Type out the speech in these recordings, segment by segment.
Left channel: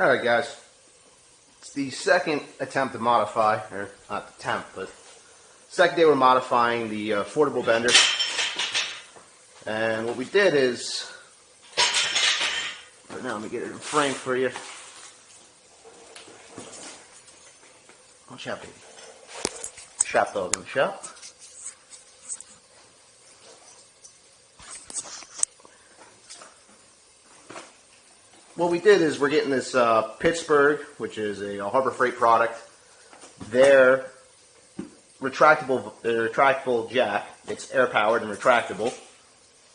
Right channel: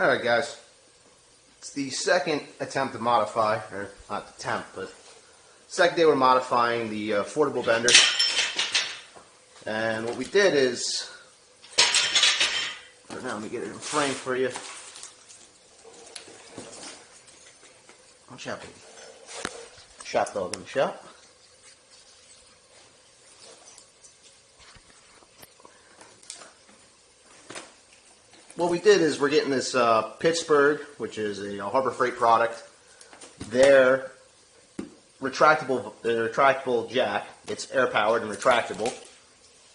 Alright guys, it's the second attempt to modify, or not attempt, but second day we're modifying the affordable bender. And what we did is, now let me get it in frame for you. Watch out, baby. Shop dog in the shop. What we did is we're getting this Pittsburgh, which is a Harbor Freight product, their retractable jack. It's air powered and retractable.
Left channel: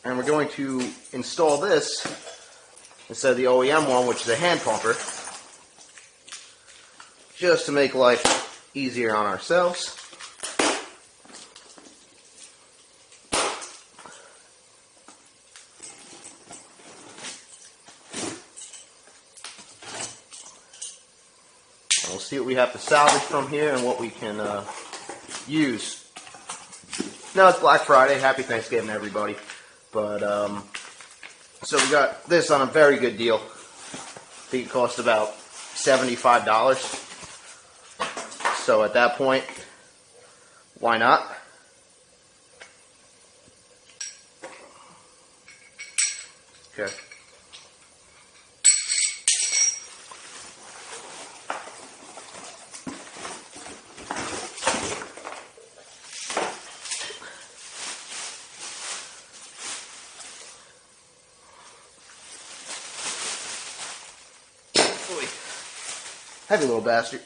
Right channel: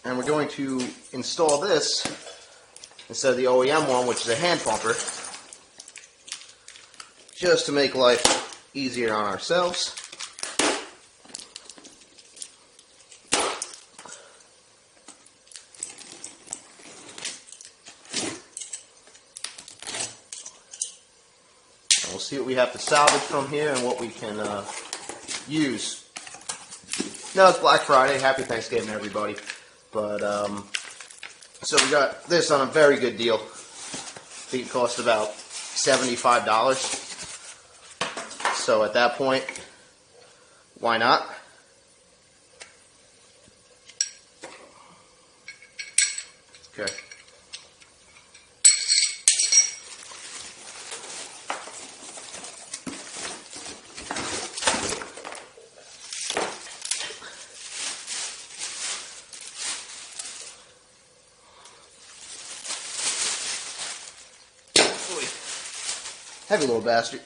And we're going to install this instead of the OEM one, which is a hand pumper, just to make life easier on ourselves. And we'll see what we have to salvage from here and what we can use. Now it's Black Friday. Happy Thanksgiving, everybody. But, so we got this on a very good deal. I think it cost about $75. So at that point, why not? Okay. Heavy little bastard.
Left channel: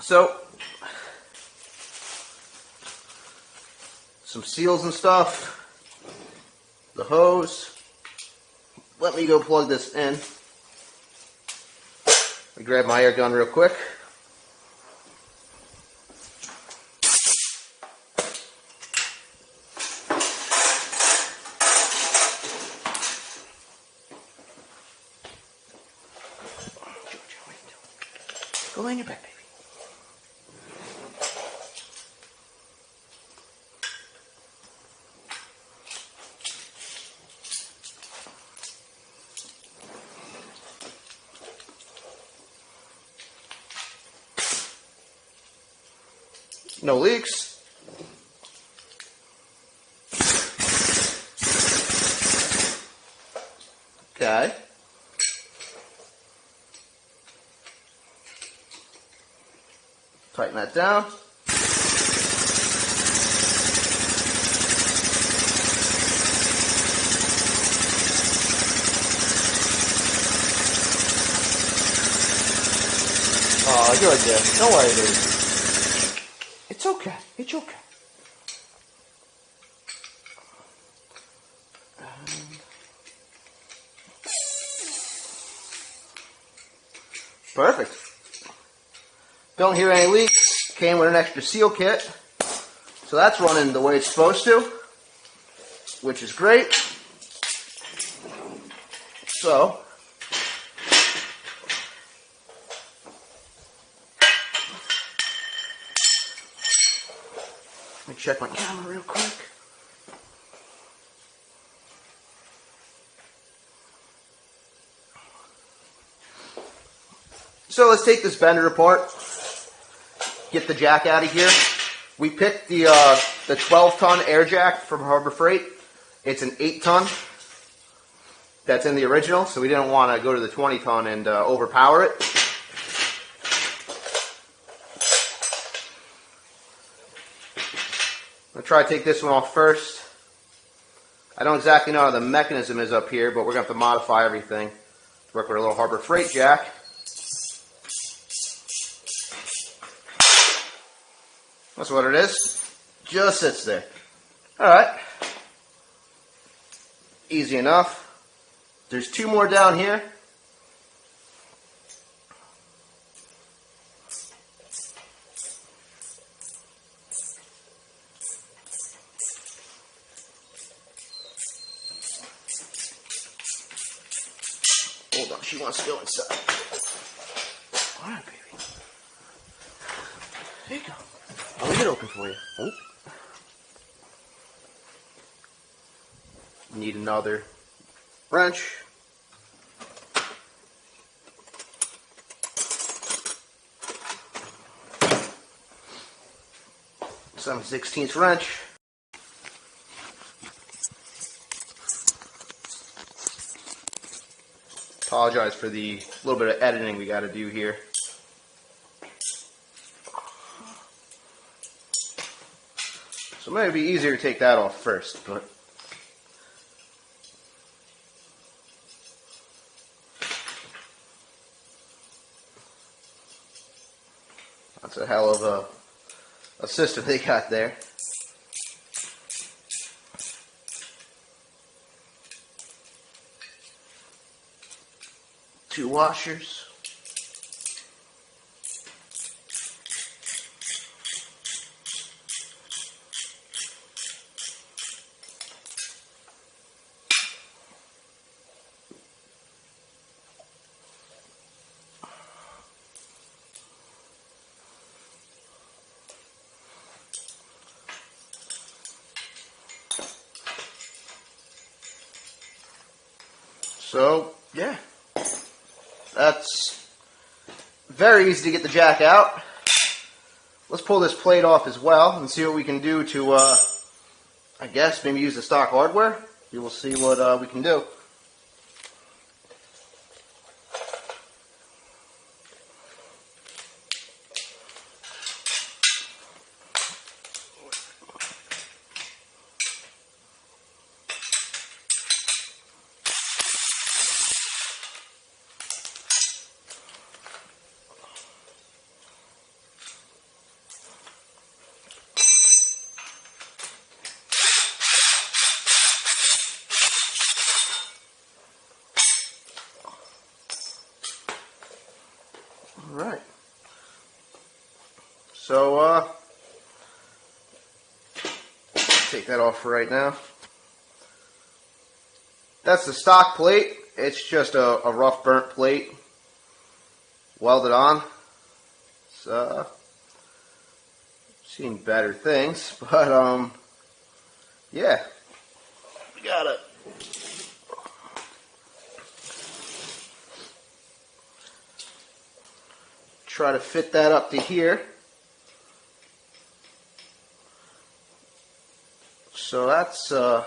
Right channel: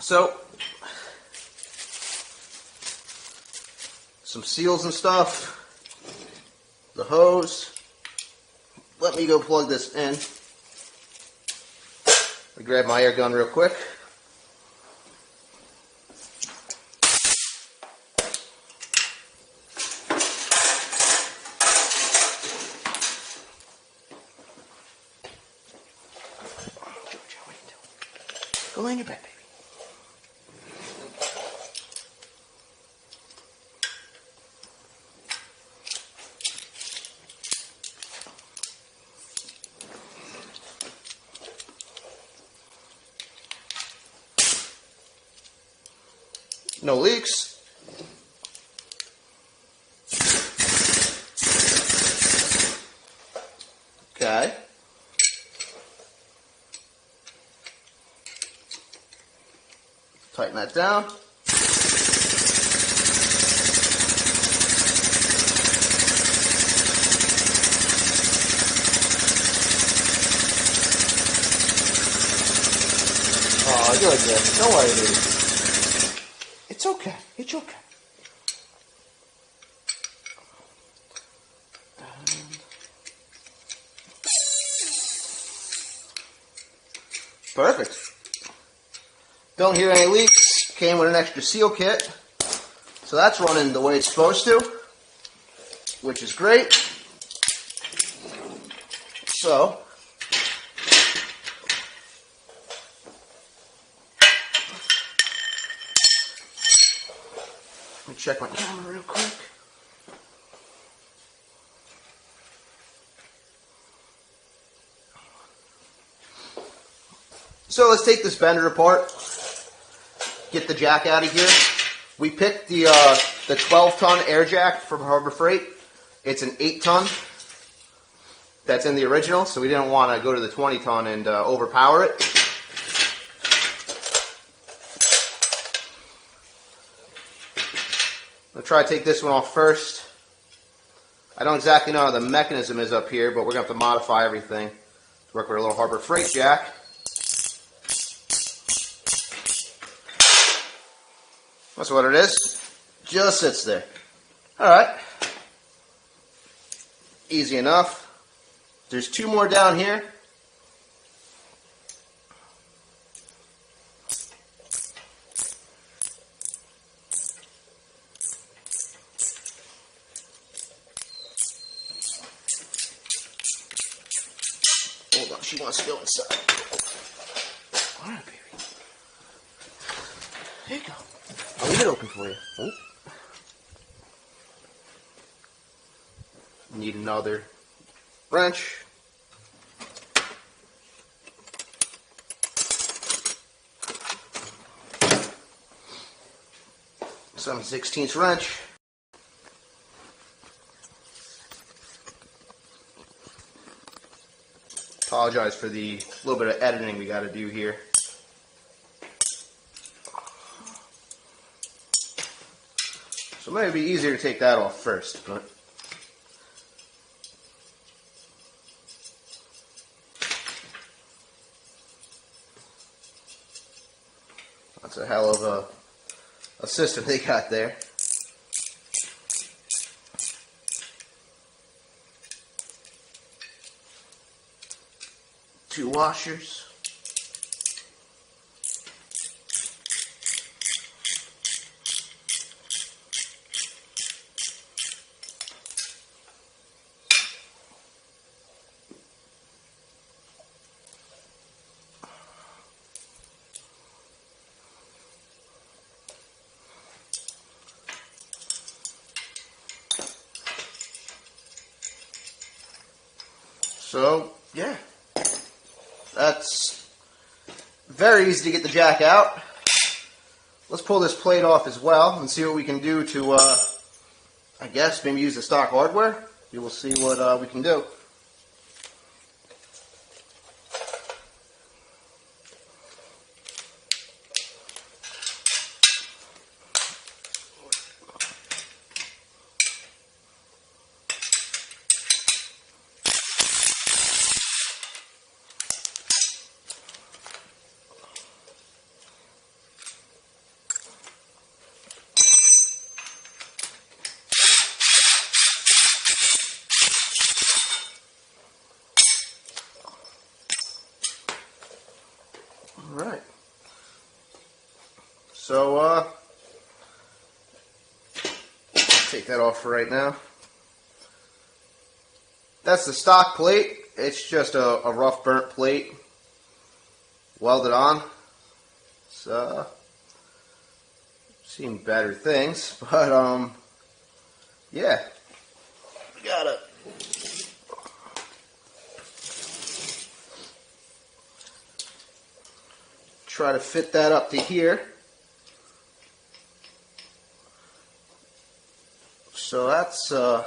So, some seals and stuff. The hose. Let me go plug this in. Let me grab my air gun real quick. Go lay in your bed, baby. No leaks. Okay. Tighten that down. Oh, you're good. Don't worry, dude. It's okay. It's okay. Perfect. Don't hear any leaks. Came with an extra seal kit. So that's running the way it's supposed to, which is great. So, let me check my camera real quick. So let's take this bender apart. Get the jack out of here. We picked the 12-ton air jack from Harbor Freight. It's an 8-ton. That's in the original, so we didn't want to go to the 20-ton and overpower it. I'll try to take this one off first. I don't exactly know how the mechanism is up here, but we're going to have to modify everything to work with a little Harbor Freight jack. That's what it is. Just sits there. Alright. Easy enough. There's two more down here. Hold on, she wants to go inside. Alright, baby. There you go. I'll leave it open for you. Oh. Need another wrench. 7/16 wrench. Apologize for the little bit of editing we got to do here. So it might be easier to take that off first, but that's a hell of a system they got there. Two washers. So, yeah, that's very easy to get the jack out. Let's pull this plate off as well and see what we can do to, I guess, maybe use the stock hardware. You will see what we can do. Alright, so take that off for right now. That's the stock plate. It's just a rough burnt plate welded on. It's seen better things, but yeah, got it. Try to fit that up to here. So that's all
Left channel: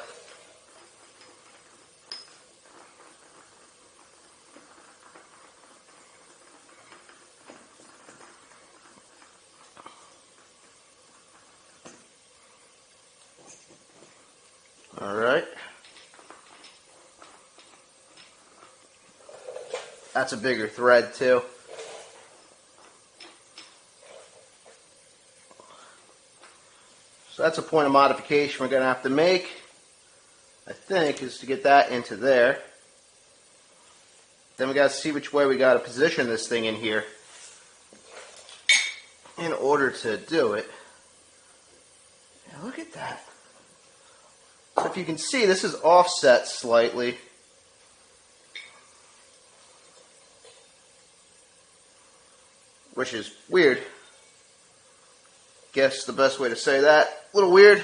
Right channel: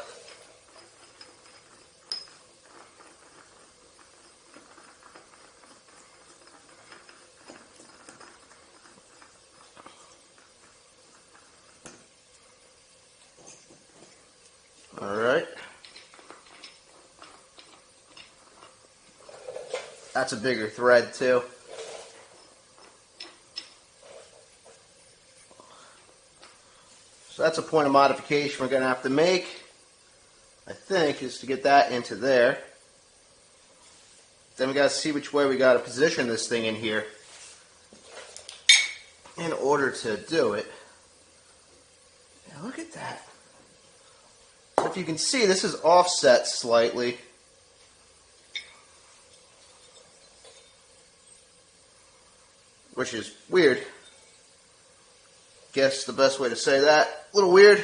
right. That's a bigger thread too. So that's a point of modification we're going to have to make, I think, is to get that into there. Then we got to see which way we got to position this thing in here in order to do it. Yeah, look at that. If you can see, this is offset slightly. Which is weird. Guess the best way to say that. A little weird.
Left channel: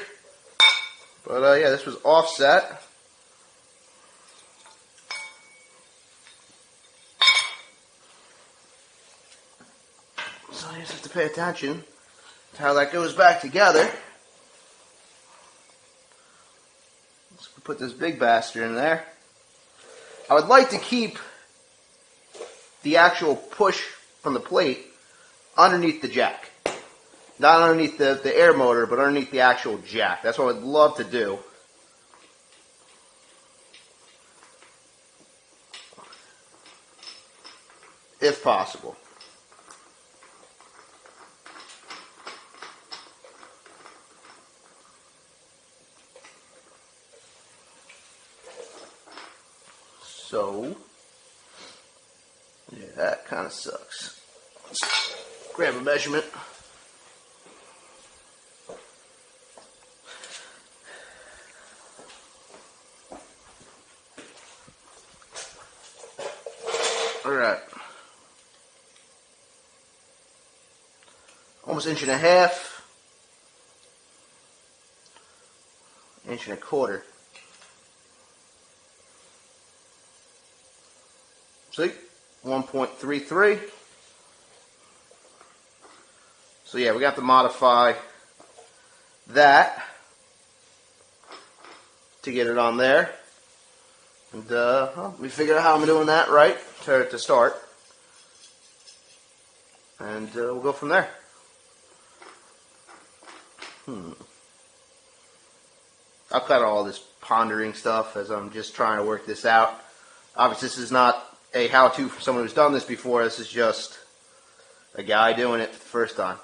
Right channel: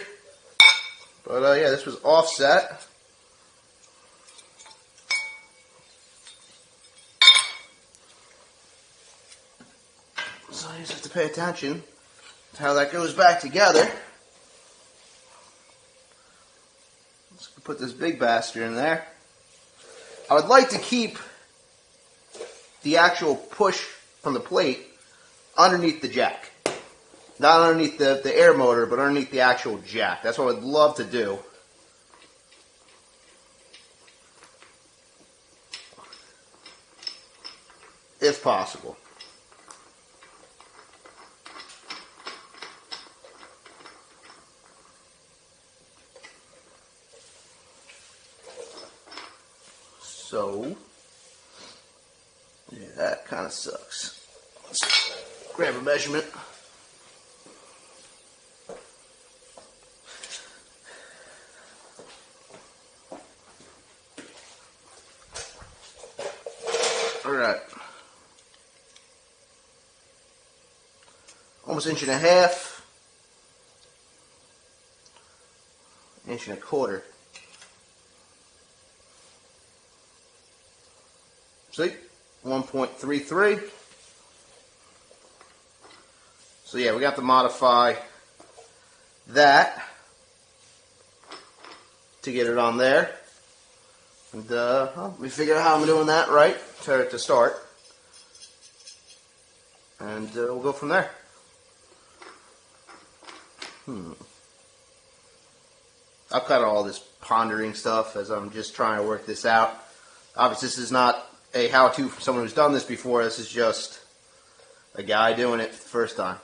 But yeah, this was offset. So you just have to pay attention to how that goes back together. Let's put this big bastard in there. I would like to keep the actual push from the plate underneath the jack. Not underneath the air motor, but underneath the actual jack. That's what I would love to do. If possible. So, yeah, that kind of sucks. Let's grab a measurement. Alright. Almost inch and a half. Inch and a quarter. See? 1.33. So yeah, we got to modify that to get it on there. And well, let me figure out how I'm doing that right to start. And we'll go from there. I've got all this pondering stuff as I'm just trying to work this out. Obviously, this is not a how-to for someone who's done this before. This is just a guy doing it the first time.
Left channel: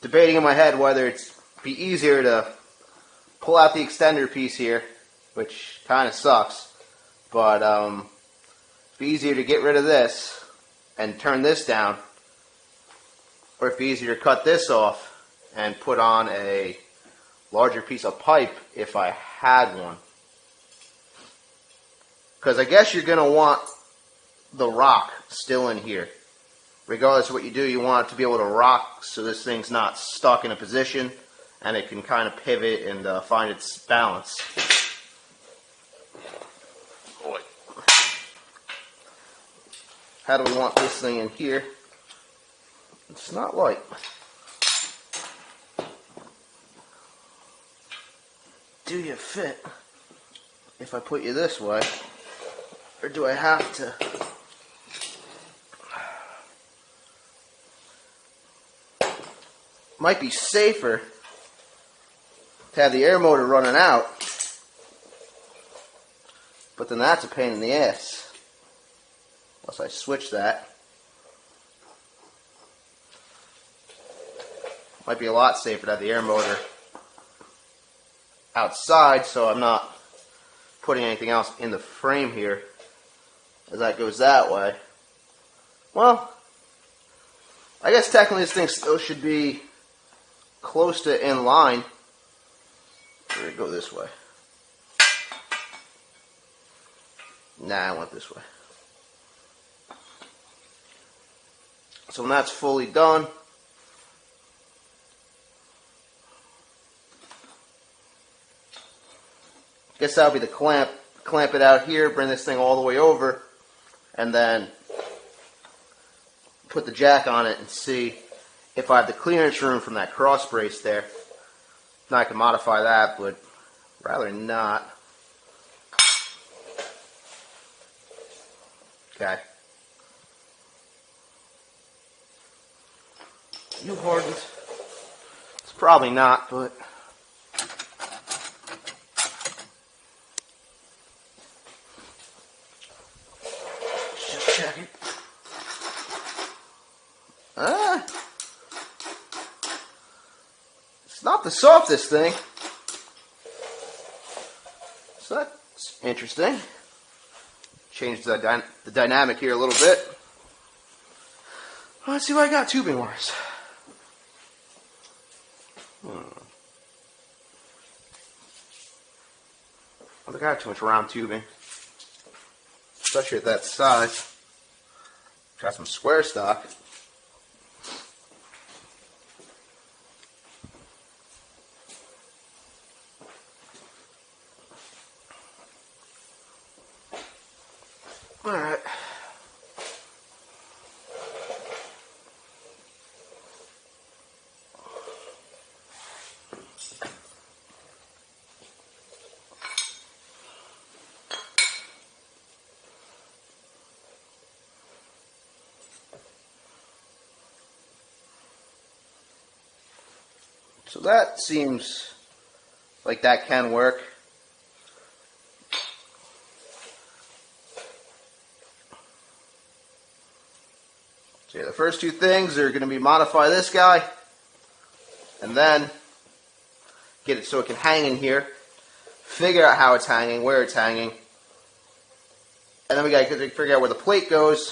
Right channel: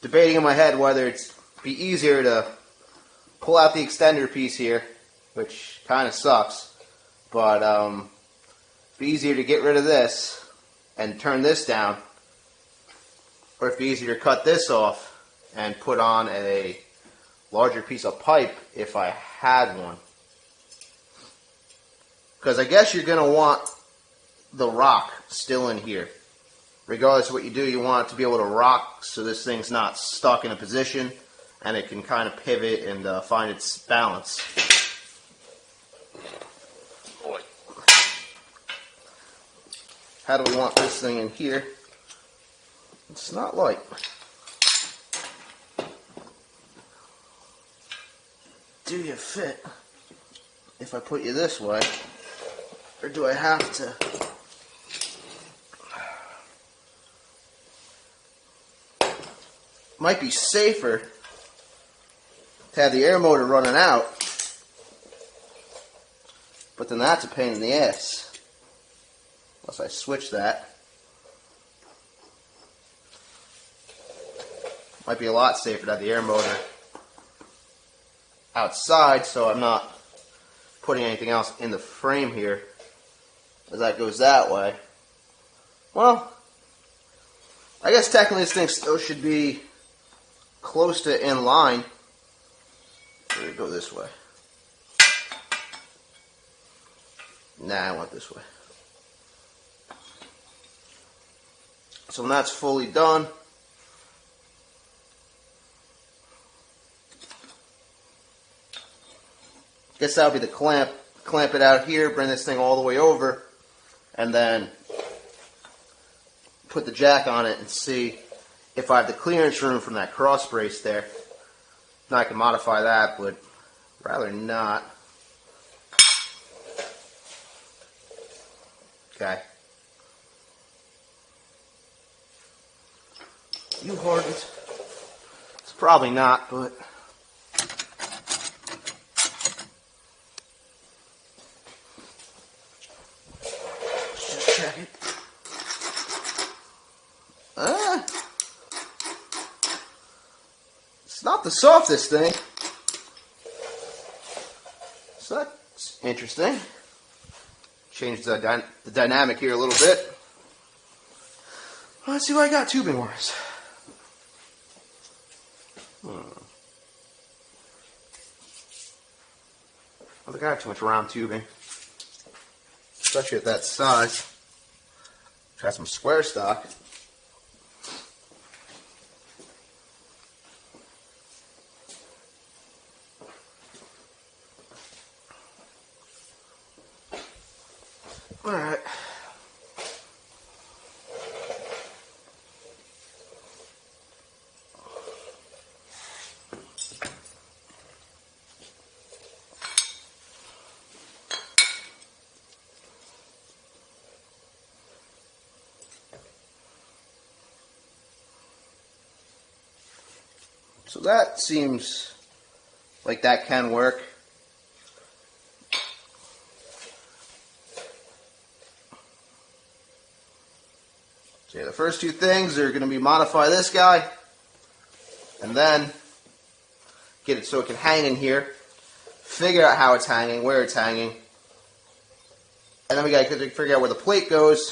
Debating in my head whether it's be easier to pull out the extender piece here, which kind of sucks, but it'd be easier to get rid of this and turn this down, or it'd be easier to cut this off and put on a larger piece of pipe if I had one. Because I guess you're going to want the rock still in here. Regardless of what you do, you want it to be able to rock so this thing's not stuck in a position and it can kind of pivot and find its balance. Boy. How do we want this thing in here? It's not light. Do you fit if I put you this way? Or do I have to? Might be safer to have the air motor running out, but then that's a pain in the ass. Unless I switch that. Might be a lot safer to have the air motor outside so I'm not putting anything else in the frame here as that goes that way. Well, I guess technically this thing still should be close to in line. Let me go this way. Nah, I want this way. So when that's fully done, guess that'll be the clamp. Clamp it out here, bring this thing all the way over, and then put the jack on it and see if I have the clearance room from that cross brace there. Now I can modify that, but rather not. Okay. You hard. It's probably not, but it's not the softest thing. So that's interesting. Change the dynamic here a little bit. Let's see what I got tubing wise. I got too much round tubing, especially at that size. Try some square stock. All right. So that seems like that can work. Okay, the first two things are going to be modify this guy and then get it so it can hang in here, figure out how it's hanging, where it's hanging, and then we got to figure out where the plate goes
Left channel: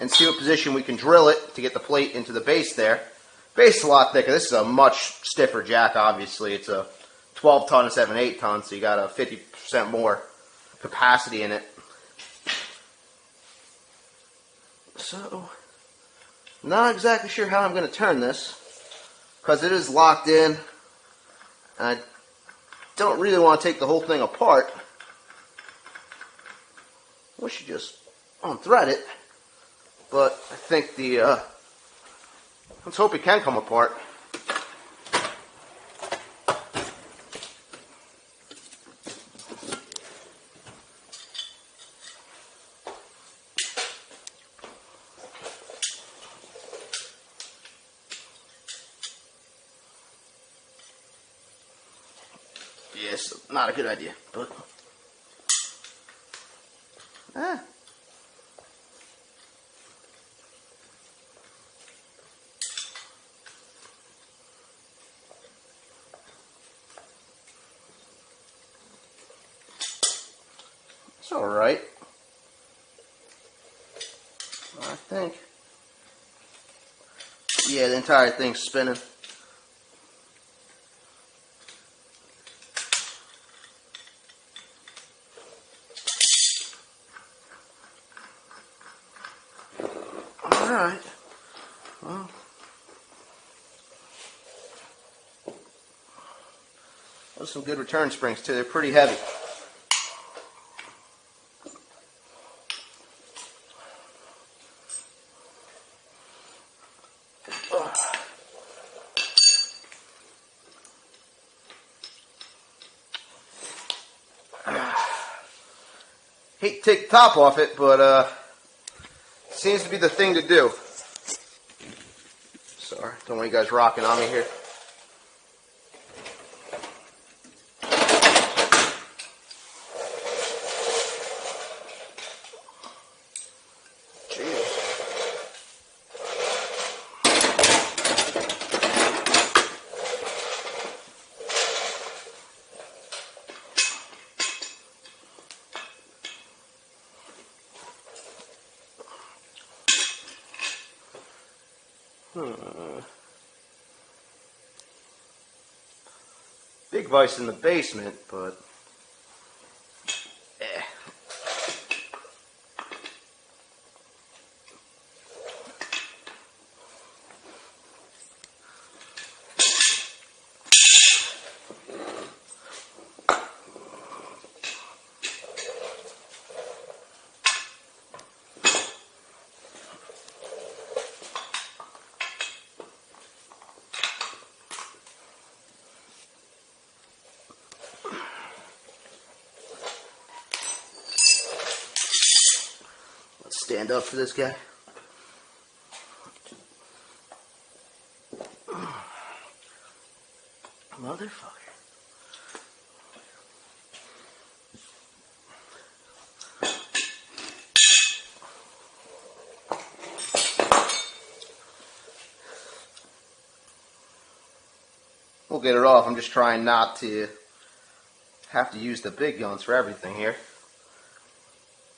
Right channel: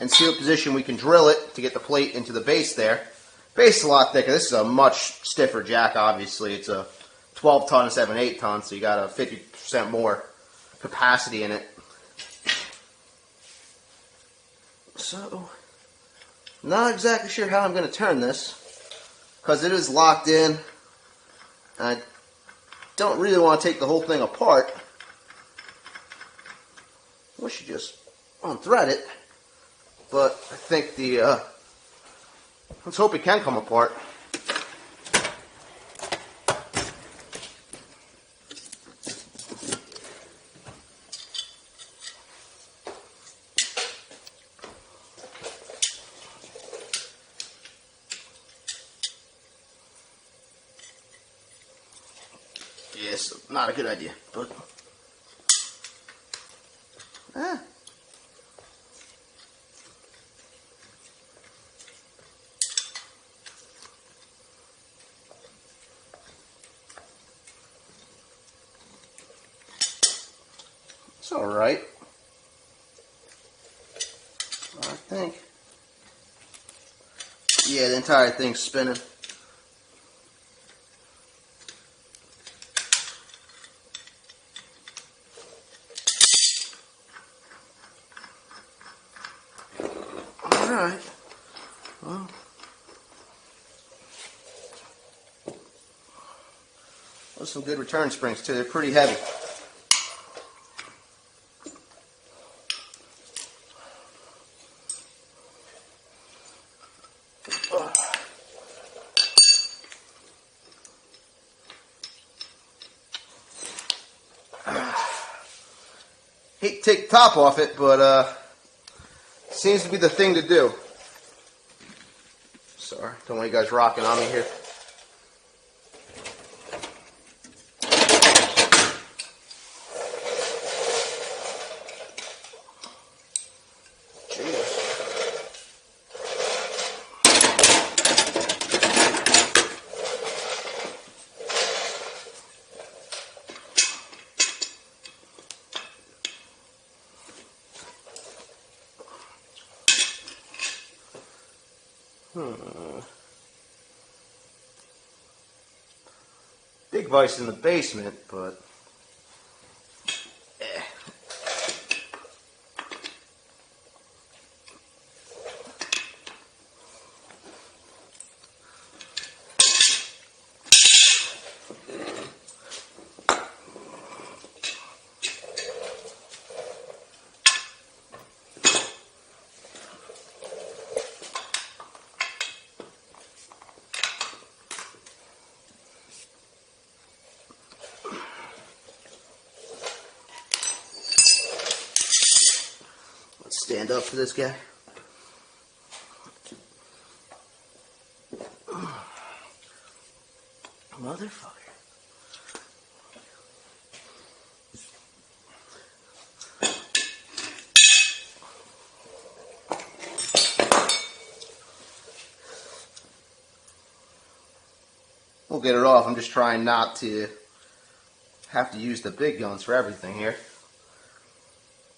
and see what position we can drill it to get the plate into the base there. Base is a lot thicker. This is a much stiffer jack, obviously. It's a 12 ton instead of an 8 ton, so you got a 50% more capacity in it. So, not exactly sure how I'm going to turn this, because it is locked in, and I don't really want to take the whole thing apart. We should just unthread it, but I think let's hope it can come apart. it's not a good idea. But, it's all right. I think. Yeah, the entire thing's spinning. Alright. Well, those some good return springs too. They're pretty heavy. Hate to take the top off it, but seems to be the thing to do. Sorry, don't want you guys rocking on me here. Big vise in the basement, but stand up for this guy. Motherfucker. We'll get it off. I'm just trying not to have to use the big guns for everything here.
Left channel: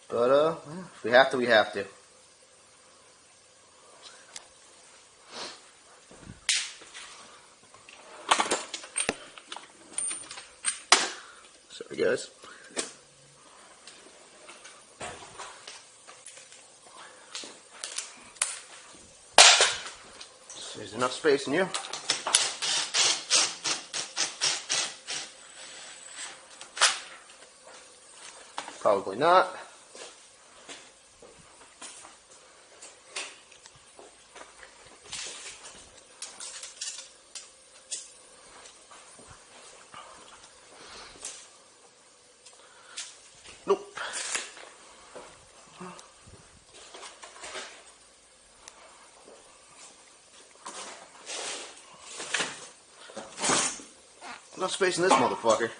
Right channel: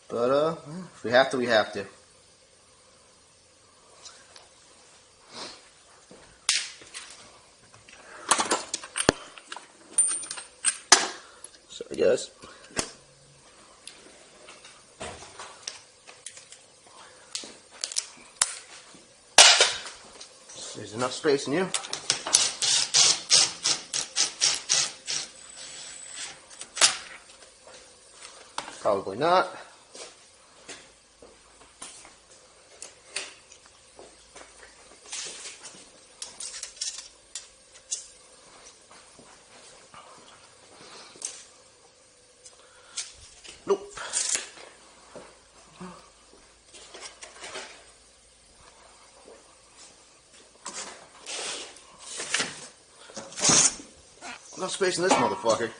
But, if we have to, we have to. Sorry, guys. So there's enough space in you. Probably not. Nope. Enough space in this motherfucker.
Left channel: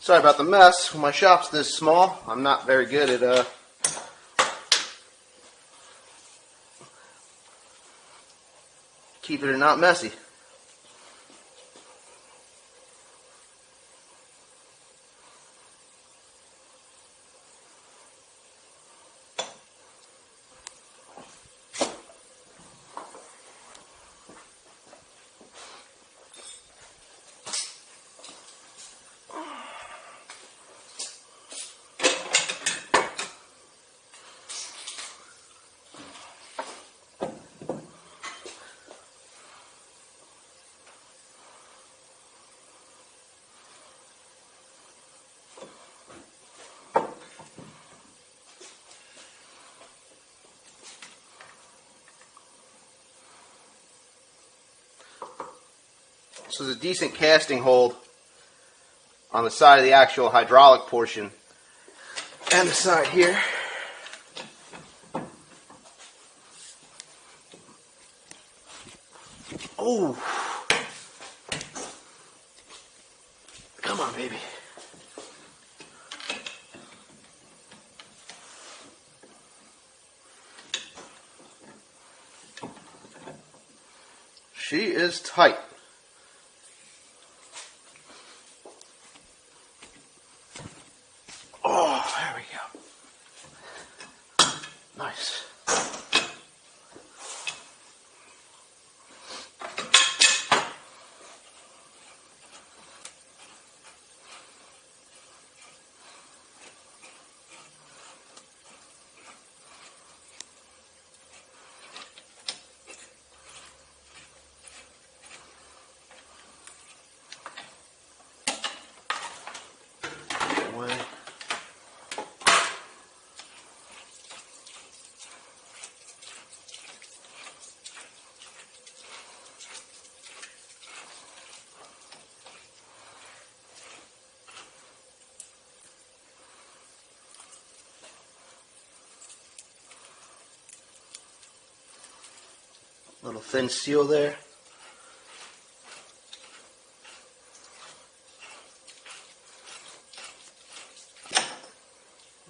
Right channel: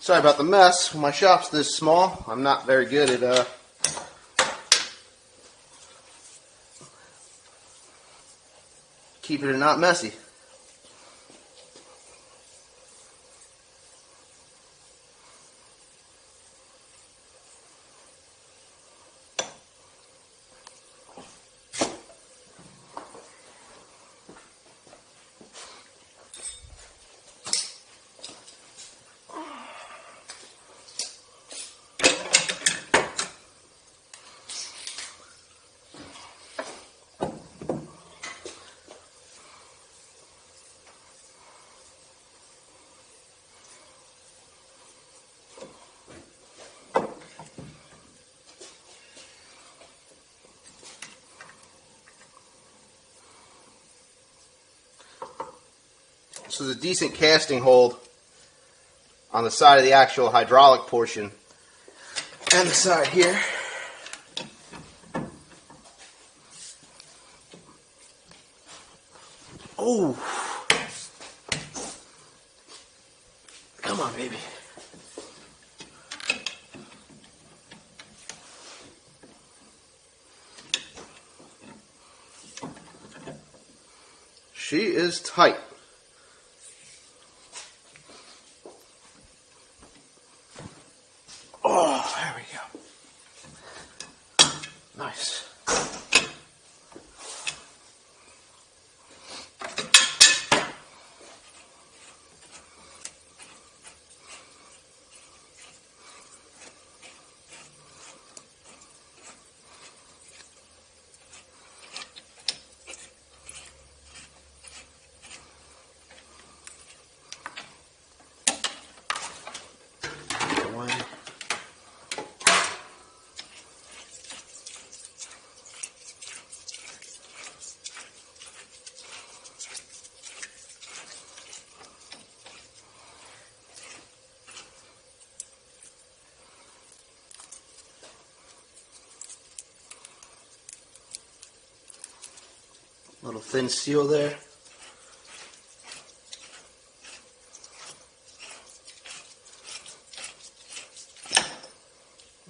Sorry about the mess. My shop's this small. I'm not very good at keeping it not messy. So there's a decent casting hold on the side of the actual hydraulic portion and the side here. Oh, She is tight. Oh, there we go. Nice. Little thin seal there.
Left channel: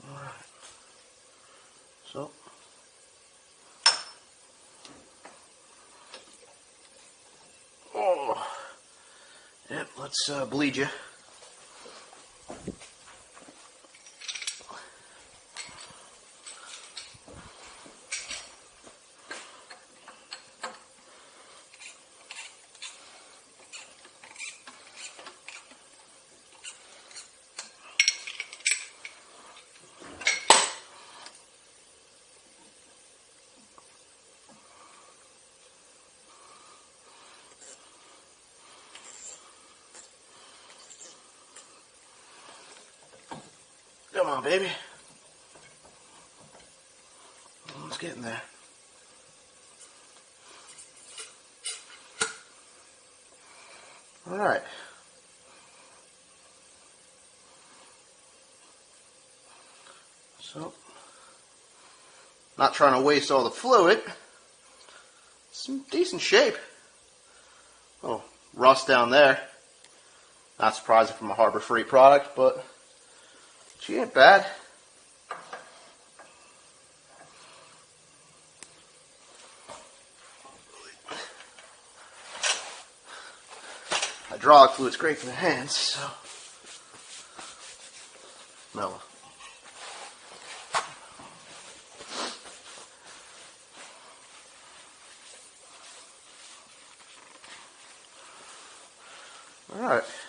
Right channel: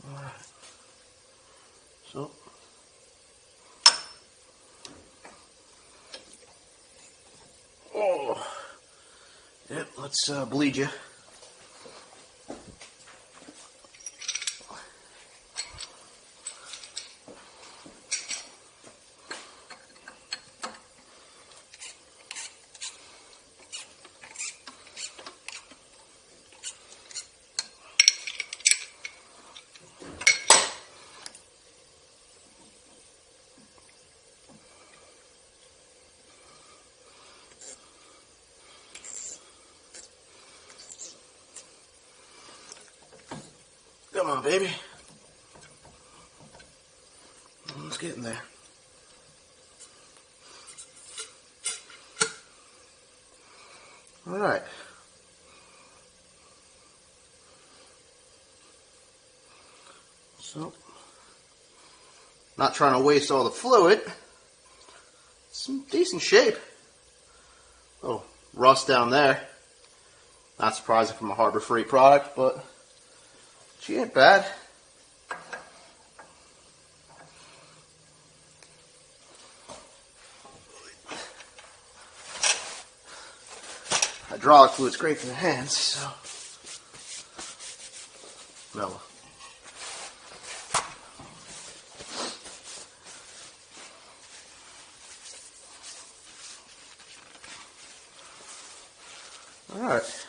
Alright. So yeah, let's bleed you. Come on, baby. It's getting there. All right. So, not trying to waste all the fluid. Some decent shape. Oh, rust down there. Not surprising from a Harbor Freight product, but she ain't bad. Hydraulic fluid's great for the hands, so no. All right.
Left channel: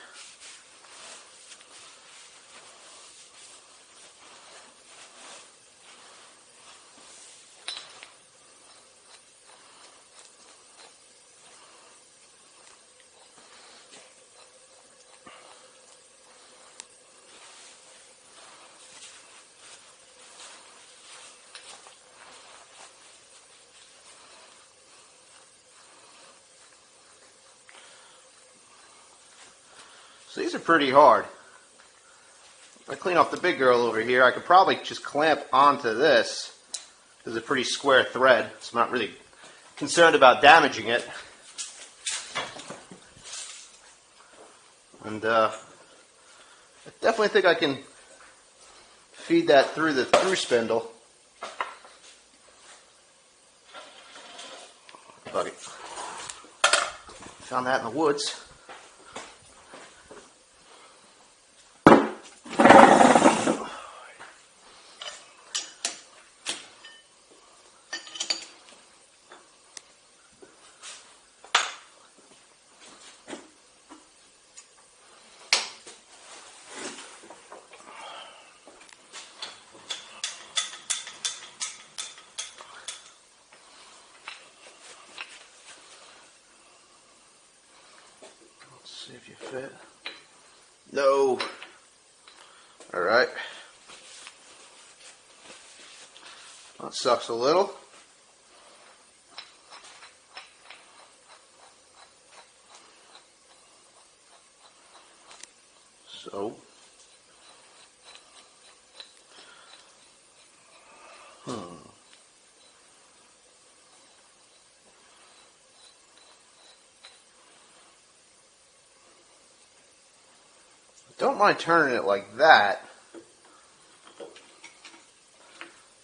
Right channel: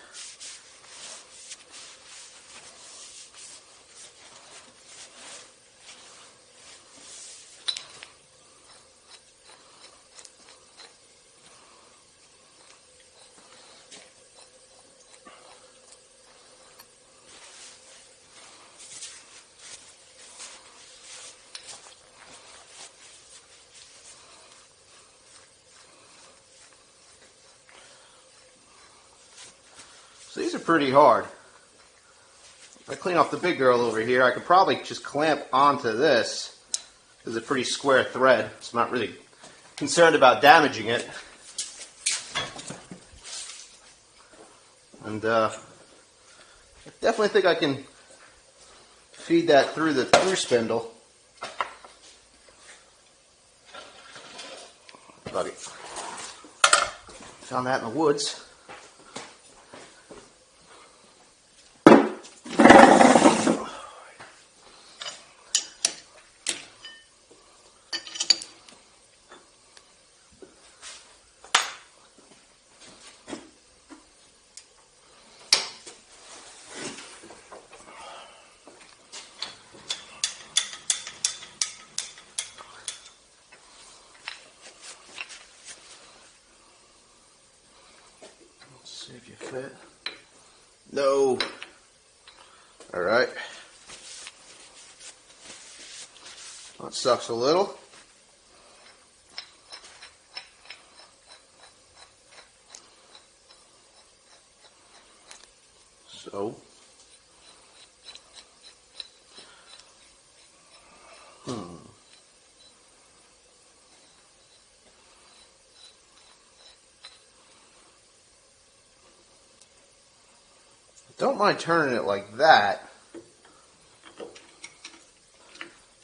So these are pretty hard. If I clean off the big girl over here, I could probably just clamp onto this. This is a pretty square thread, so I'm not really concerned about damaging it. And I definitely think I can feed that through the through spindle. Buddy, found that in the woods. See if you fit. No. All right. That sucks a little. So. Don't don't mind turning it like that.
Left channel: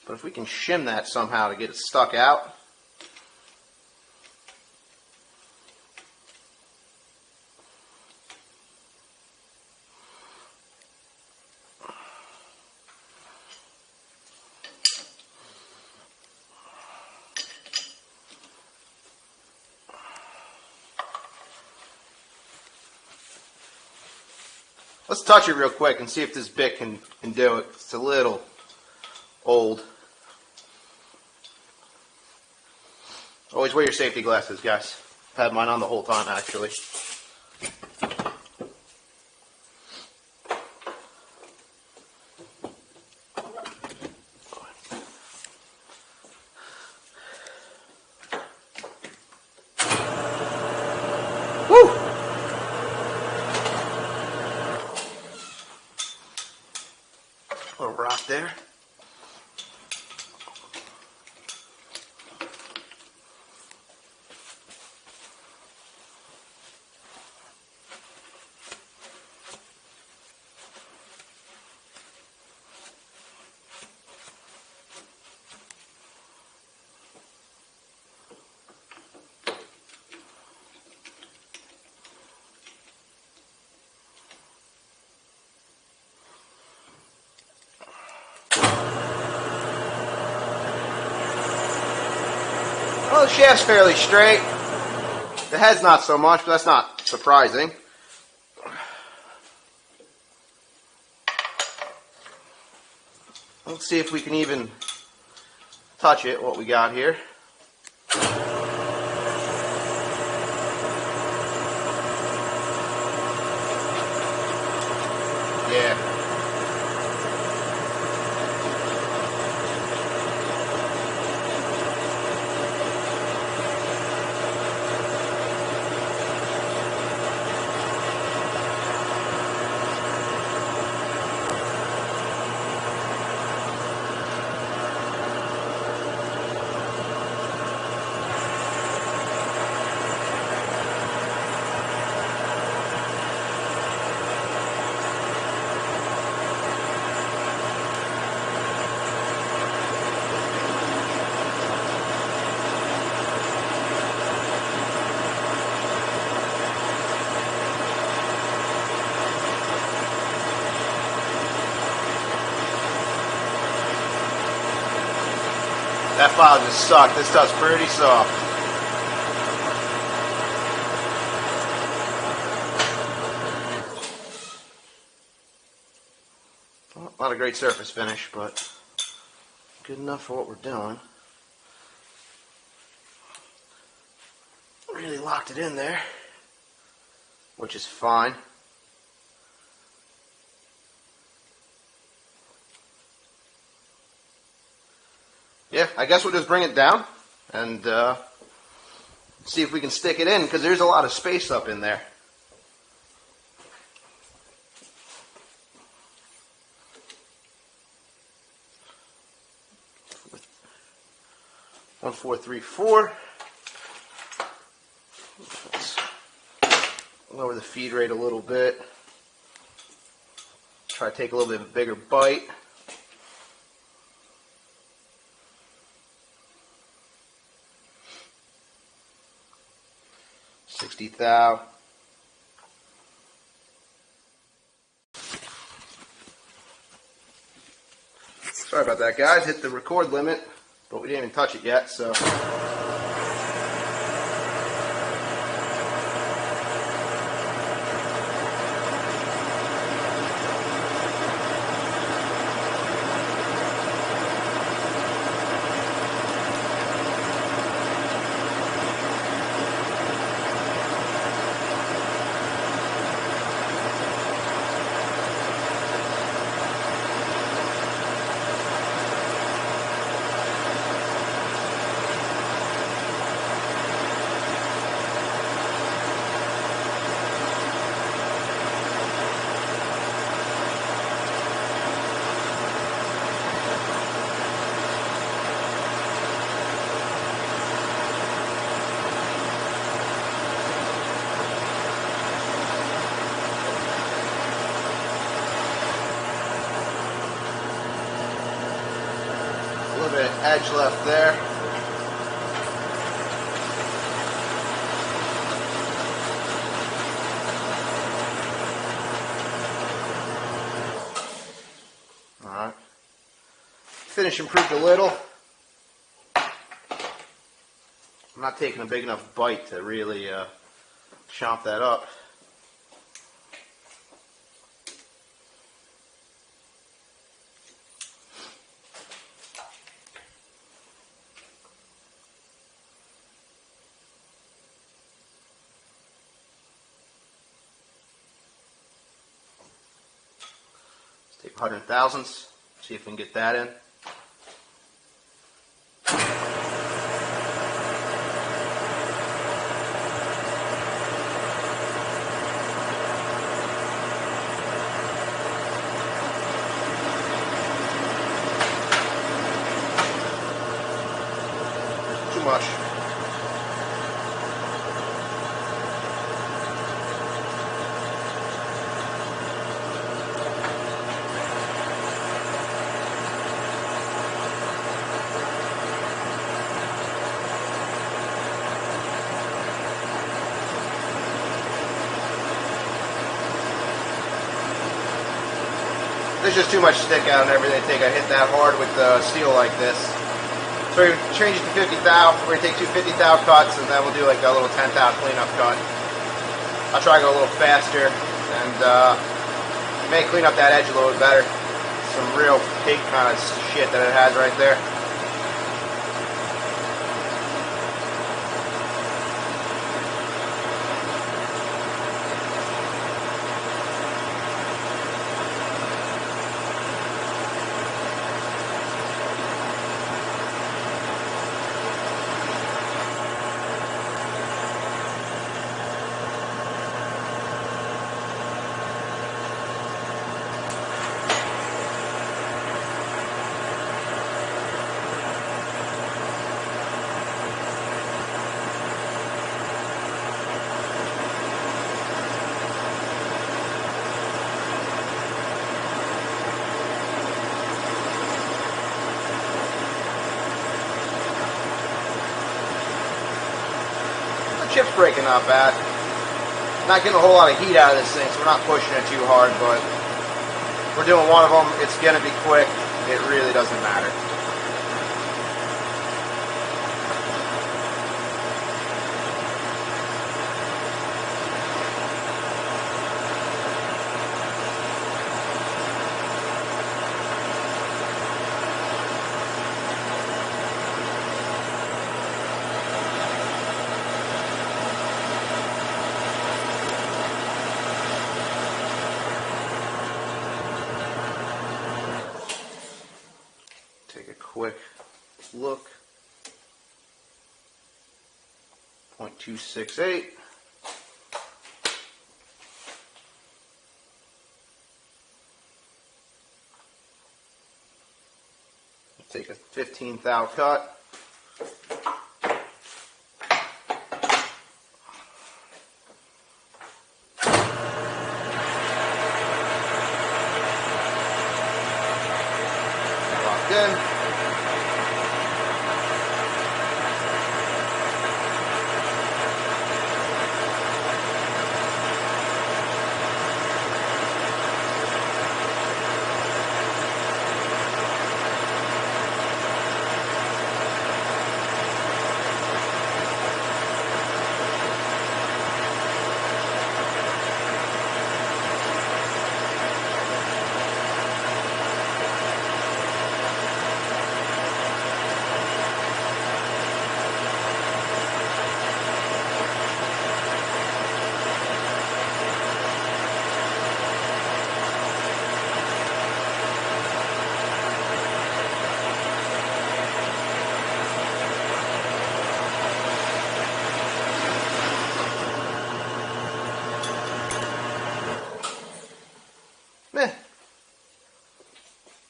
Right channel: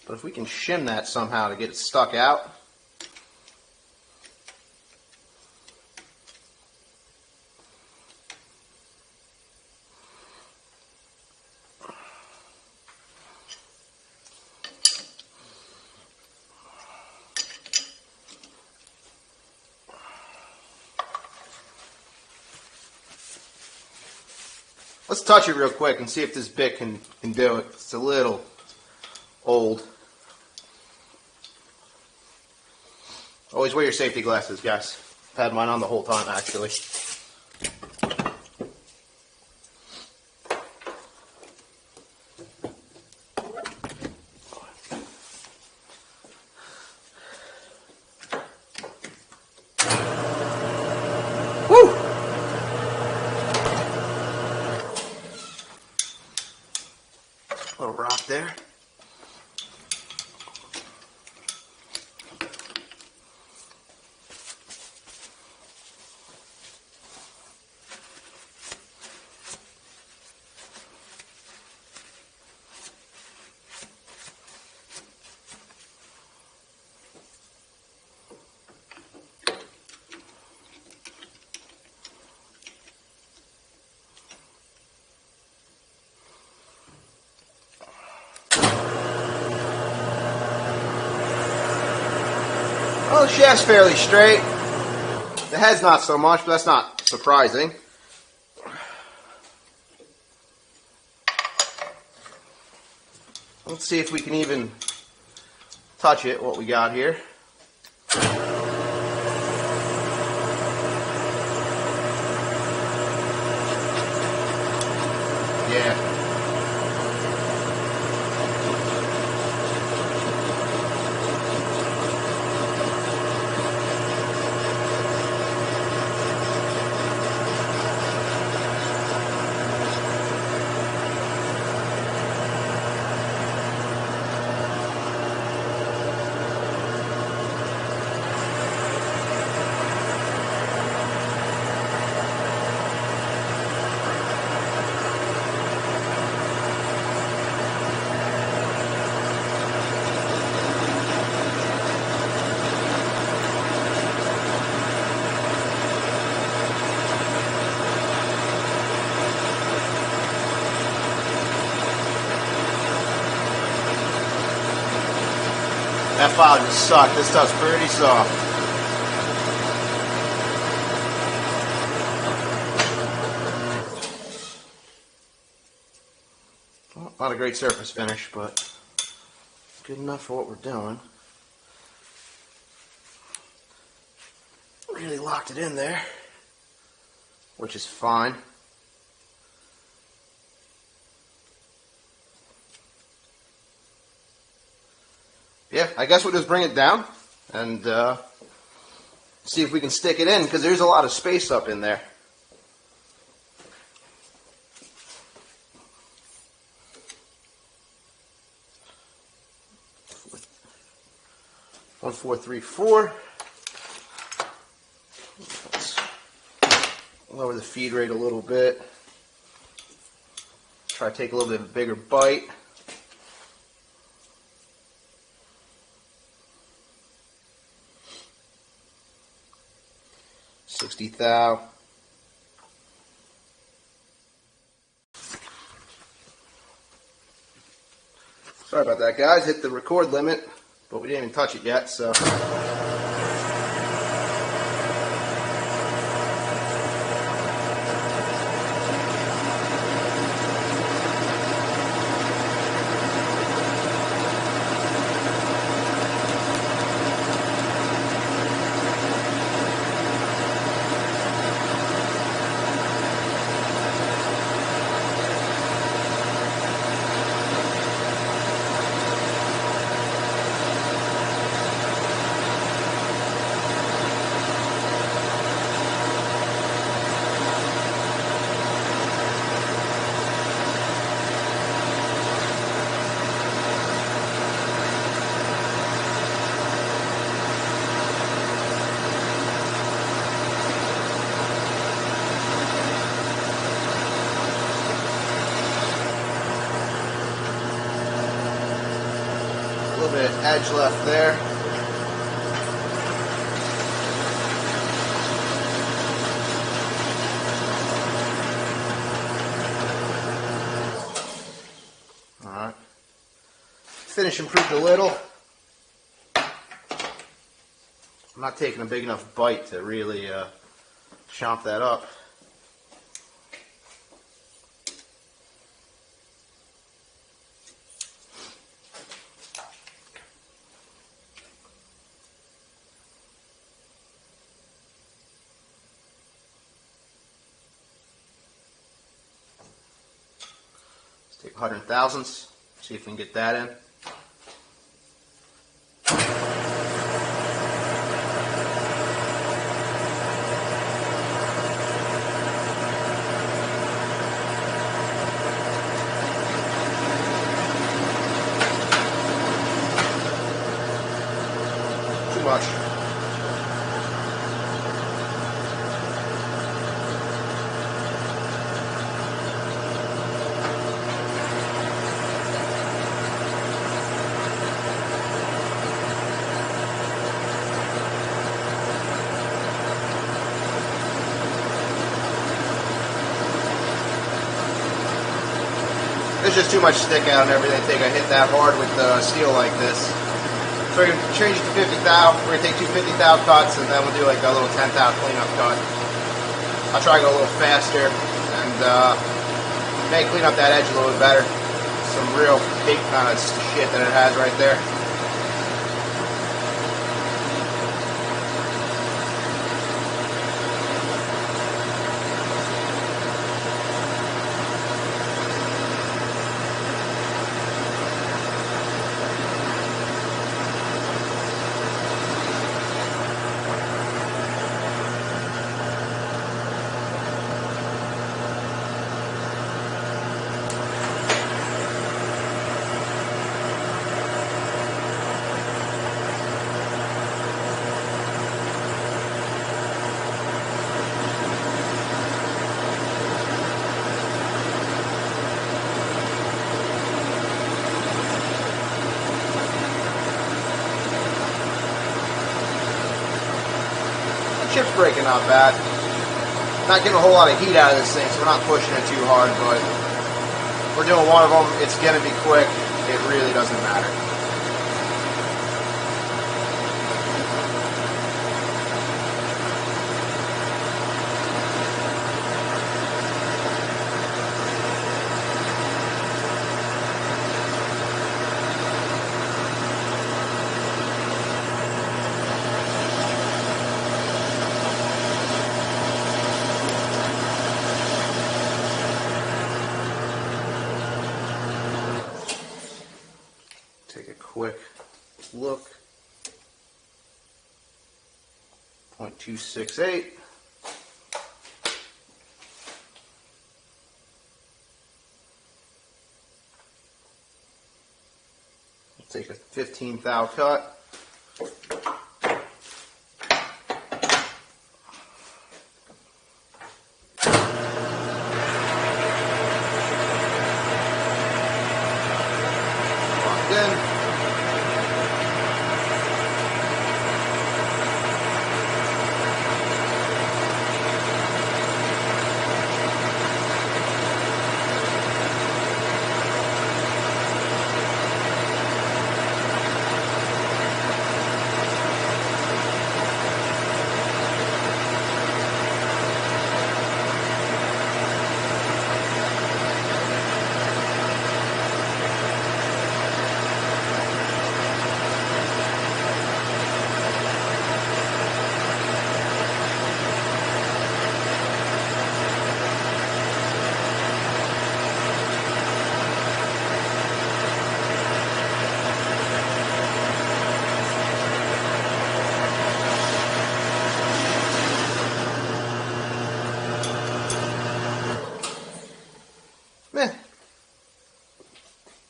But if we can shim that somehow to get it stuck out. Let's touch it real quick and see if this bit can do it. It's a little old. Always wear your safety glasses, guys. I've had mine on the whole time, actually. Woo! Little rock there. Well, the shaft's fairly straight. The head's not so much, but that's not surprising. Let's see if we can even touch it, what we got here. Yeah. That file just sucked. This stuff's pretty soft. Well, not a great surface finish, but good enough for what we're doing. Really locked it in there, which is fine. Yeah, I guess we'll just bring it down and see if we can stick it in, because there's a lot of space up in there. One, 4, 3, 4. Let's lower the feed rate a little bit. Try to take a little bit of a bigger bite. $60,000. Sorry about that, guys. Hit the record limit, but we didn't even touch it yet, so. edge left there. Alright. Finish improved a little. I'm not taking a big enough bite to really chomp that up. Let's take 100,000ths, see if we can get that in. Much. There's just too much stick out and everything. I think I hit that hard with the steel like this. So we're going to change it to 50 thou. We're going to take two 50 thou cuts, and then we'll do like a little 10 thou cleanup cut. I'll try to go a little faster and may clean up that edge a little bit better. Some real big kind of shit that it has right there. Chip's breaking not bad. Not getting a whole lot of heat out of this thing, so we're not pushing it too hard, but we're doing one of them. It's going to be quick. It really doesn't matter. Take a quick look. 0.268. Take a 15 thou cut. Locked in.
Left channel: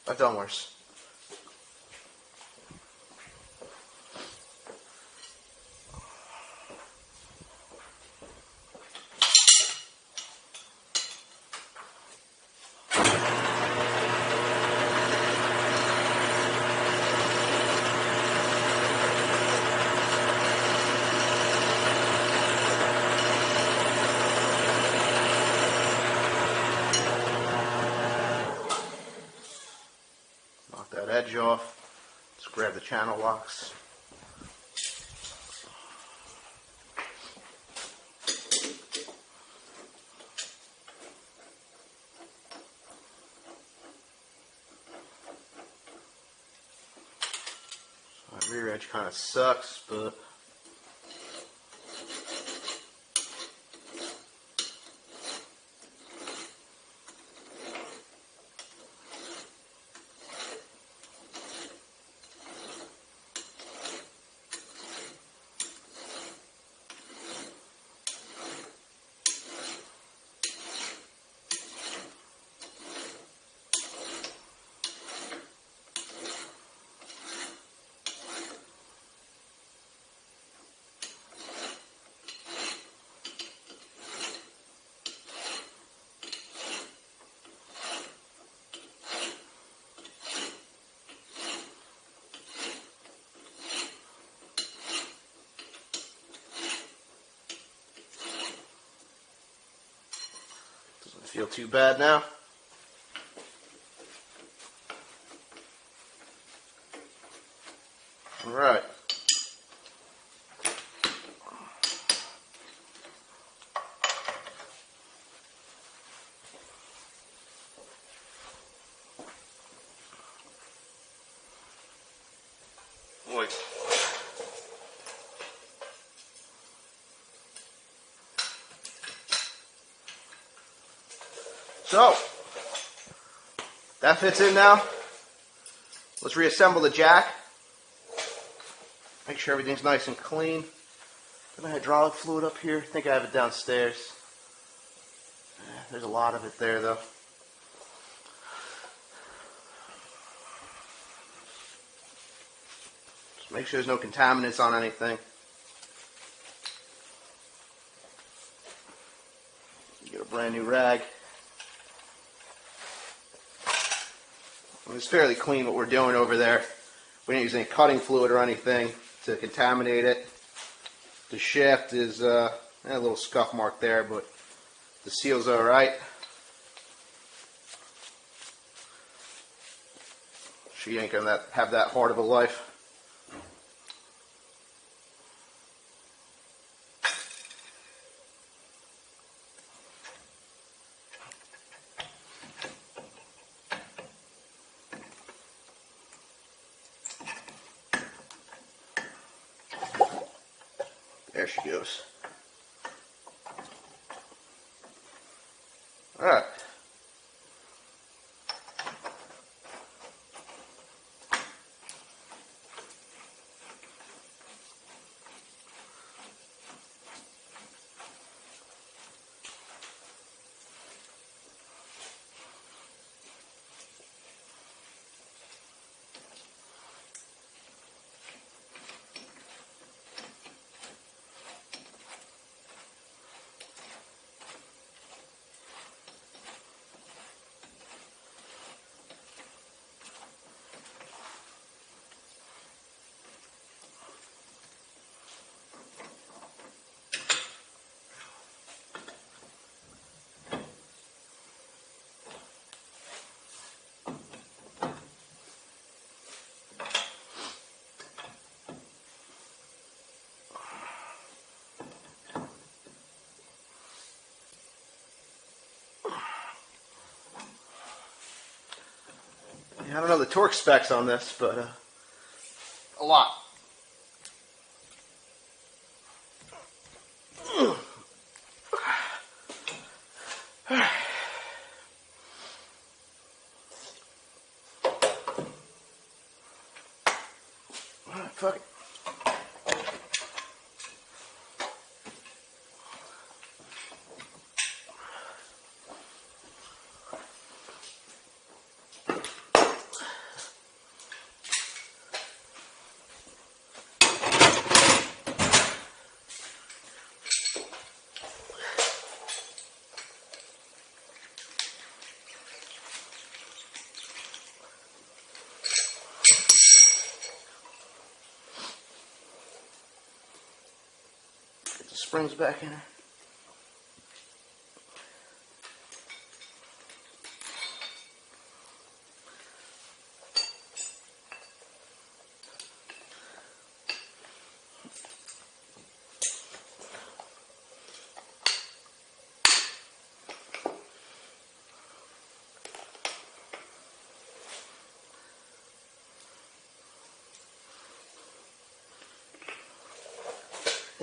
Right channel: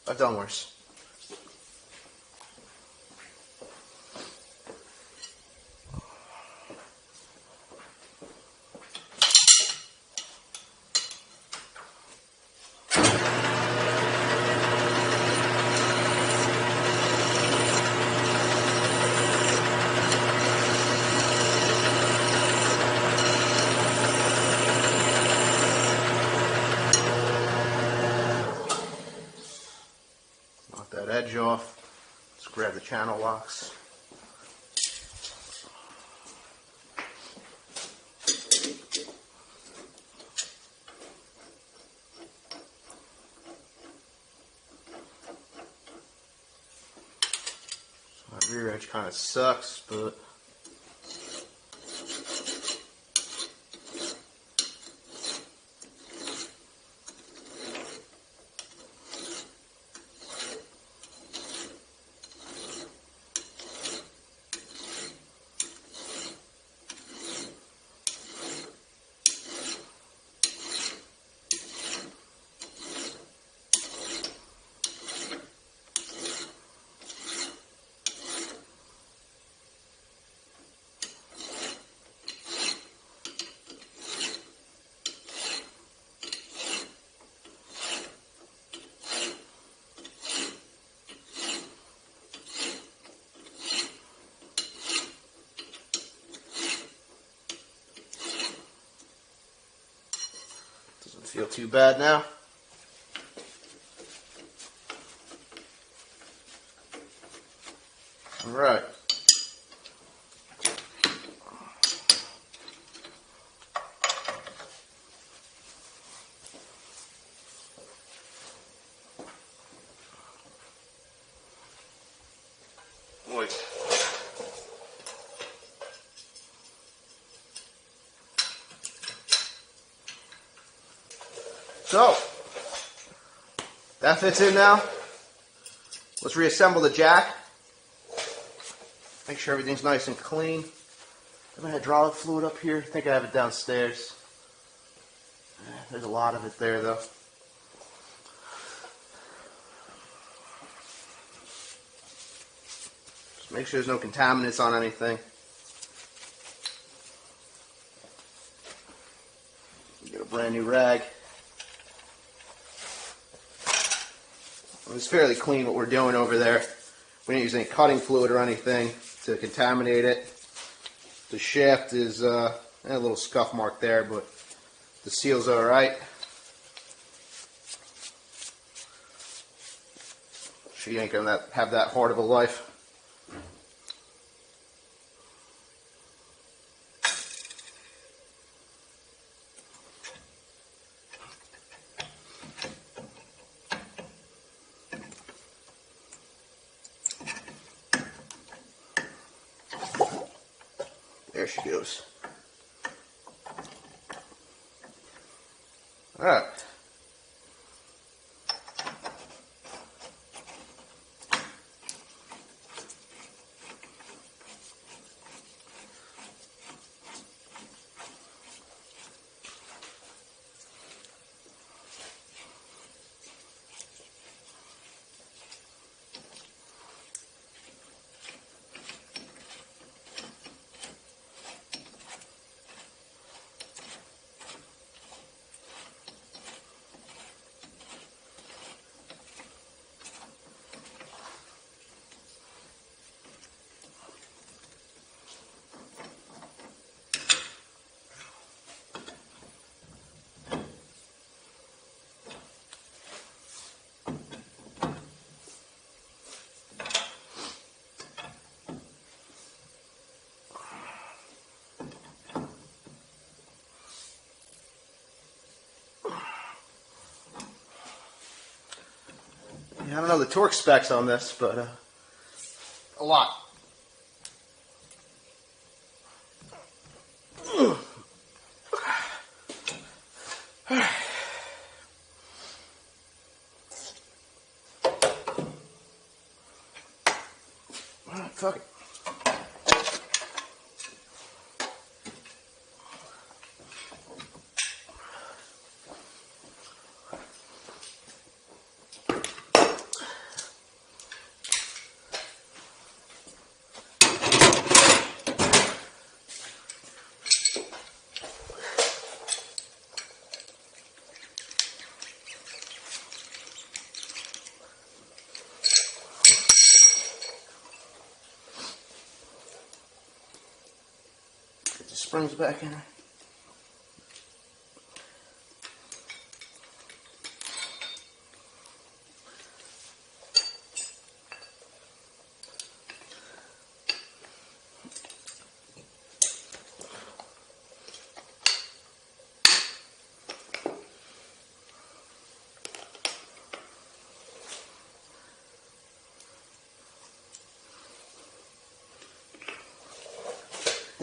I've done worse. Knock that edge off. Let's grab the channel locks. So that rear edge kind of sucks, but feel too bad now. All right. Boy. So, that fits in now. Let's reassemble the jack. Make sure everything's nice and clean. Got my hydraulic fluid up here. I think I have it downstairs. There's a lot of it there though. Just make sure there's no contaminants on anything. Get a brand new rag. It's fairly clean what we're doing over there. We're not using cutting fluid or anything to contaminate it. The shaft is a little scuff mark there, but the seal's alright. She ain't gonna have that hard of a life. There she goes. All right. I don't know the torque specs on this, but a lot. All right. All right, fuck it. Springs back in her.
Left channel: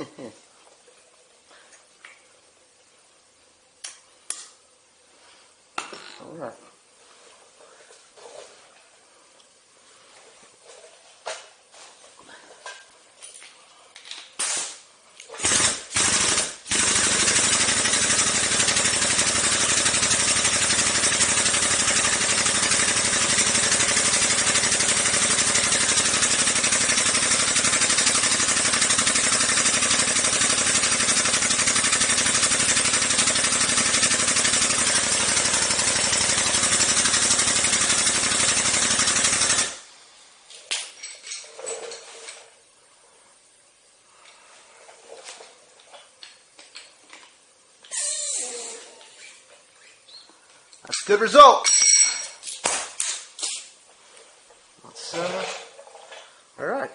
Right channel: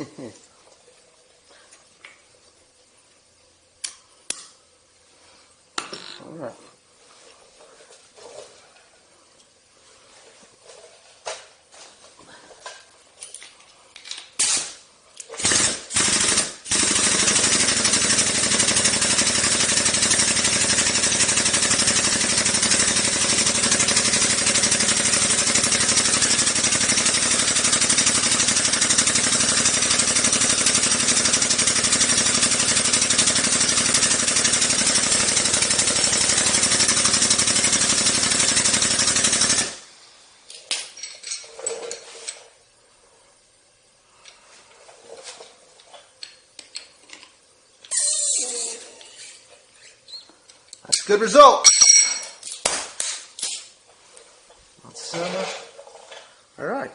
All right. That's a good result. All right.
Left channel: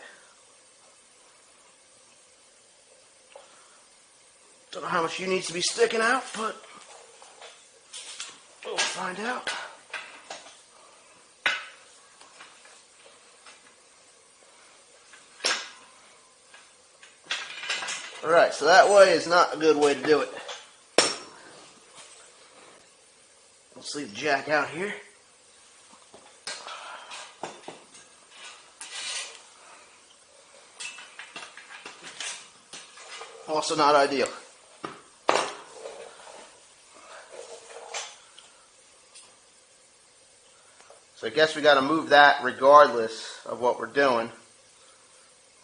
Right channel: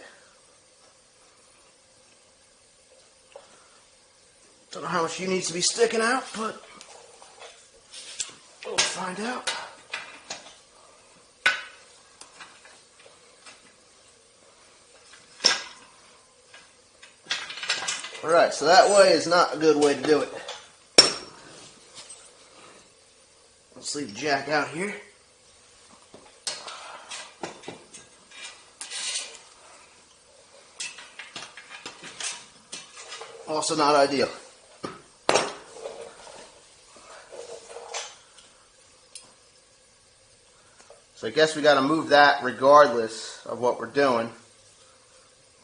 Don't know how much he needs to be sticking out, but we'll find out. All right, so that way is not a good way to do it. Let's leave the jack out here. Also not ideal. So I guess we got to move that regardless of what we're doing,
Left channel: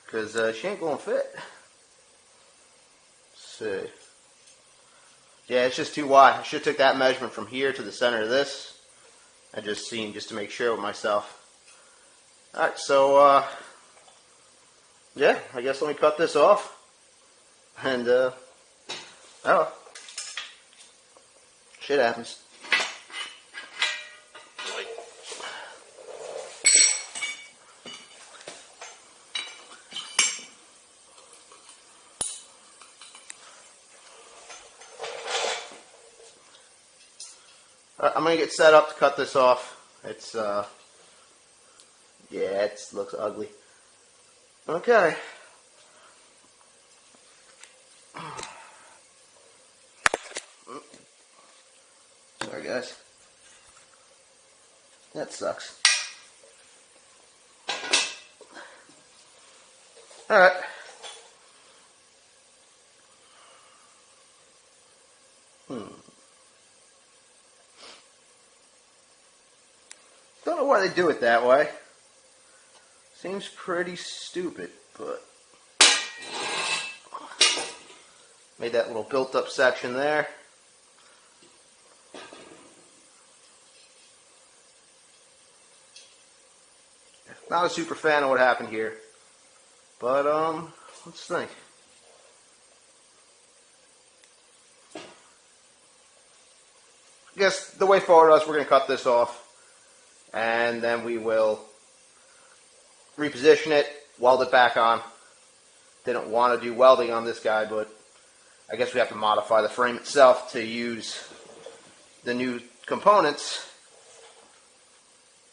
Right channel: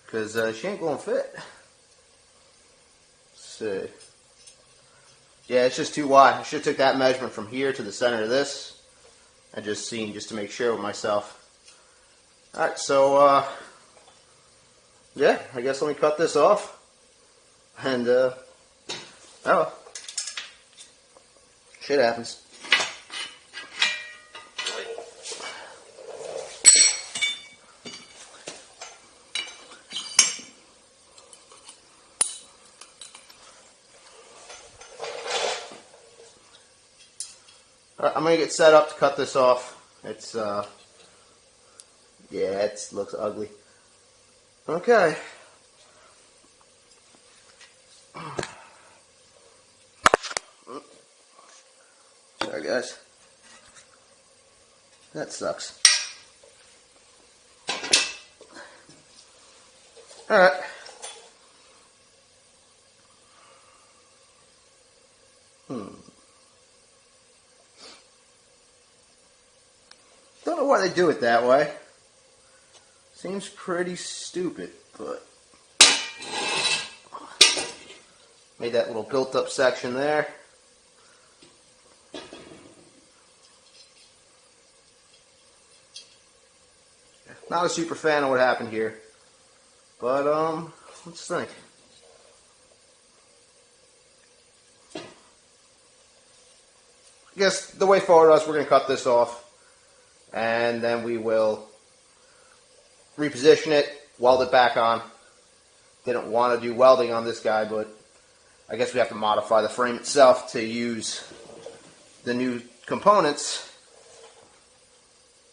because she ain't going to fit. Let's see. Yeah, it's just too wide. I should have took that measurement from here to the center of this and just seen just to make sure with myself. Alright, so yeah, I guess let me cut this off. And oh, shit happens. I'm going to get set up to cut this off. It's, yeah, it looks ugly. Okay. Sorry, guys. That sucks. Alright. Don't know why they do it that way. Seems pretty stupid, but made that little built-up section there. Not a super fan of what happened here, but let's think. I guess the way forward is we're going to cut this off. And then we will reposition it, weld it back on. Didn't want to do welding on this guy, but I guess we have to modify the frame itself to use the new components.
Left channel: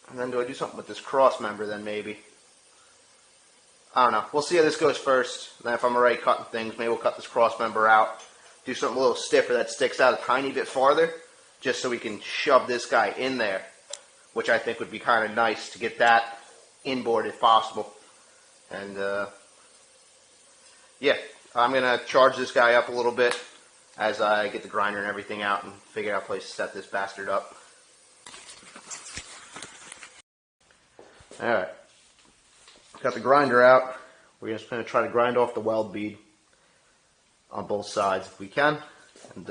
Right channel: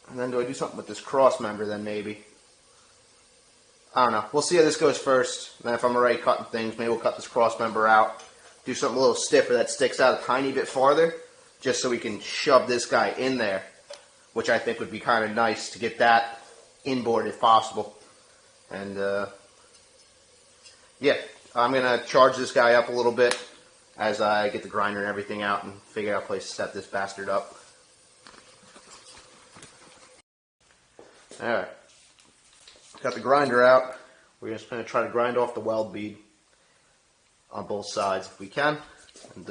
And then do I do something with this cross member then maybe? I don't know. We'll see how this goes first. And then if I'm already cutting things, maybe we'll cut this cross member out. Do something a little stiffer that sticks out a tiny bit farther, just so we can shove this guy in there, which I think would be kind of nice to get that inboard if possible. And yeah, I'm going to charge this guy up a little bit as I get the grinder and everything out and figure out a place to set this bastard up. Alright, got the grinder out. We're just going to try to grind off the weld bead on both sides if we can, and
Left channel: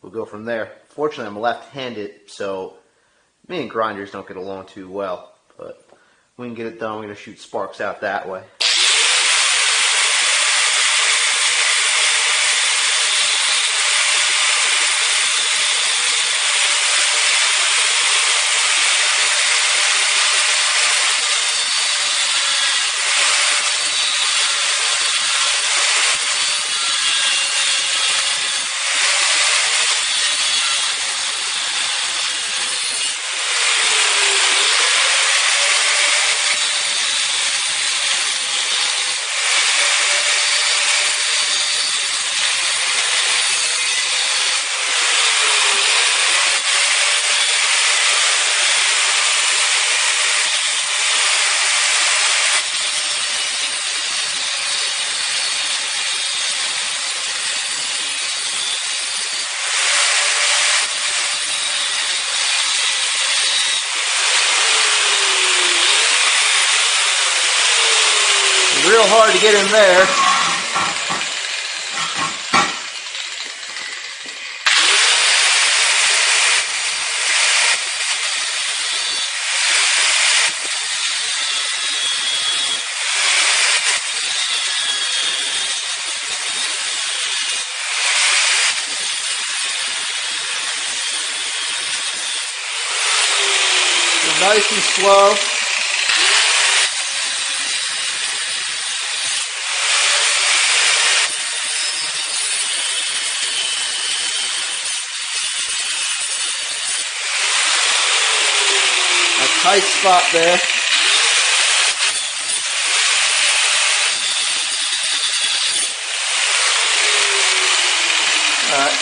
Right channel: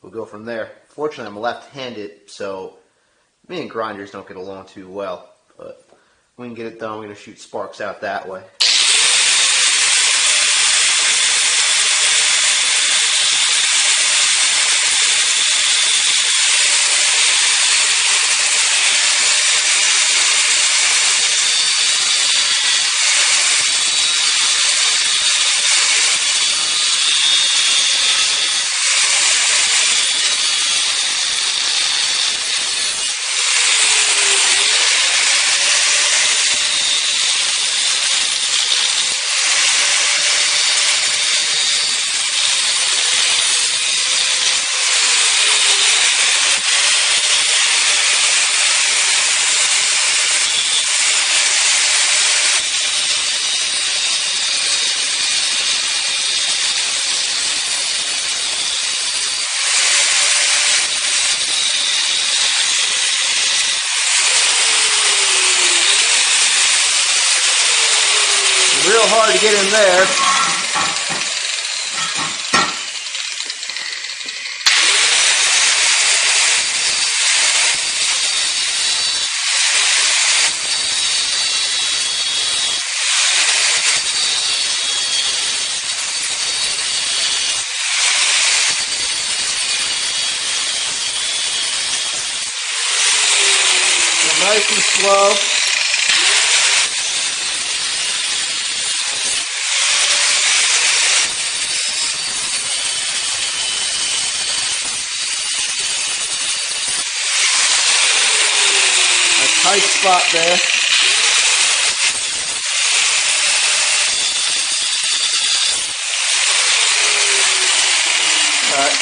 we'll go from there. Fortunately, I'm left-handed, so me and grinders don't get along too well, but we can get it done. We're going to shoot sparks out that way. real hard to get in there. Nice and slow. A tight spot there. Alright.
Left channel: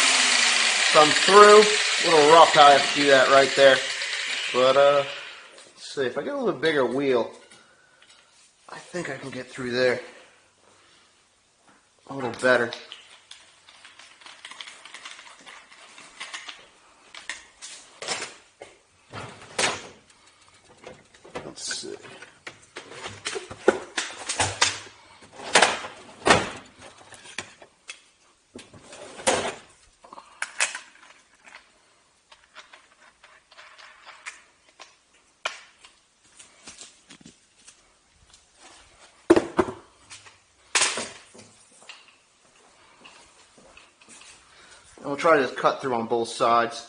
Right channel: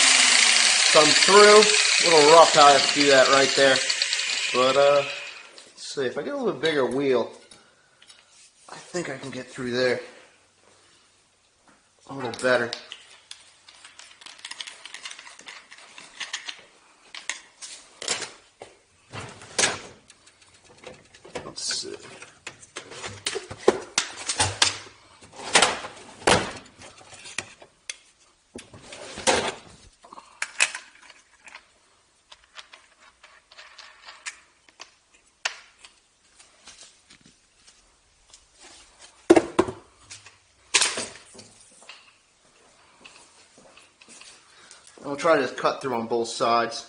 Come through. A little rough how I have to do that right there. But let's see, if I get a little bigger wheel, I think I can get through there a little better. Let's see. I'll try to cut through on both sides.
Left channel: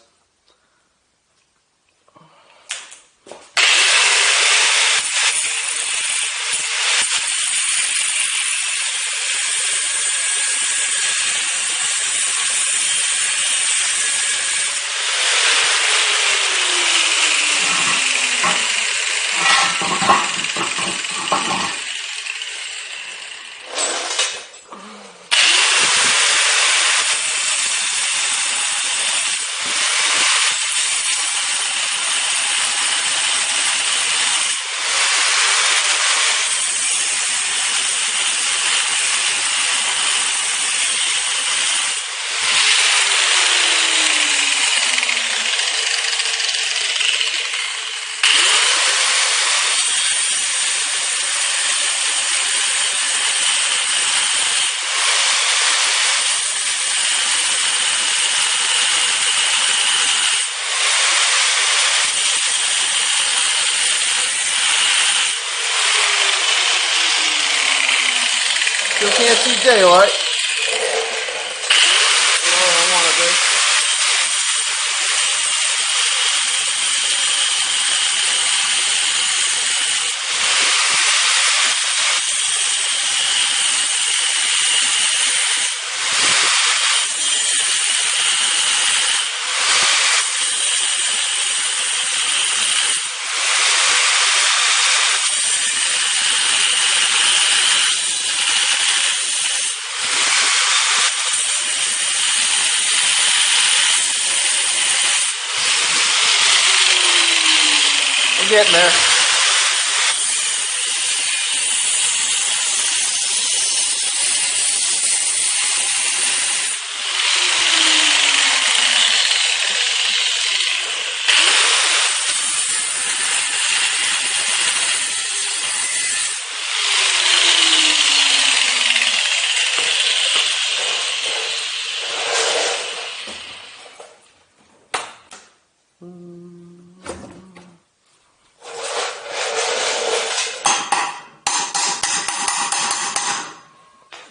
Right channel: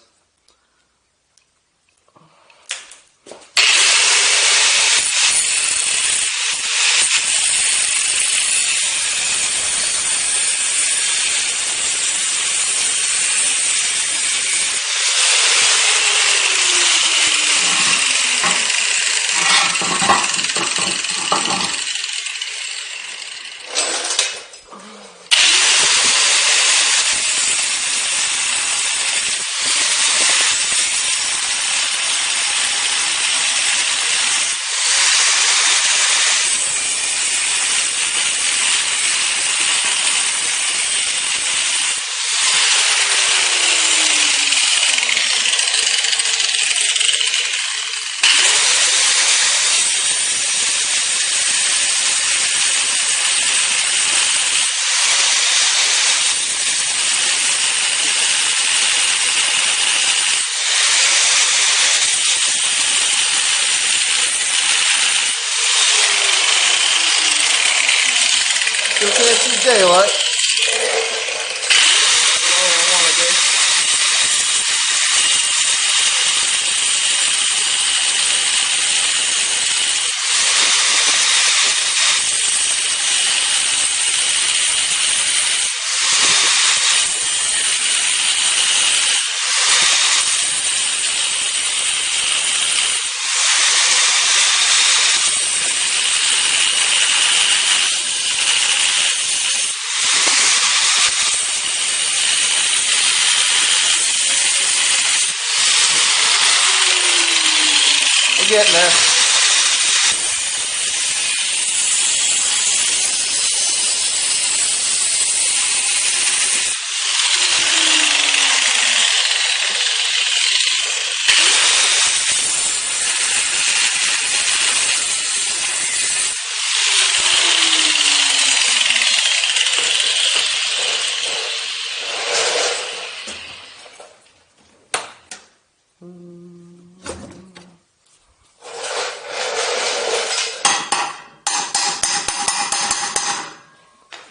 Still can't see daylight. All I want to do. Getting there.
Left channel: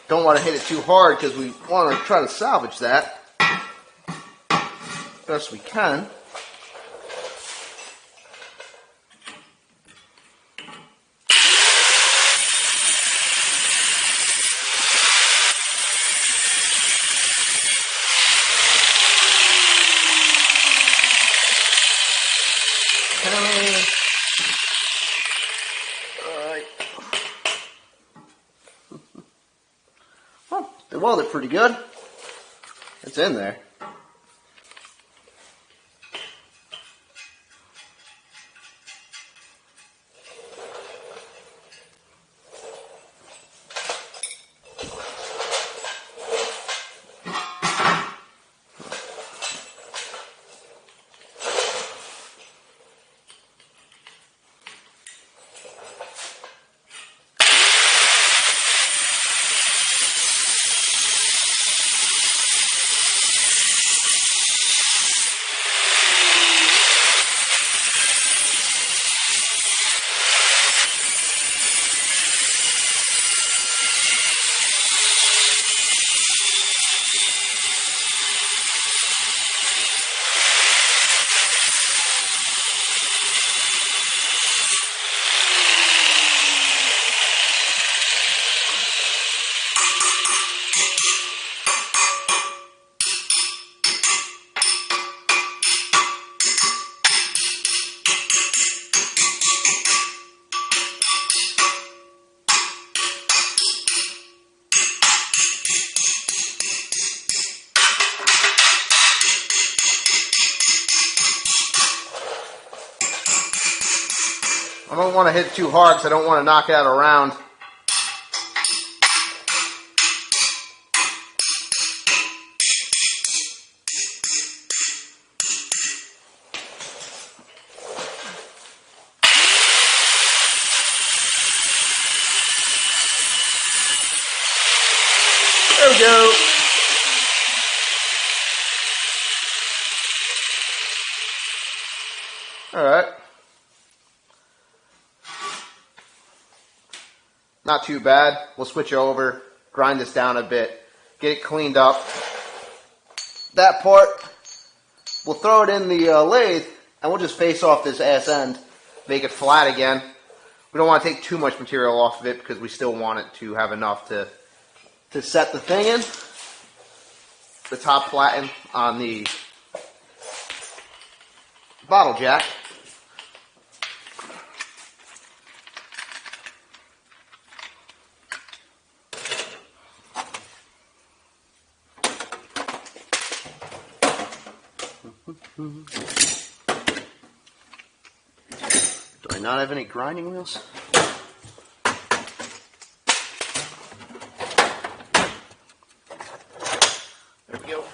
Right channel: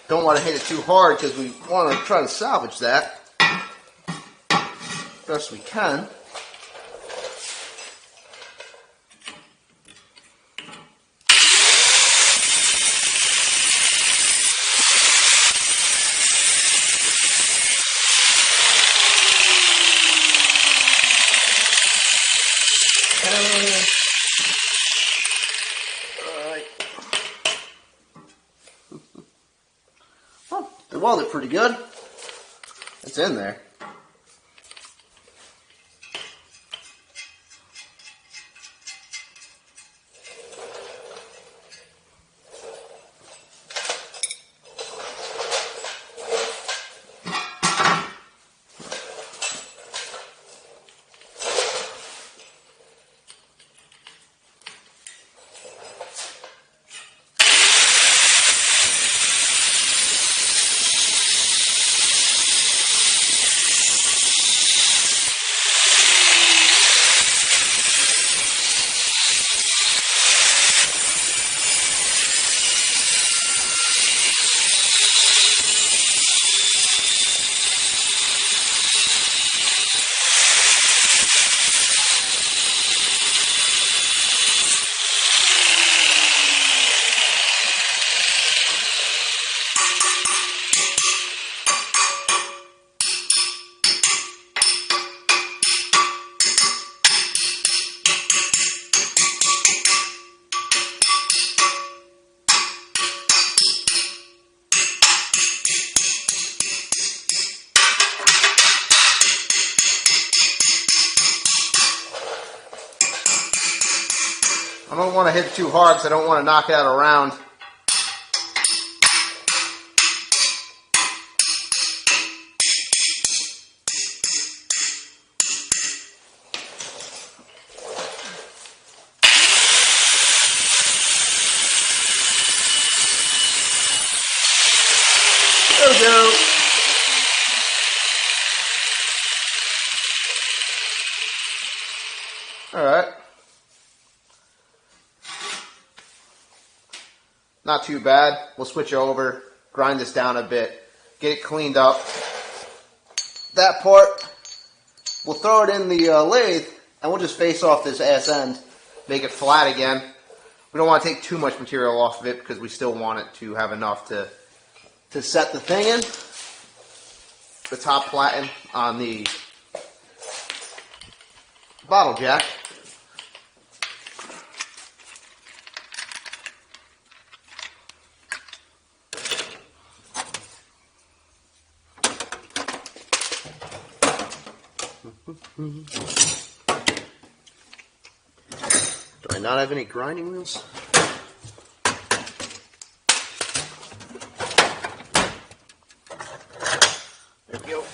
Don't want to hit it too hard because we want to try to salvage that best we can. They welded it pretty good. It's in there. I don't want to hit it too hard because I don't want to knock out a round. There we go. All right. Not too bad. We'll switch over, grind this down a bit, get it cleaned up. That part, we'll throw it in the lathe, and we'll just face off this ass end, make it flat again. We don't want to take too much material off of it because we still want it to have enough to set the thing in. The top platen on the bottle jack. Do I not have any grinding wheels? There we go.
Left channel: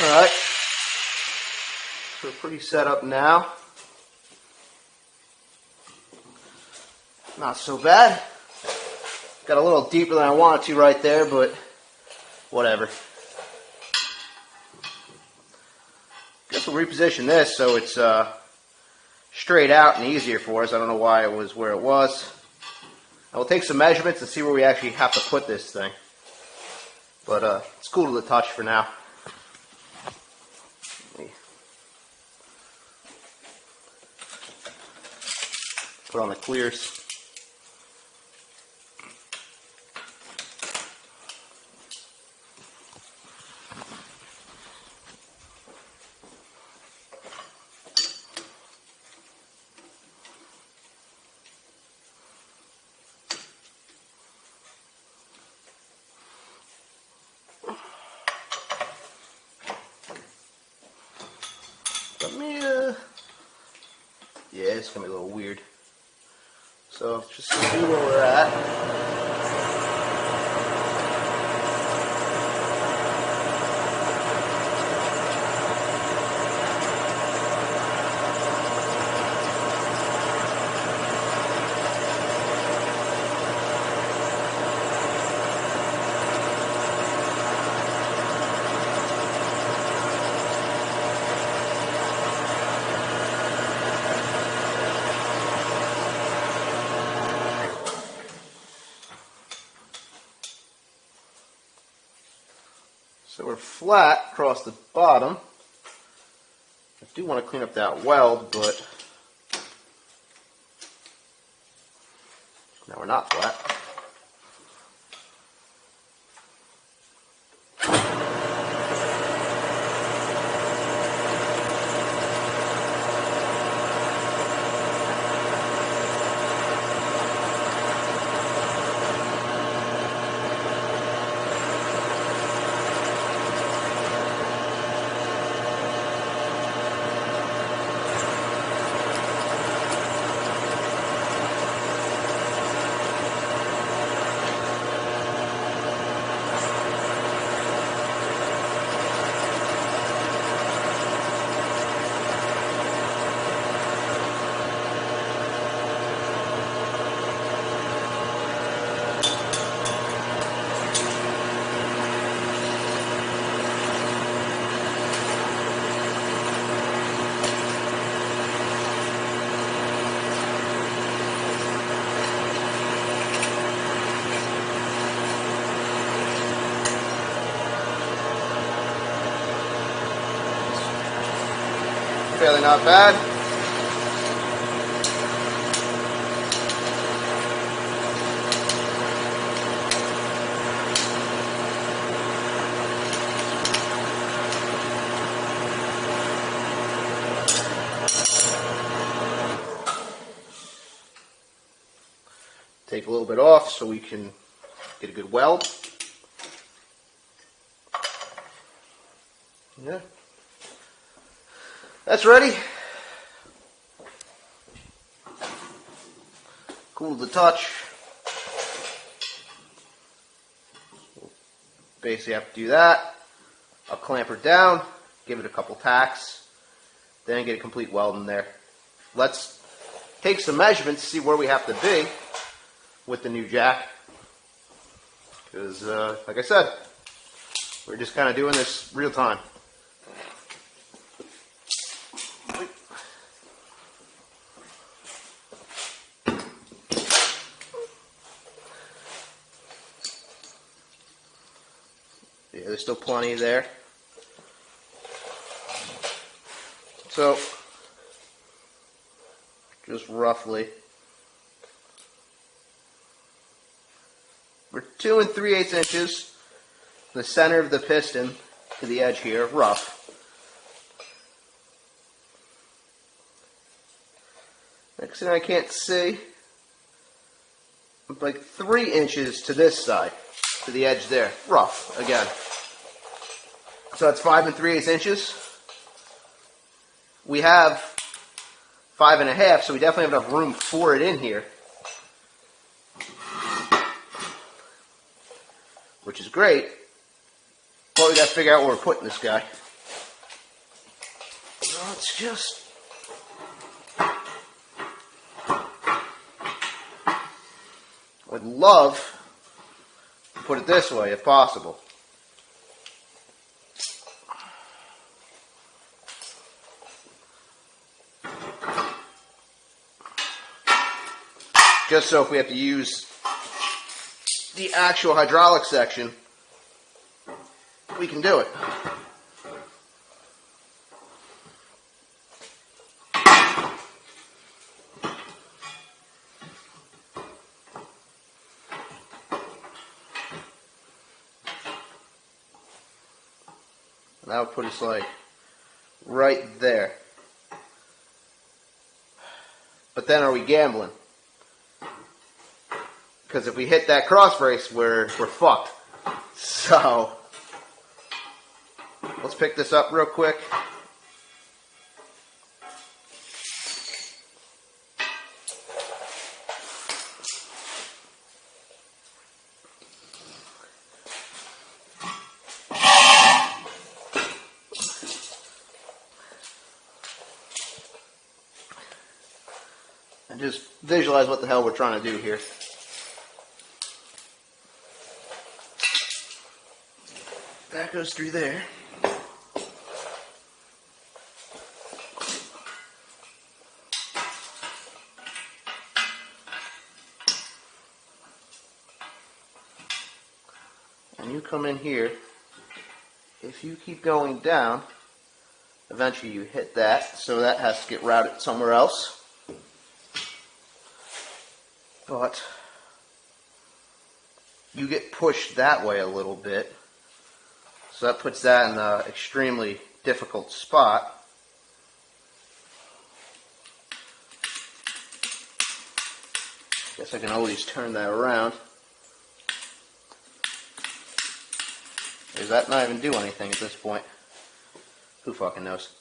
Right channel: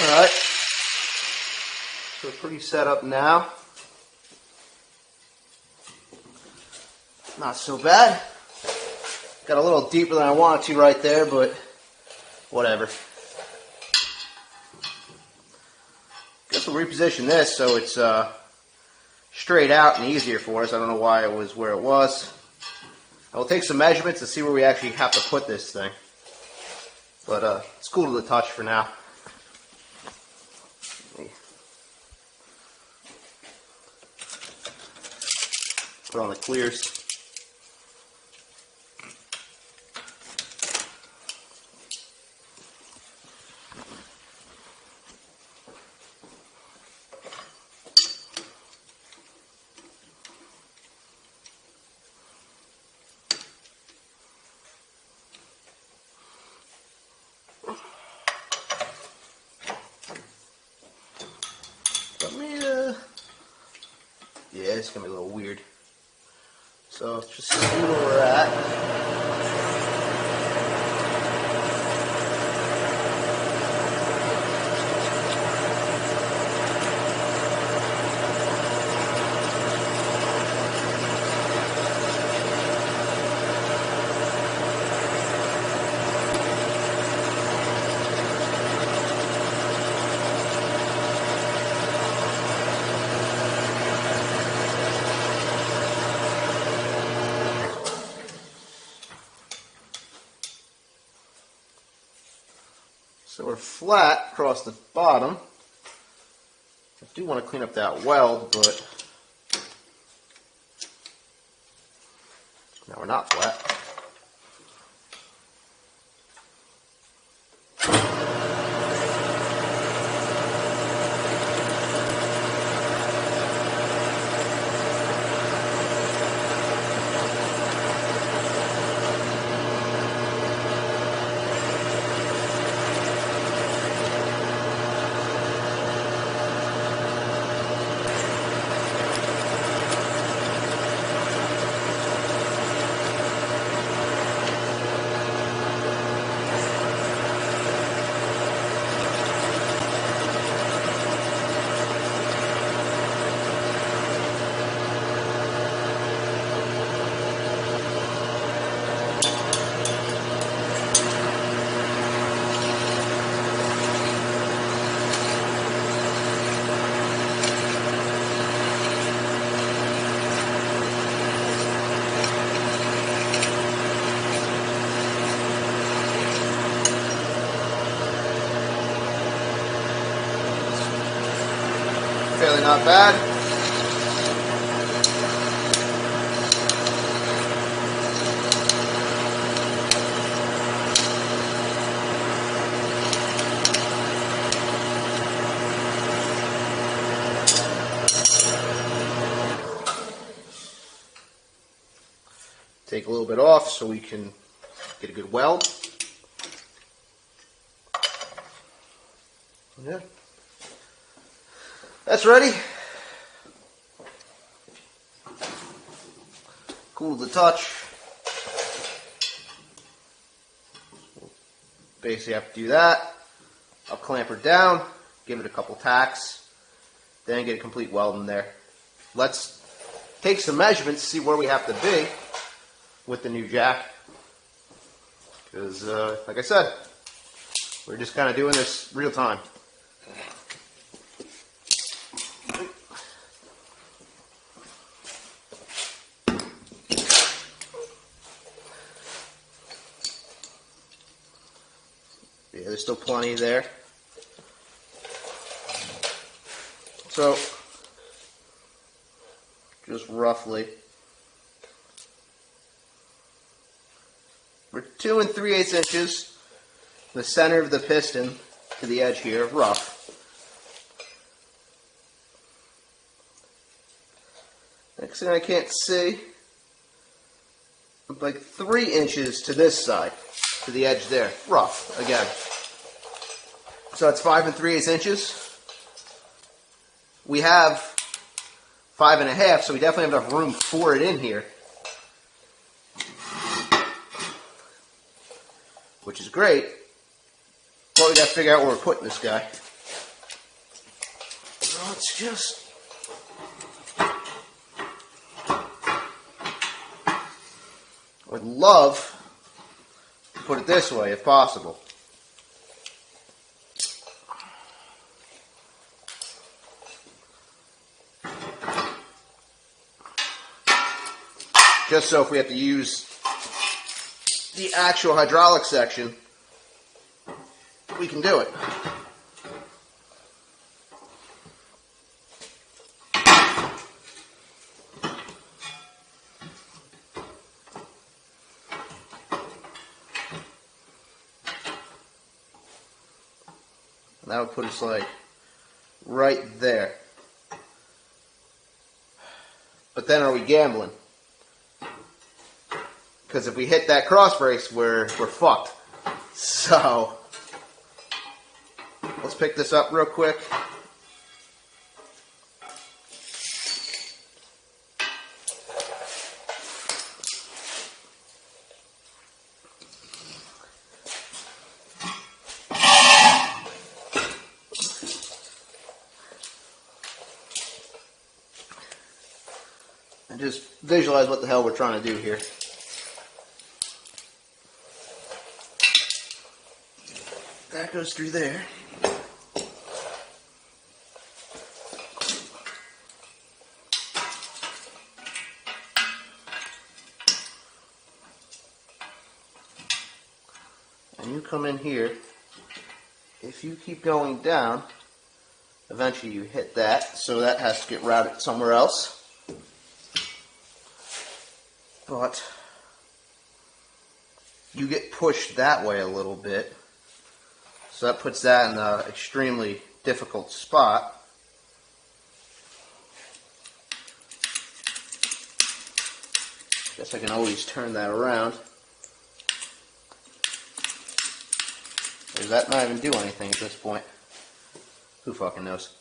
Alright, so pretty set up now. Not so bad. Got a little deeper than I wanted to right there, but whatever. Guess we'll reposition this so it's straight out and easier for us. I don't know why it was where it was. I will take some measurements and see where we actually have to put this thing. But it's cool to the touch for now. Put on the clears. Yeah, it's gonna be a little weird. So just see where we're at. So we're flat across the bottom. I do want to clean up that weld, but no, we're not flat. Fairly not bad. Take a little bit off so we can get a good weld. Yeah. That's ready. Cool to the touch. Basically have to do that. I'll clamp her down, give it a couple tacks, then get a complete weld in there. Let's take some measurements, see where we have to be with the new jack. Because, like I said, we're just kind of doing this real time. Yeah, there's still plenty there. So, just roughly, we're 2 3/8 inches from the center of the piston to the edge here, rough. Next thing I can't see, like 3 inches to this side, to the edge there, rough again. So that's 5 3/8 inches. We have 5 1/2, so we definitely have enough room for it in here, which is great. But we got to figure out where we're putting this guy. So let's just would love to put it this way if possible. Just so if we have to use the actual hydraulic section, we can do it. And that would put us like right there. But then are we gambling? Because if we hit that cross brace, we're fucked. So, let's pick this up real quick. And just visualize what the hell we're trying to do here. That goes through there. And you come in here if you keep going down, eventually you hit that, so that has to get routed somewhere else. But you get pushed that way a little bit, so that puts that in an extremely difficult spot. Guess I can always turn that around. Does that not even do anything at this point? Who fucking knows?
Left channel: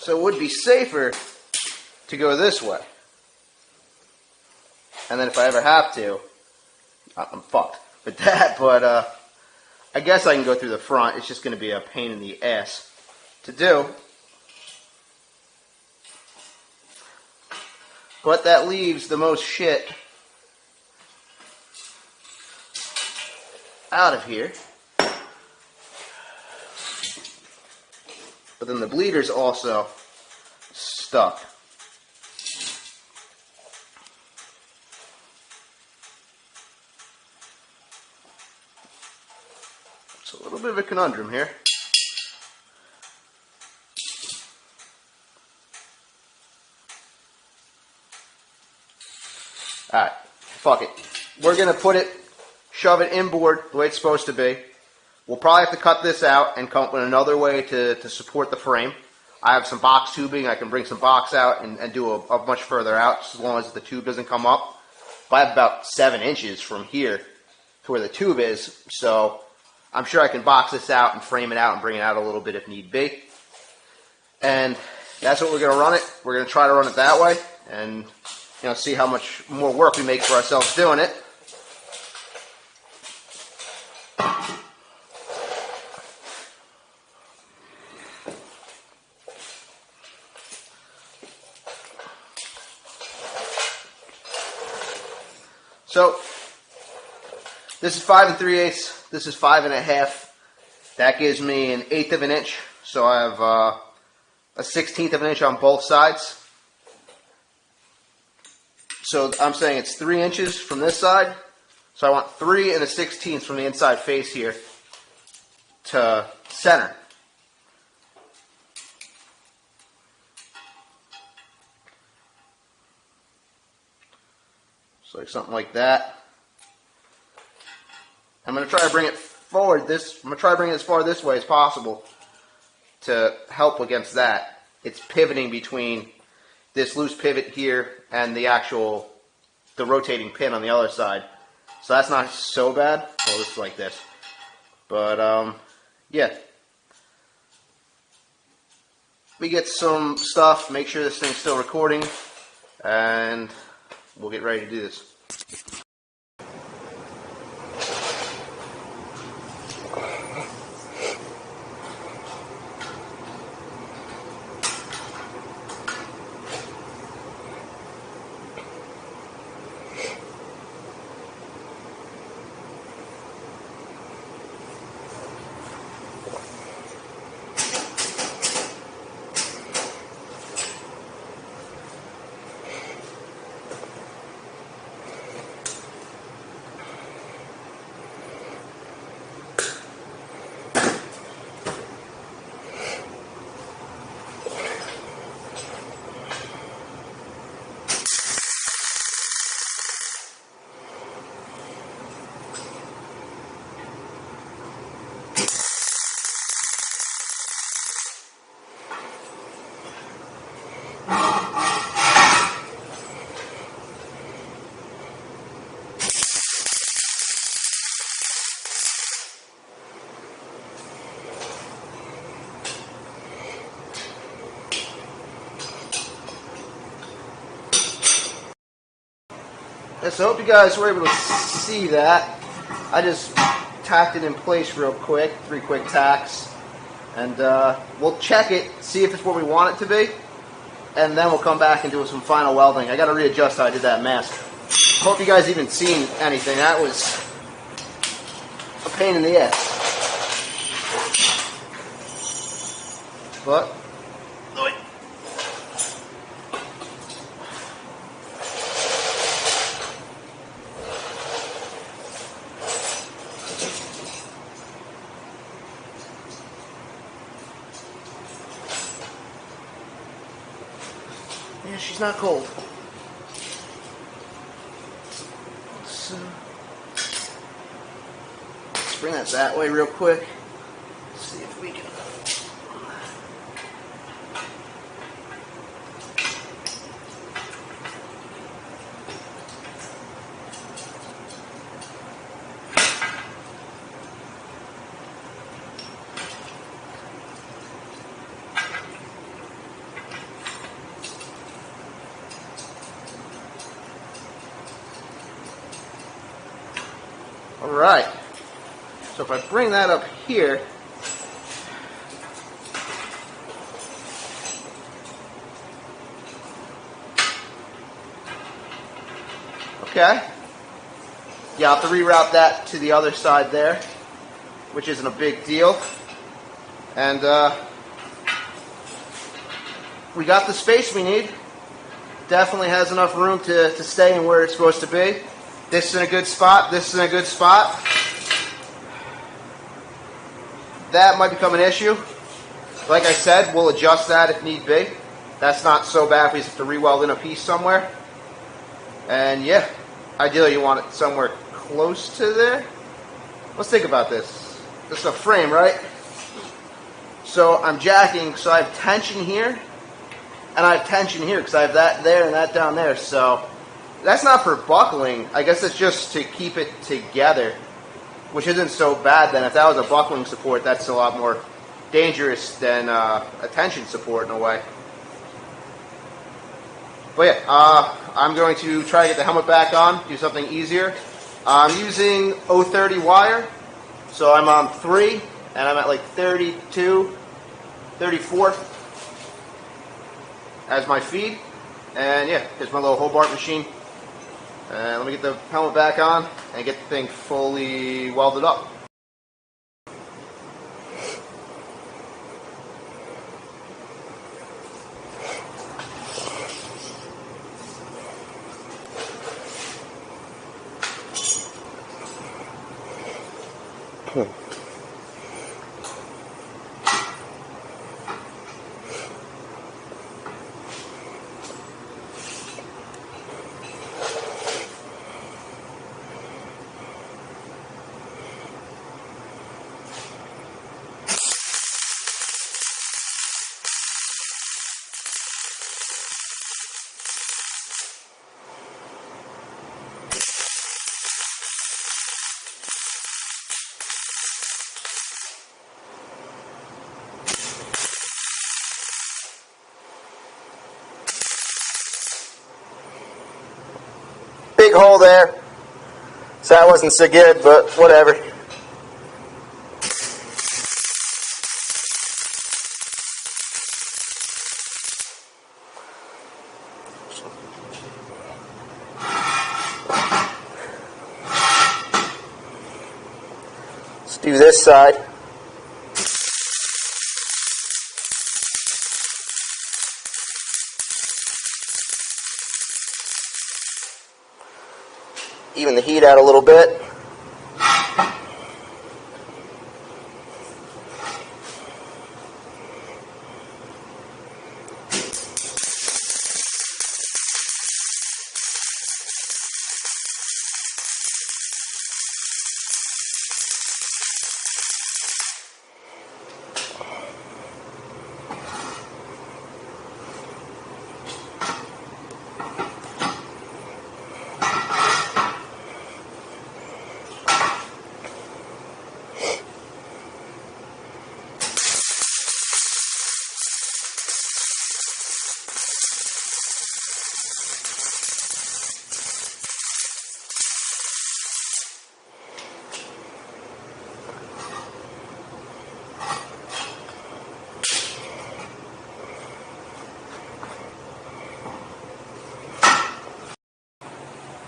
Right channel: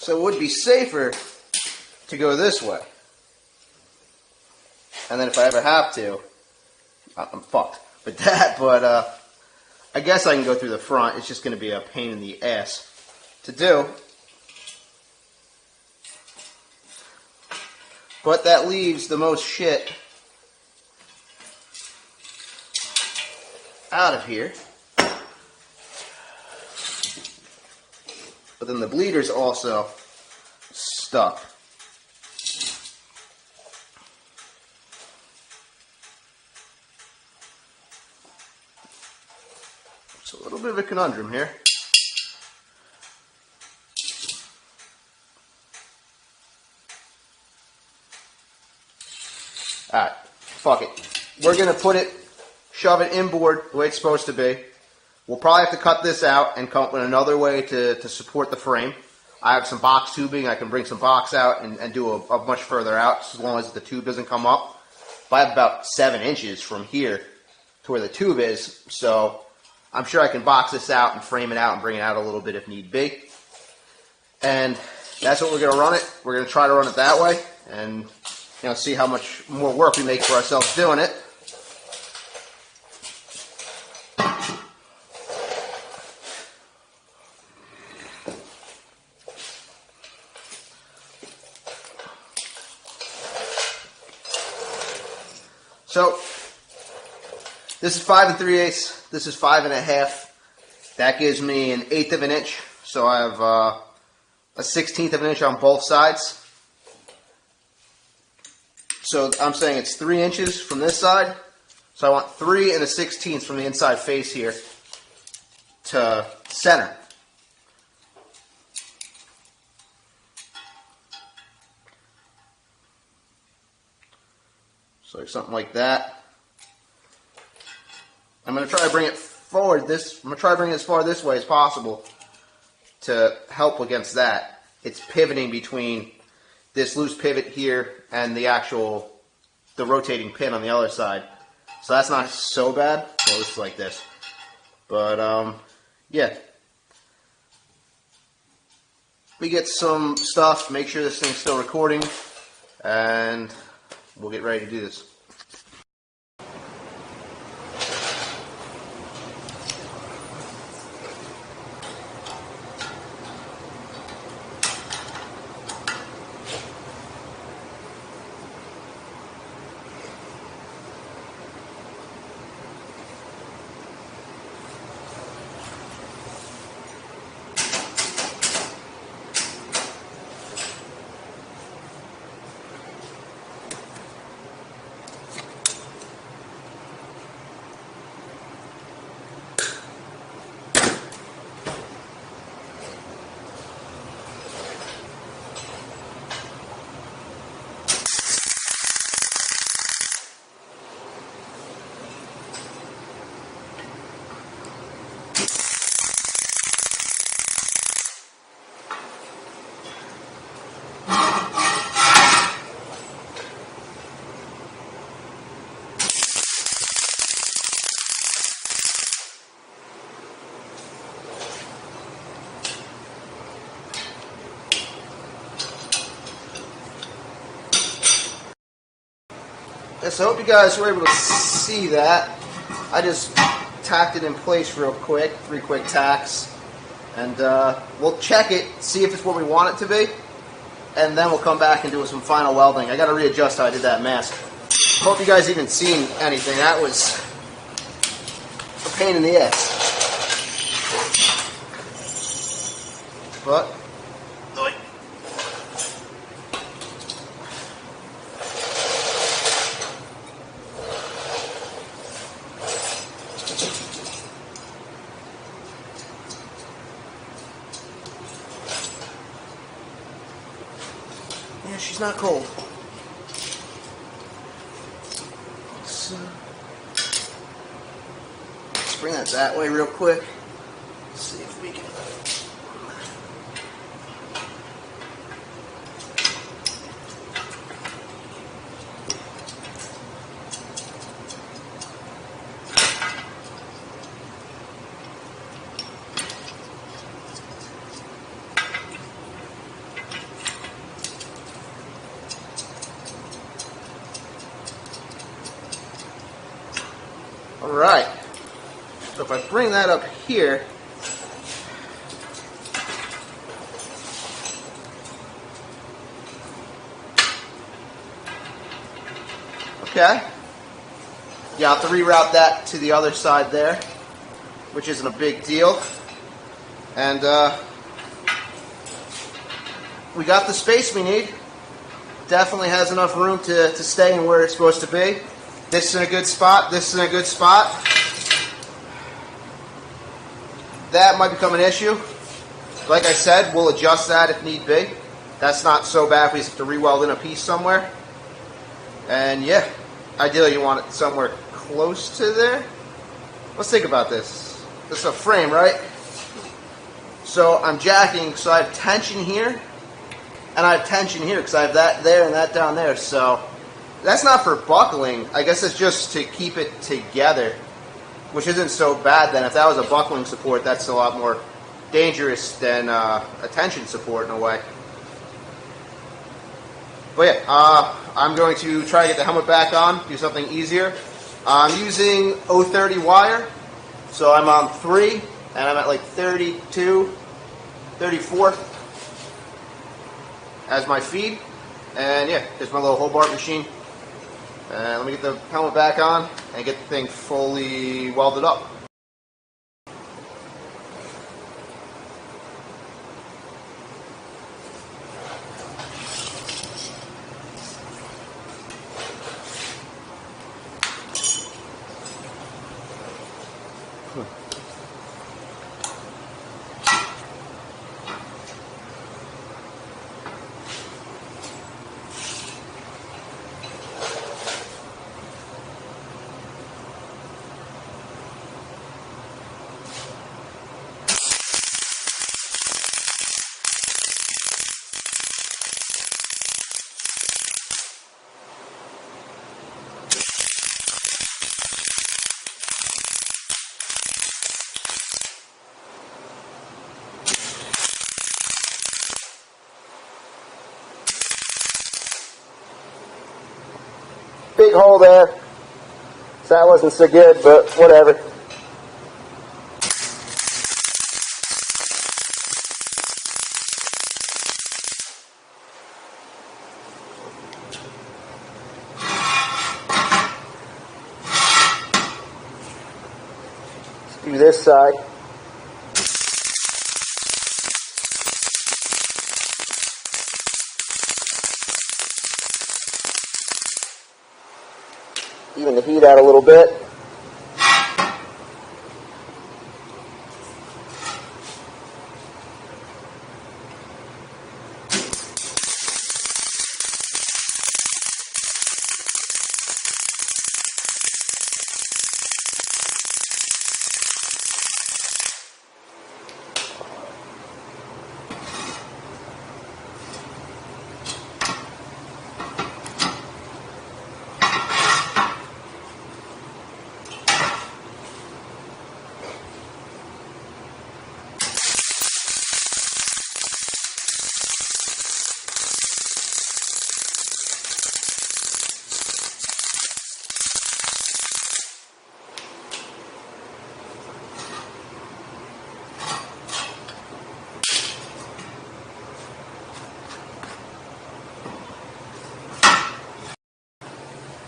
So it would be safer to go this way. And then if I ever have to, I'm fucked with that, but I guess I can go through the front. It's just going to be a pain in the ass to do. But that leaves the most shit out of here. But then the bleeder's also stuck. It's a little bit of a conundrum here. Alright, fuck it. We're going to put it, shove it inboard the way it's supposed to be. We'll probably have to cut this out and come up with another way to support the frame. I have some box tubing. I can bring some box out and do a much further out as long as the tube doesn't come up. But I have about 7 inches from here to where the tube is, so I'm sure I can box this out and frame it out and bring it out a little bit if need be. And that's what we're going to run it. We're going to try to run it that way and see how much more work we make for ourselves doing it. So, this is 5 3/8, this is 5 1/2. That gives me an 1/8 of an inch. So I have a 1/16 of an inch on both sides. So I'm saying it's 3 inches from this side. So I want 3 1/16 from the inside face here to center. So like something like that. I'm going to try to bring it forward I'm going to try to bring it as far this way as possible to help against that. It's pivoting between this loose pivot here and the rotating pin on the other side. So that's not so bad. Well, it's like this. But, yeah. We get some stuff, make sure this thing's still recording, and we'll get ready to do this. Yes, I hope you guys were able to see that. I just tacked it in place real quick, 3 quick tacks. And we'll check it, see if it's what we want it to be. And then we'll come back and do some final welding. I got to readjust how I did that mask. Hope you guys even seen anything. That was a pain in the ass. But not cold. So, let's bring that way real quick. See if we can. Alright, so if I bring that up here, okay, yeah, I'll have to reroute that to the other side there, which isn't a big deal, and we got the space we need. Definitely has enough room to stay in where it's supposed to be. This is in a good spot. This is in a good spot. That might become an issue. Like I said, we'll adjust that if need be. That's not so bad if we have to re-weld in a piece somewhere. And yeah, ideally you want it somewhere close to there. Let's think about this. This is a frame, right? So I'm jacking, so I have tension here, and I have tension here because I have that there and that down there. So that's not for buckling. I guess it's just to keep it together, which isn't so bad then. If that was a buckling support, that's a lot more dangerous than a tension support in a way. But yeah, I'm going to try to get the helmet back on, do something easier. I'm using 030 wire, so I'm on 3, and I'm at like 32, 34 as my feed. And yeah, there's my little Hobart machine. Let me get the helmet back on and get the thing fully welded up. Big hole there. So that wasn't so good, but whatever. Let's do this side. Even the heat out a little bit.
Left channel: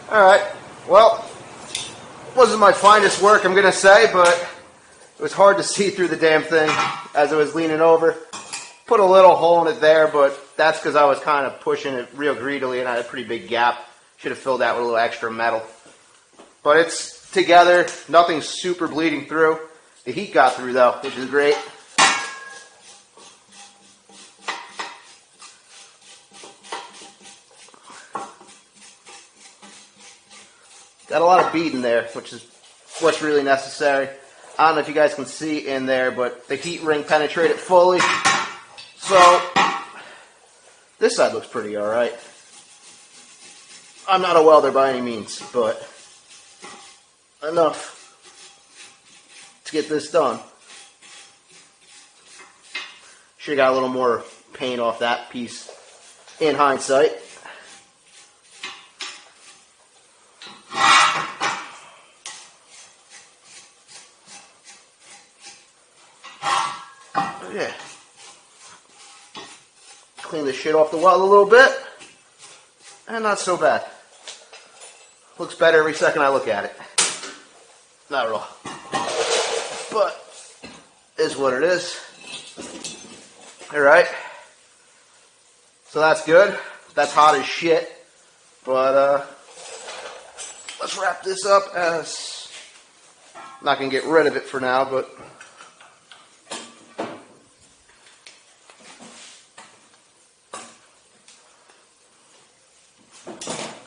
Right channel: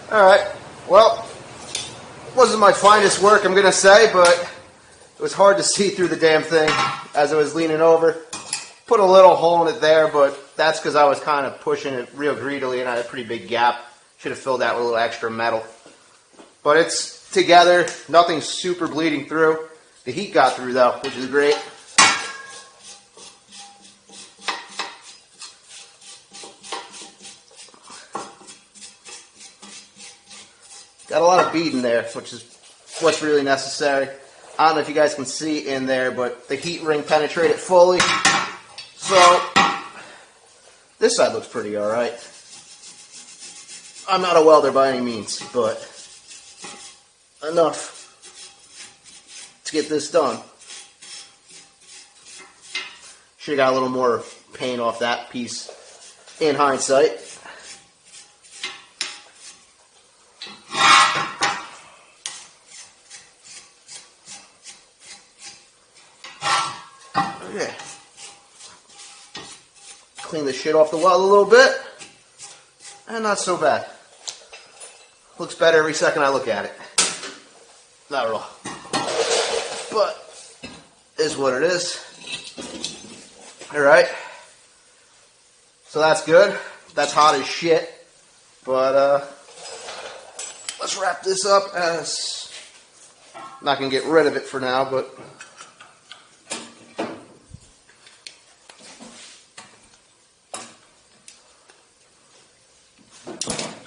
Alright, well, it wasn't my finest work, I'm going to say, but it was hard to see through the damn thing as I was leaning over. Put a little hole in it there, but that's because I was kind of pushing it real greedily and I had a pretty big gap. Should have filled that with a little extra metal. But it's together, nothing's super bleeding through. The heat got through though, which is great. Got a lot of bead in there, which is what's really necessary. I don't know if you guys can see in there, but the heat ring penetrated fully. So, this side looks pretty alright. I'm not a welder by any means, but enough to get this done. Should have got a little more paint off that piece in hindsight. Okay. Clean the shit off the weld a little bit. And not so bad. Looks better every second I look at it. Not at all. But, is what it is. Alright. So that's good. That's hot as shit. But, let's wrap this up as... I'm not going to get rid of it for now, but...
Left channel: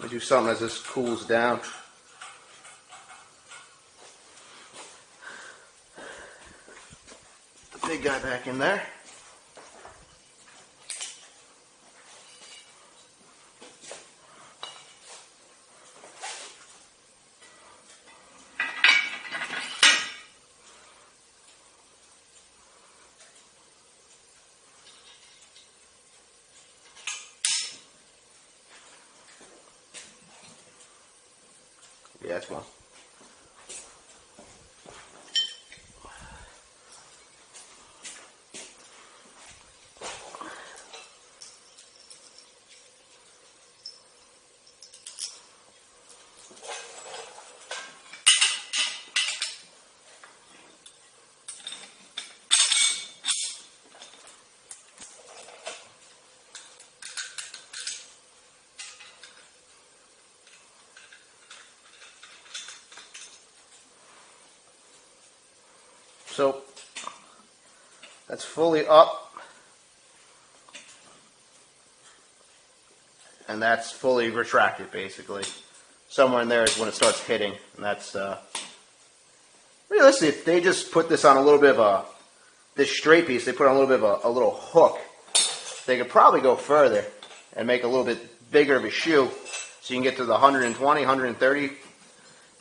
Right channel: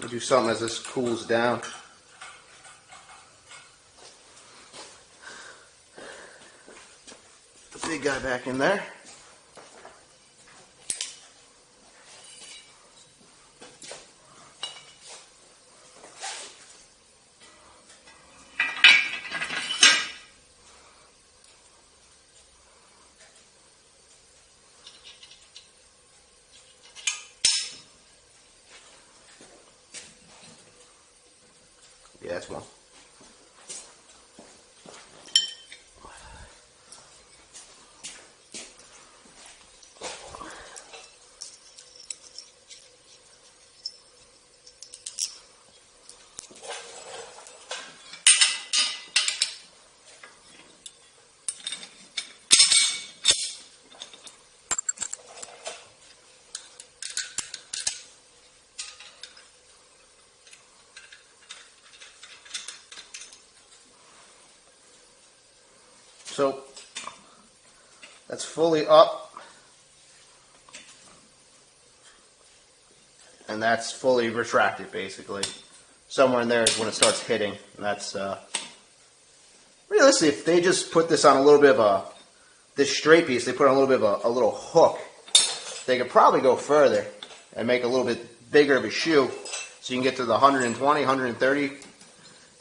do something as this cools down. The big guy back in there. Yeah, that's one. So that's fully up, and that's fully retracted basically. Somewhere in there is when it starts hitting, and that's realistically, if they just put this on a little bit of this straight piece, they put on a little bit of a little hook, they could probably go further and make a little bit bigger of a shoe, so you can get to the 120, 130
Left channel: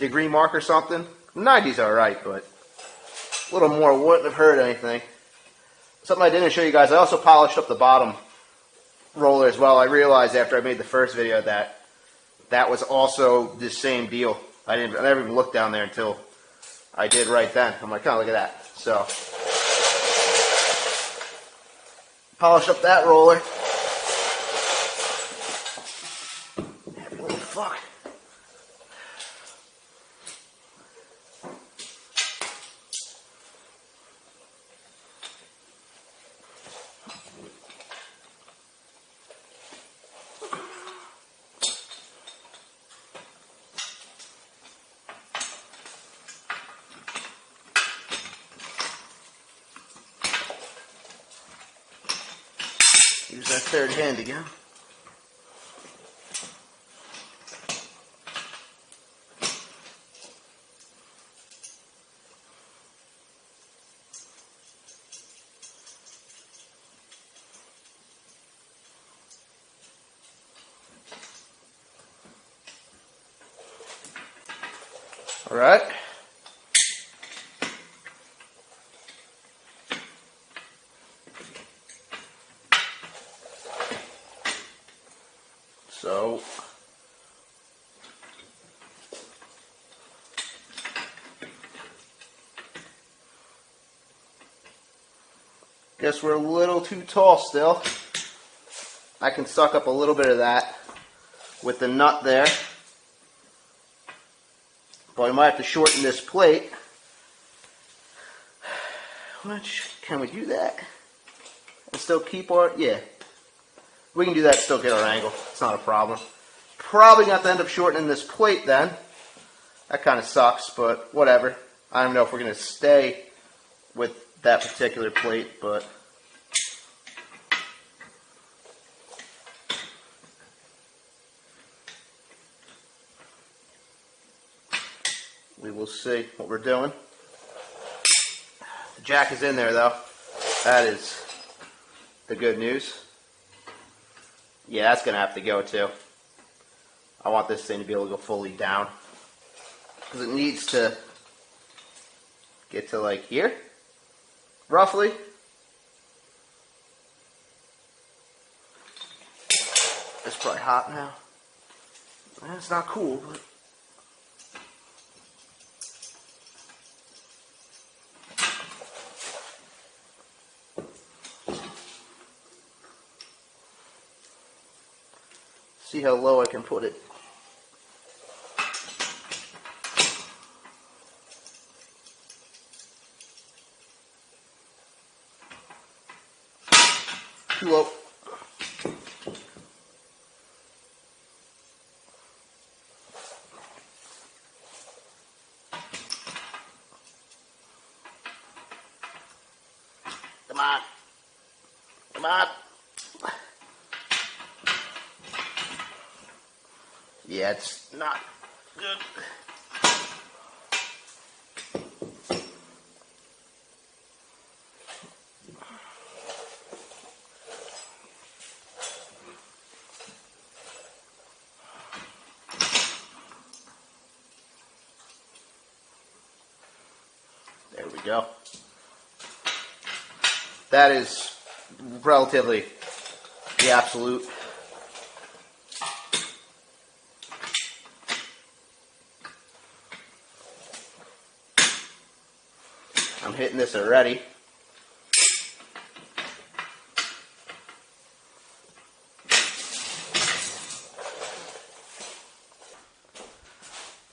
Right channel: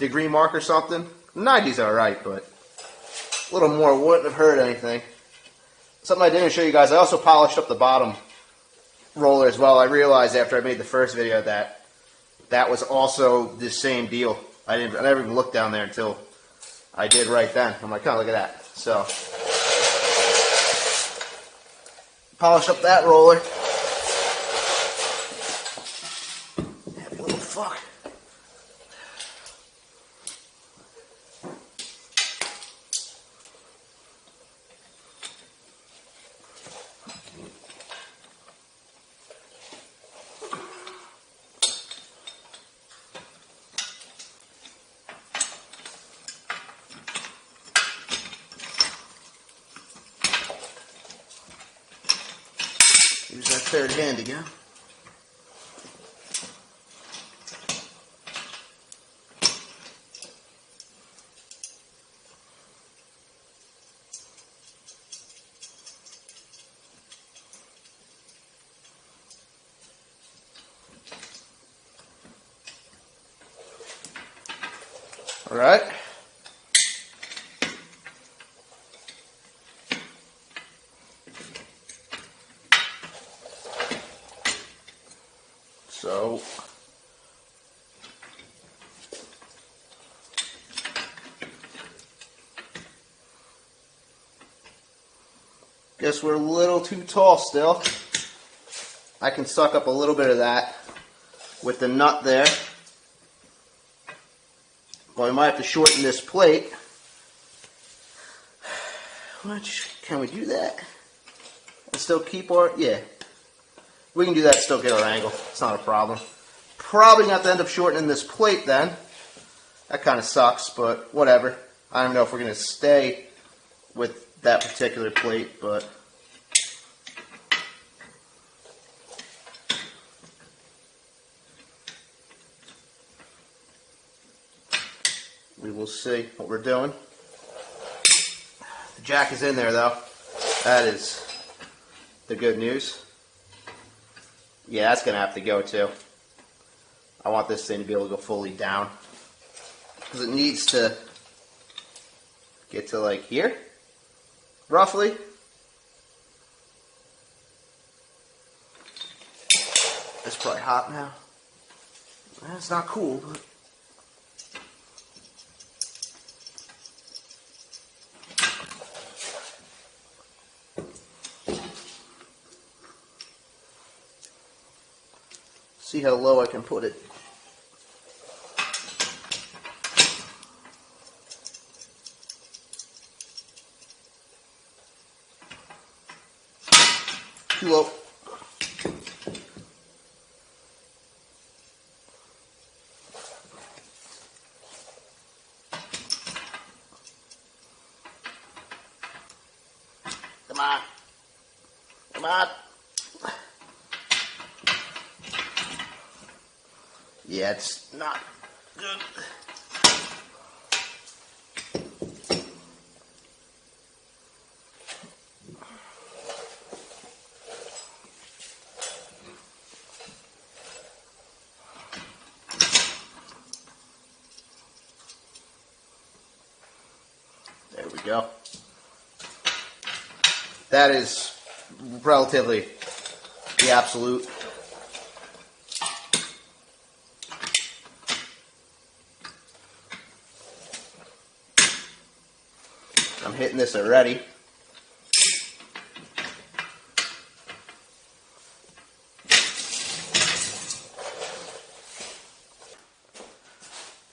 degree mark or something. 90's alright, but a little more wouldn't have hurt anything. Something I didn't show you guys, I also polished up the bottom roller as well. I realized after I made the first video that that was also the same deal. I never even looked down there until I did right then. I'm like, oh, look at that. So, polished up that roller. Oh, fuck. Use that third hand again. All right. So, guess we're a little too tall still. I can suck up a little bit of that with the nut there. But we might have to shorten this plate. Can we do that? And still keep our, yeah. We can do that, still get our angle. It's not a problem. Probably not to end up shortening this plate then. That kind of sucks, but whatever. I don't know if we're going to stay with that particular plate, but we will see what we're doing. The jack is in there though. That is the good news. Yeah, that's going to have to go too. I want this thing to be able to go fully down. Because it needs to get to like here, roughly. It's probably hot now. It's not cool, but see how low I can put it. Too low. Come on. Come on. Yeah, it's not good. There we go. That is relatively the absolute. I'm hitting this already.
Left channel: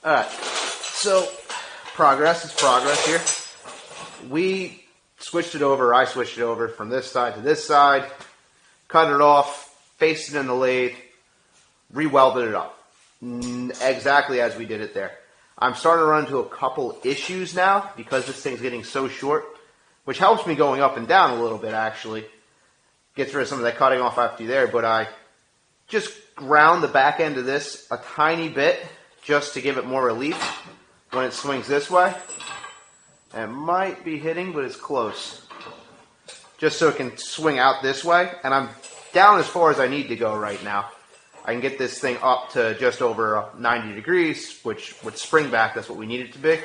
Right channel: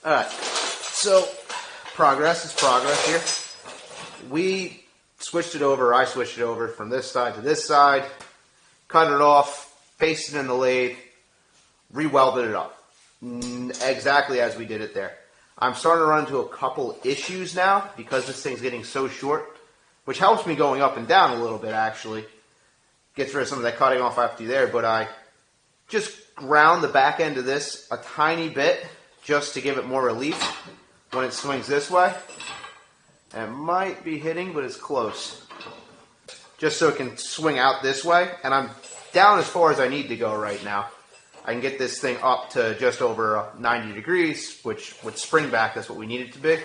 Alright, so progress is progress here. We switched it over, I switched it over from this side to this side, cut it off, faced it in the lathe, re-welded it up. Exactly as we did it there. I'm starting to run into a couple issues now because this thing's getting so short, which helps me going up and down a little bit actually. Gets rid of some of that cutting off after there, but I just ground the back end of this a tiny bit just to give it more relief when it swings this way. And it might be hitting, but it's close. Just so it can swing out this way, and I'm down as far as I need to go right now. I can get this thing up to just over 90 degrees, which with spring back, that's what we need it to be.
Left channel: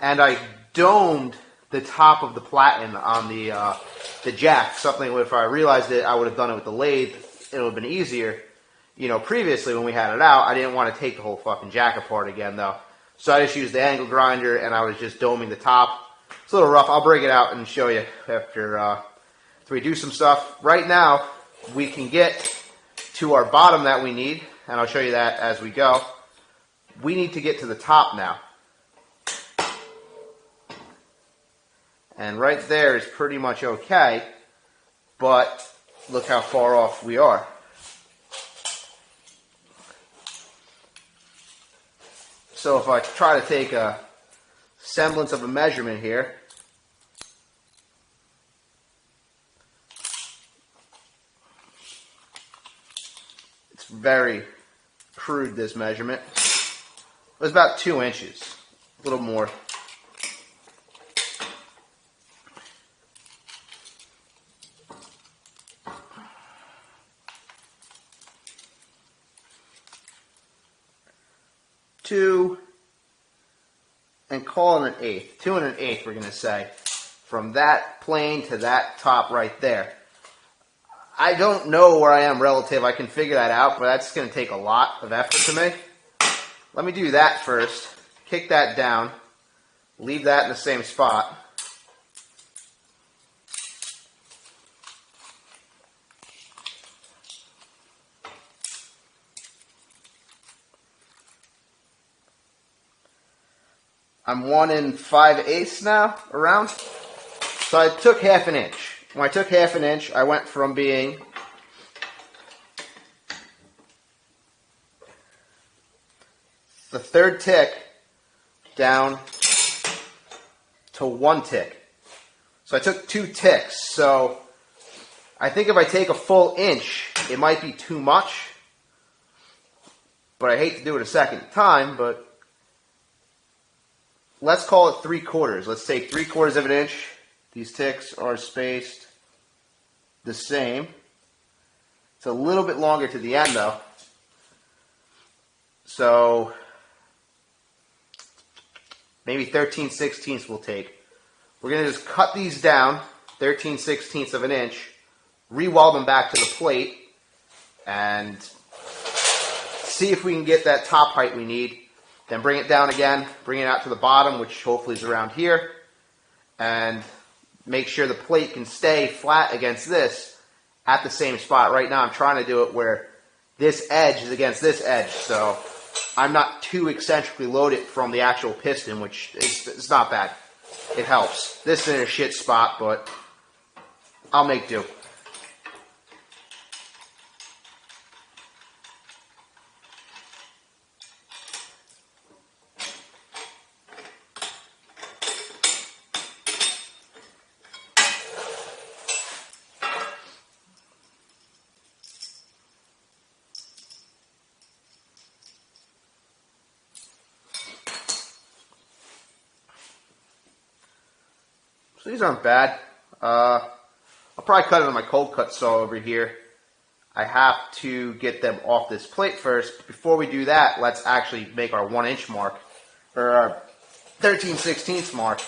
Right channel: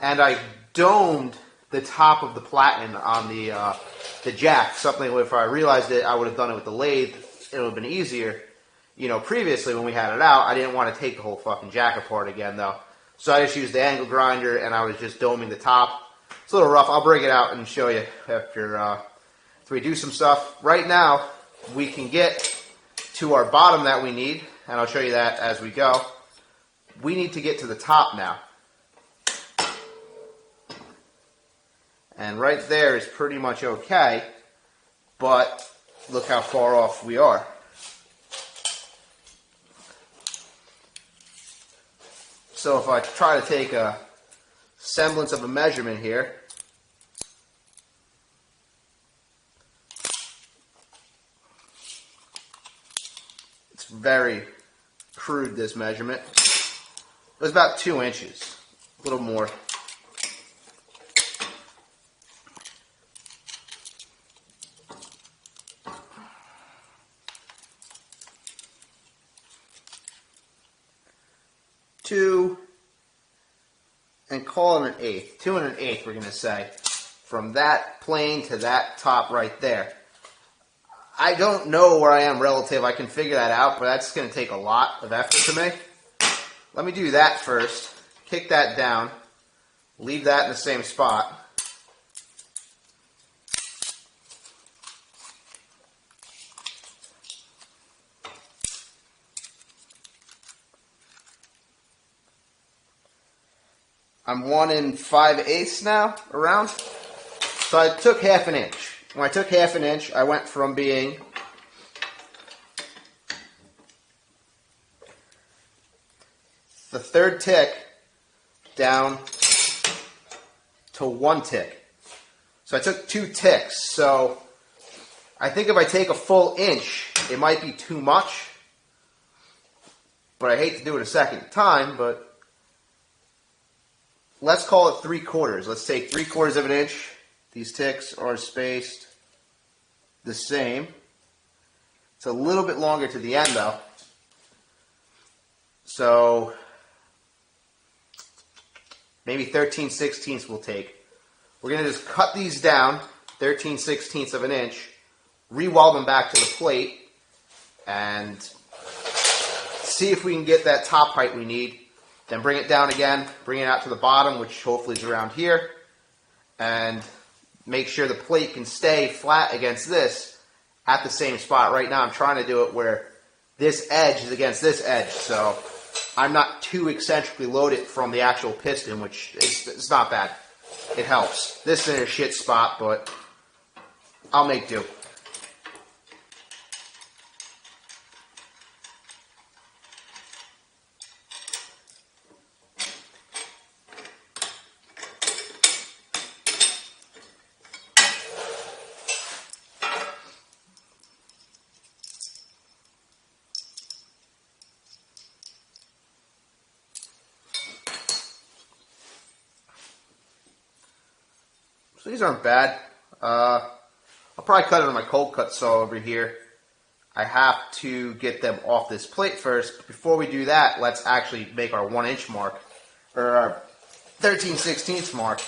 And I domed the top of the platen on the jack. Something if I realized it, I would have done it with the lathe. It would have been easier. You know, previously when we had it out, I didn't want to take the whole fucking jack apart again, though. So I just used the angle grinder, and I was just doming the top. It's a little rough. I'll break it out and show you after we do some stuff. Right now, we can get to our bottom that we need, and I'll show you that as we go. We need to get to the top now. And right there is pretty much okay, but look how far off we are. So if I try to take a semblance of a measurement here, it's very crude, this measurement. It was about 2 inches, a little more. And call it an eighth. 2 1/8, we're going to say. From that plane to that top right there. I don't know where I am relative. I can figure that out, but that's going to take a lot of effort to make. Let me do that first. Kick that down. Leave that in the same spot. I'm 1 5/8 now, around. So I took 1/2 inch. When I took 1/2 inch, I went from being the 3rd tick down to 1 tick. So I took 2 ticks. So I think if I take a full inch, it might be too much. But I hate to do it a second time, but let's call it 3/4. Let's take 3/4 of an inch. These ticks are spaced the same. It's a little bit longer to the end though. So maybe 13/16 we'll take. We're going to just cut these down 13/16 of an inch, re-weld them back to the plate, and see if we can get that top height we need. Then bring it down again, bring it out to the bottom, which hopefully is around here, and make sure the plate can stay flat against this at the same spot. Right now I'm trying to do it where this edge is against this edge, so I'm not too eccentrically loaded from the actual piston, which it's not bad. It helps. This is in a shit spot, but I'll make do. So these aren't bad. I'll probably cut it on my cold cut saw over here. I have to get them off this plate first. Before we do that, let's actually make our 1 inch mark, or our 13/16 mark.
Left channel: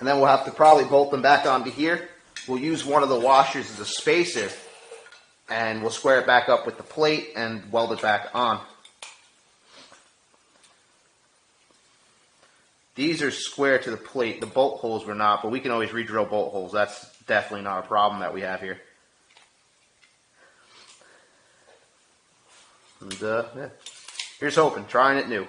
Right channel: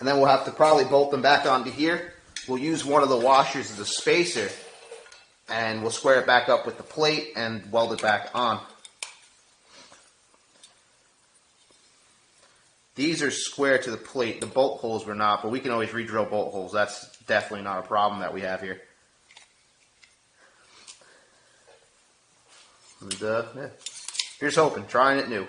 And then we'll have to probably bolt them back onto here. We'll use one of the washers as a spacer, and we'll square it back up with the plate and weld it back on. These are square to the plate. The bolt holes were not, but we can always re-drill bolt holes. That's definitely not a problem that we have here. And yeah. Here's hoping, trying it new.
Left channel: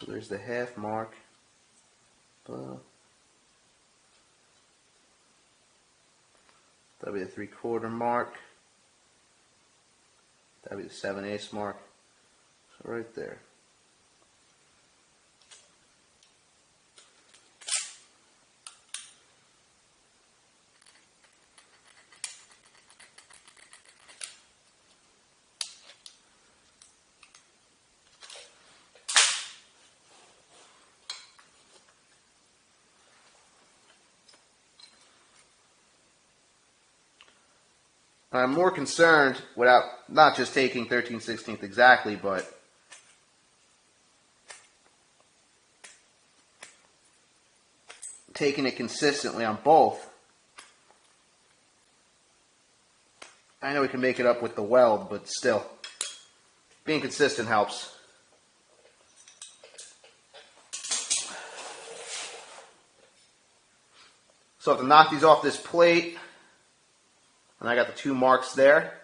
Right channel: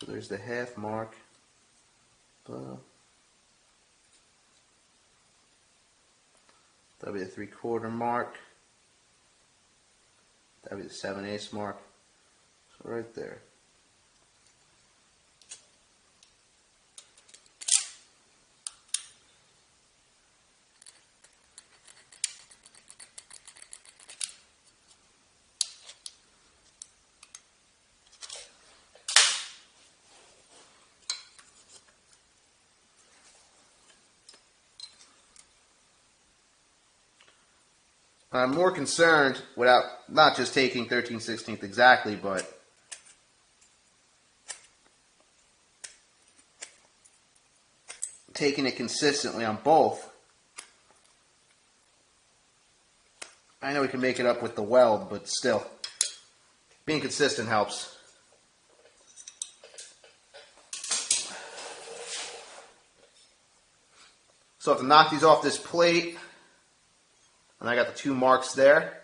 So there's the half mark. That'll be the 3/4 mark. That'll be the 7/8 mark. So right there. I'm more concerned without not just taking 13/16 exactly, but taking it consistently on both. I know we can make it up with the weld, but still, being consistent helps. So I have to knock these off this plate. And I got the 2 marks there.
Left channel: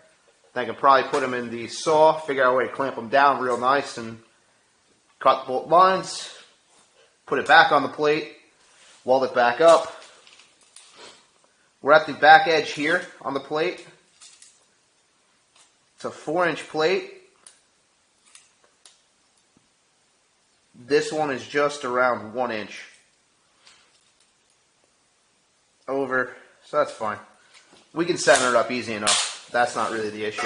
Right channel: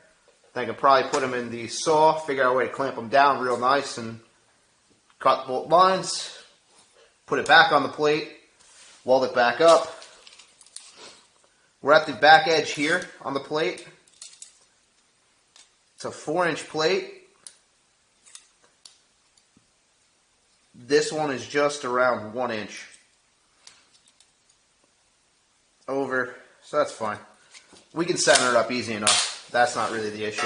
Then I can probably put them in the saw, figure out a way to clamp them down real nice, and cut the bolt lines, put it back on the plate, weld it back up. We're at the back edge here on the plate. It's a 4-inch plate. This one is just around 1 inch over, so that's fine. We can center it up easy enough. That's not really the issue.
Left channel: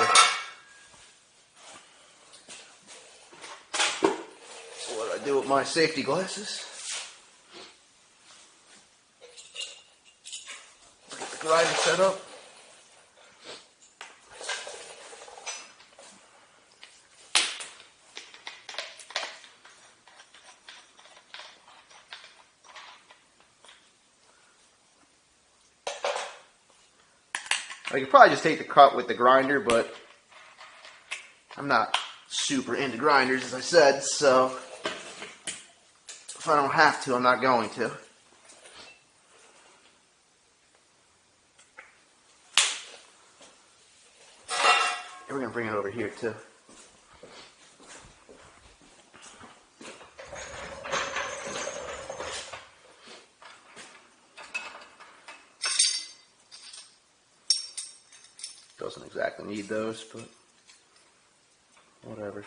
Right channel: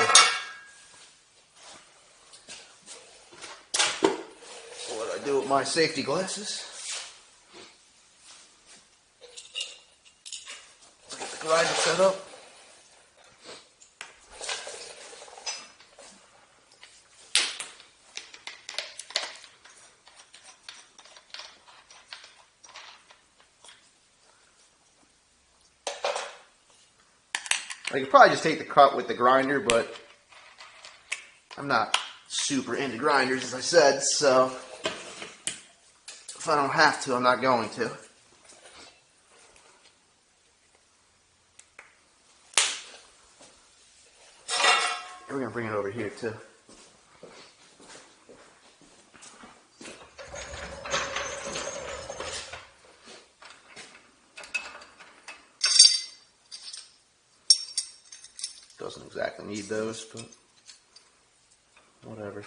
So what do I do with my safety glasses? Let's get the grinder set up. I could probably just take the cut with the grinder, but I'm not super into grinders, as I said, so if I don't have to, I'm not going to. We're going to bring it over here, too. exactly need those, but whatever.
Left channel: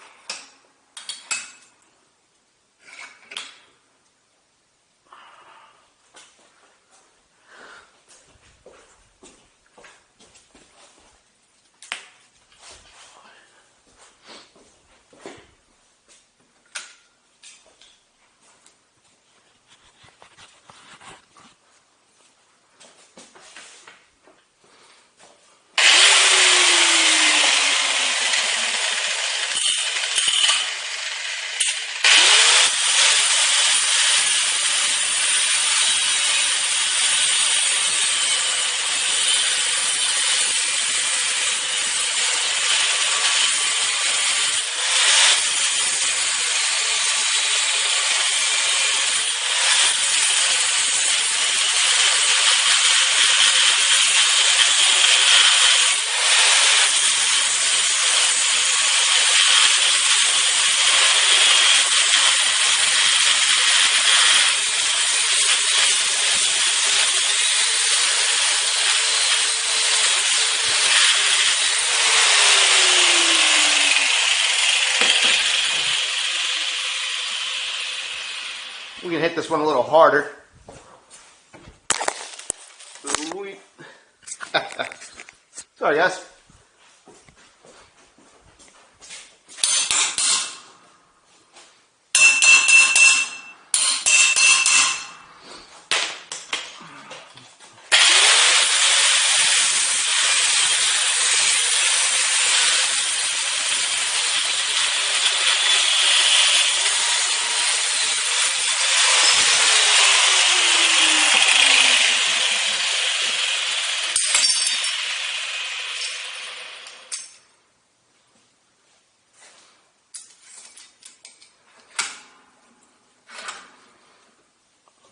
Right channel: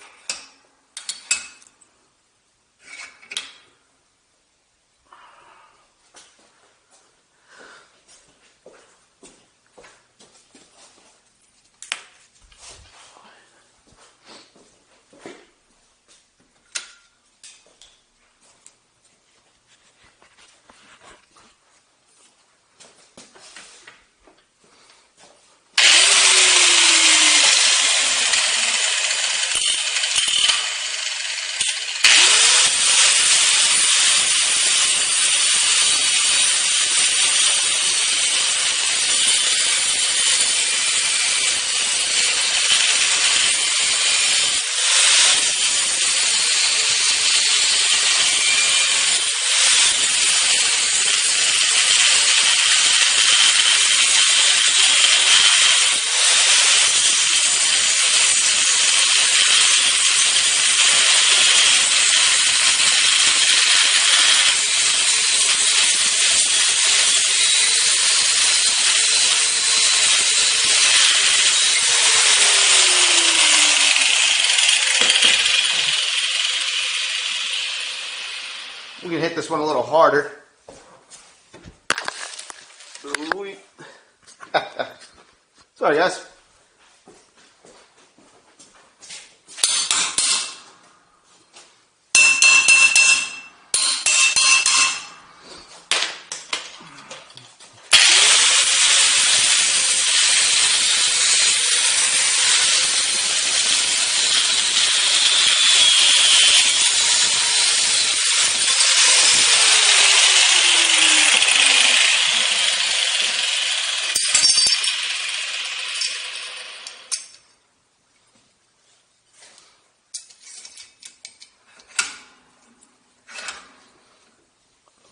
We can hit this one a little harder. Sorry, guys.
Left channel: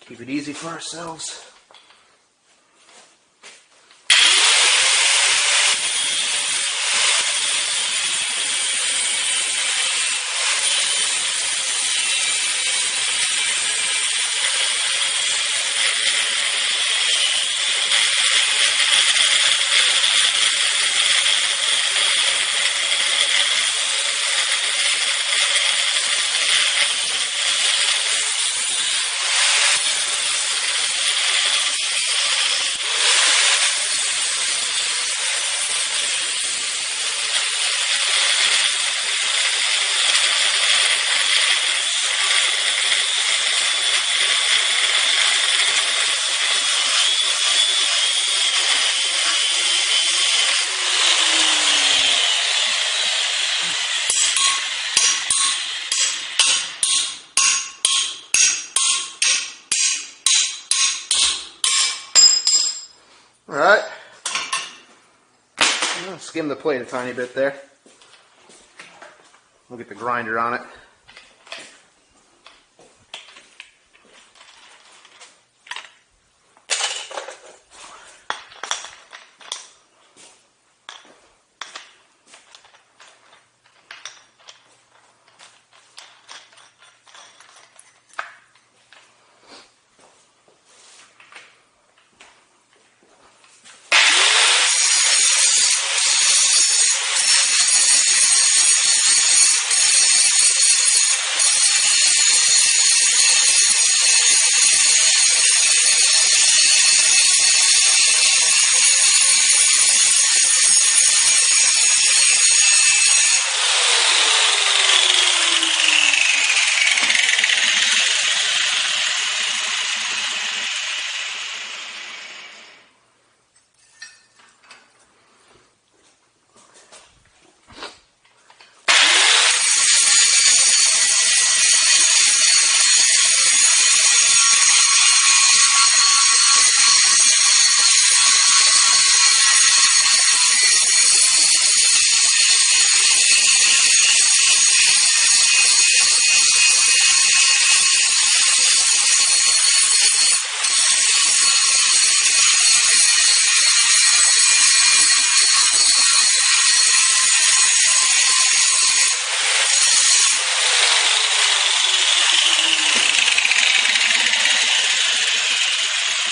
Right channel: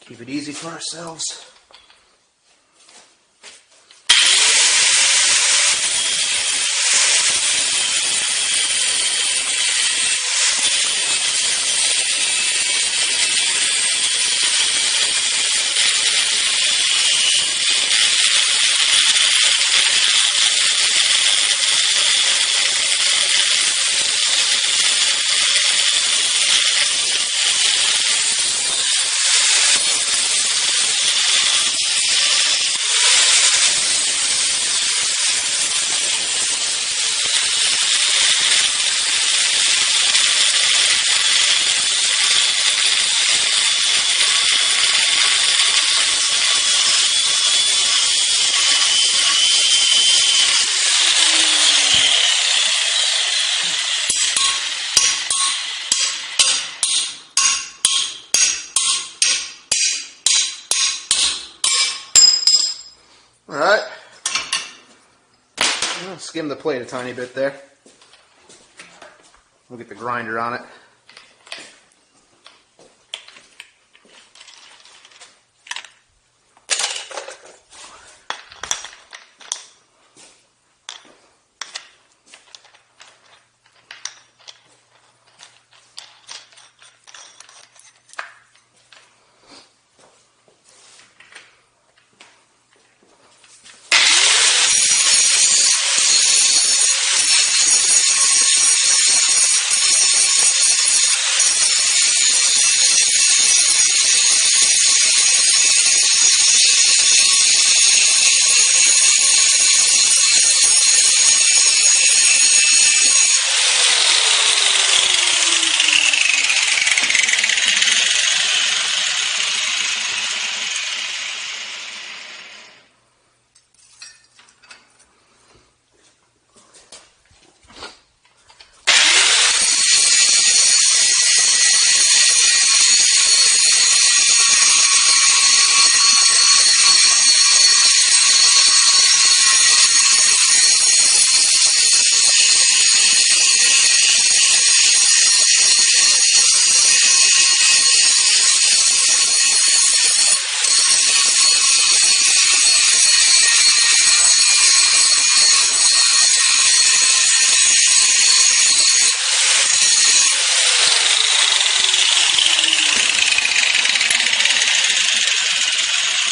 Keep it easy for ourselves. All right, I'm going to skim the plate a tiny bit there. We'll get the grinder on it.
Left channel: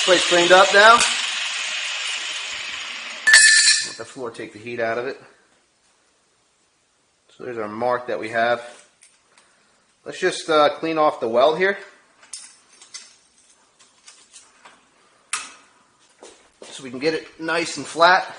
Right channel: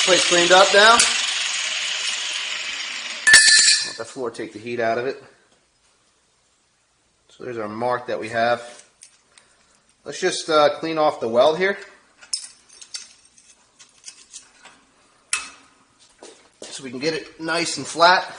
Plate's cleaned up now. Let the floor, take the heat out of it. So there's our mark that we have. Let's just clean off the weld here. So we can get it nice and flat.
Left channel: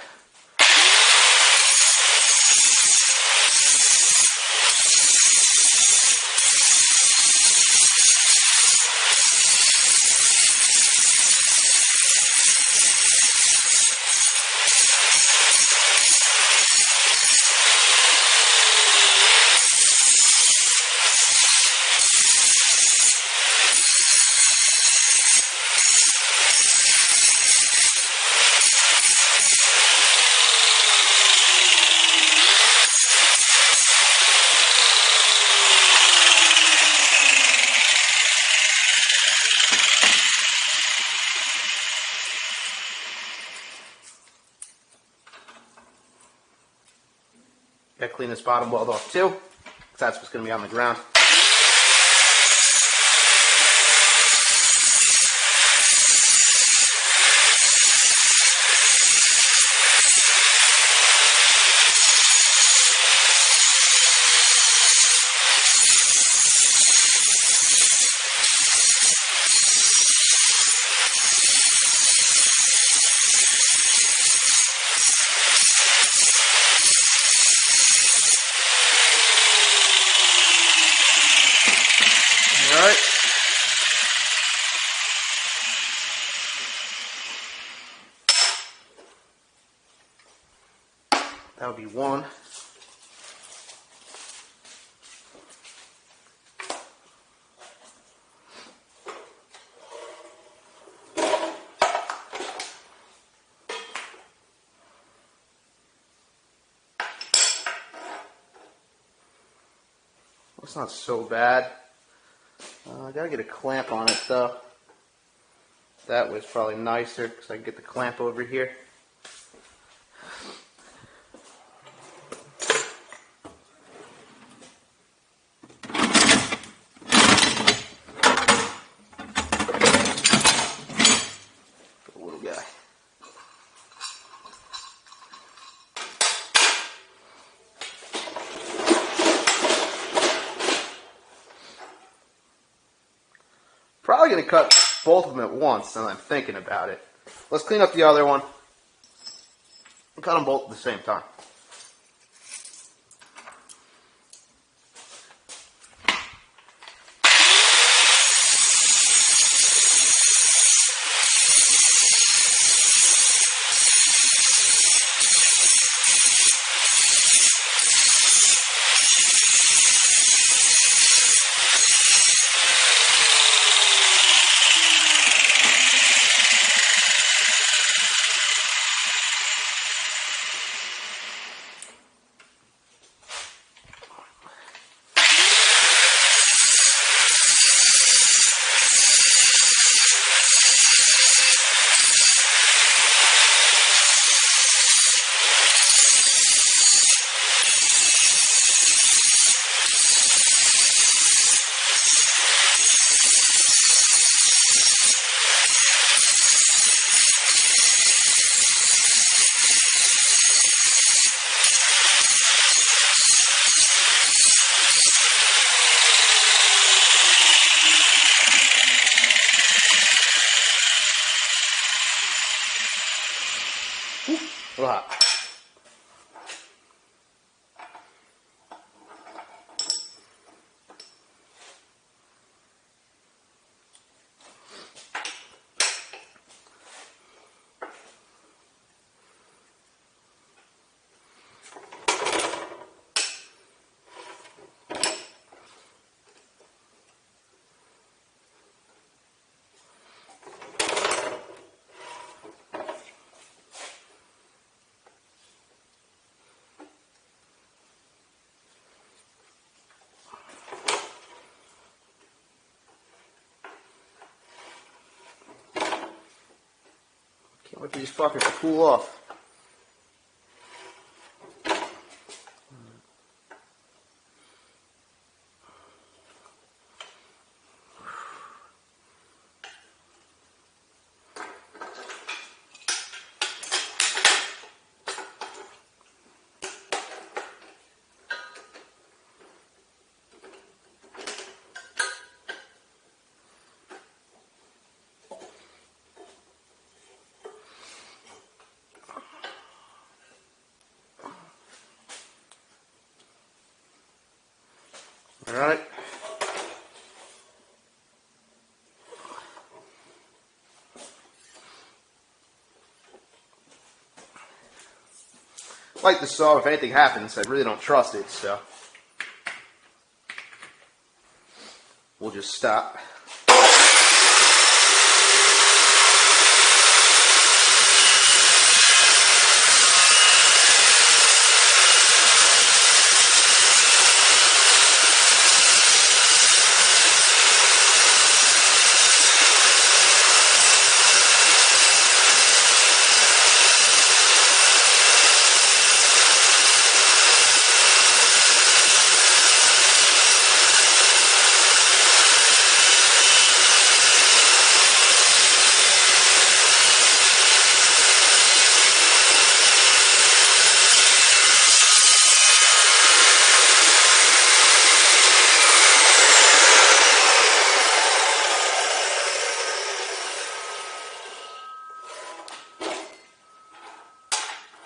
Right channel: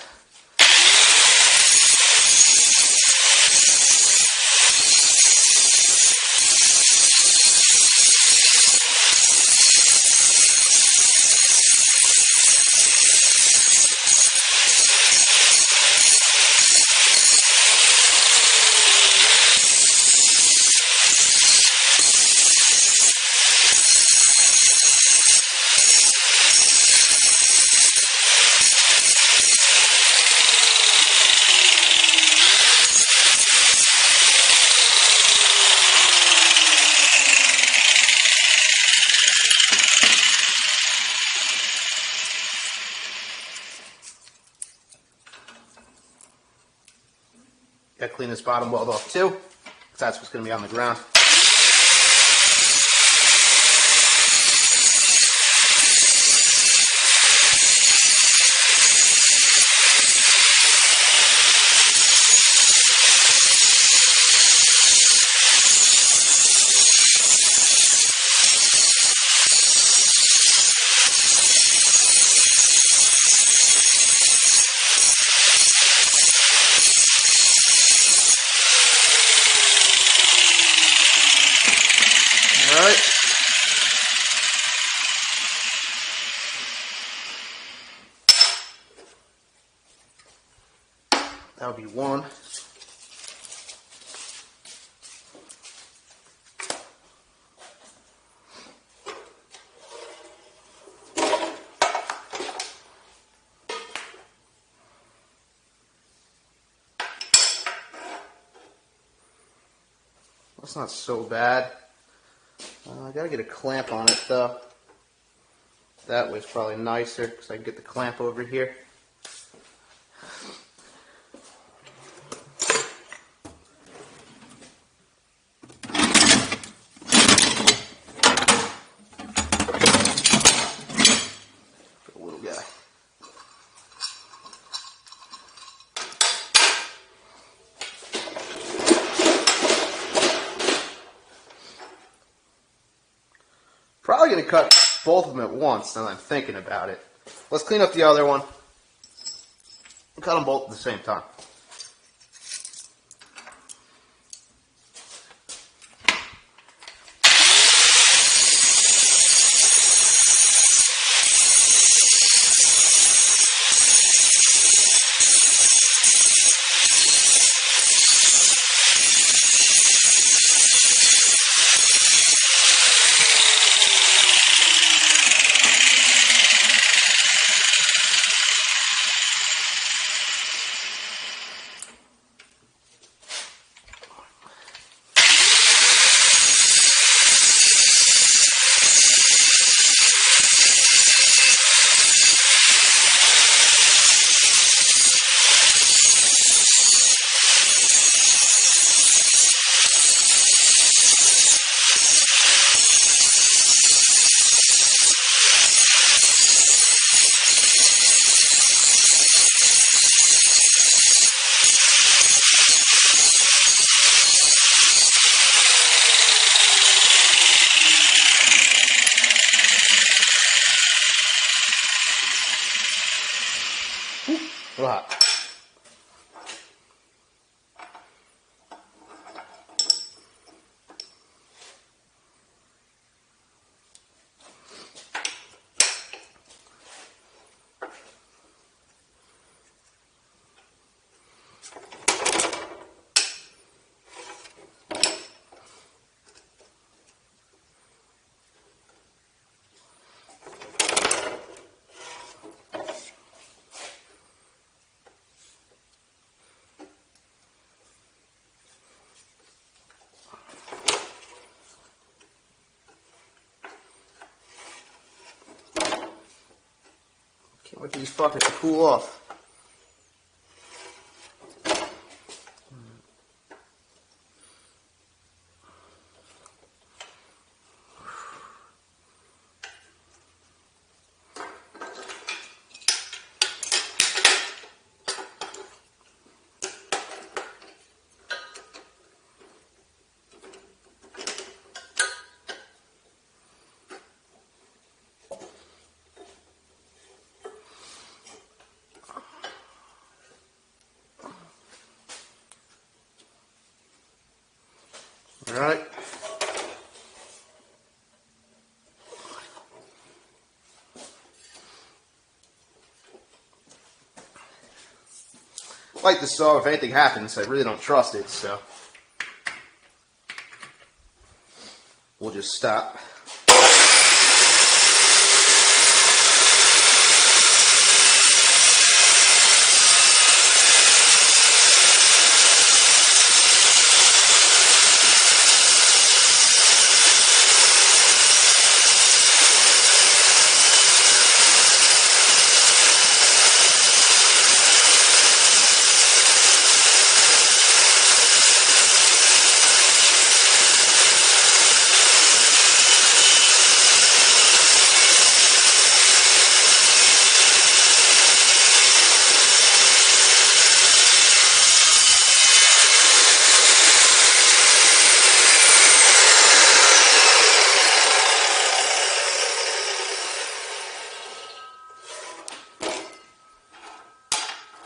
Got to clean this bottom weld off too, because that's what's going to be on the ground. Alright. That would be one. That's not so bad. I gotta get a clamp on it though. That was probably nicer because I can get the clamp over here. Good little guy. Probably going to cut both of them at once, now that I'm thinking about it. Let's clean up the other one. We'll cut them both at the same time. A lot. Can't wait for these fuckers to cool off. All right. I like the saw if anything happens. I really don't trust it, so we'll just stop.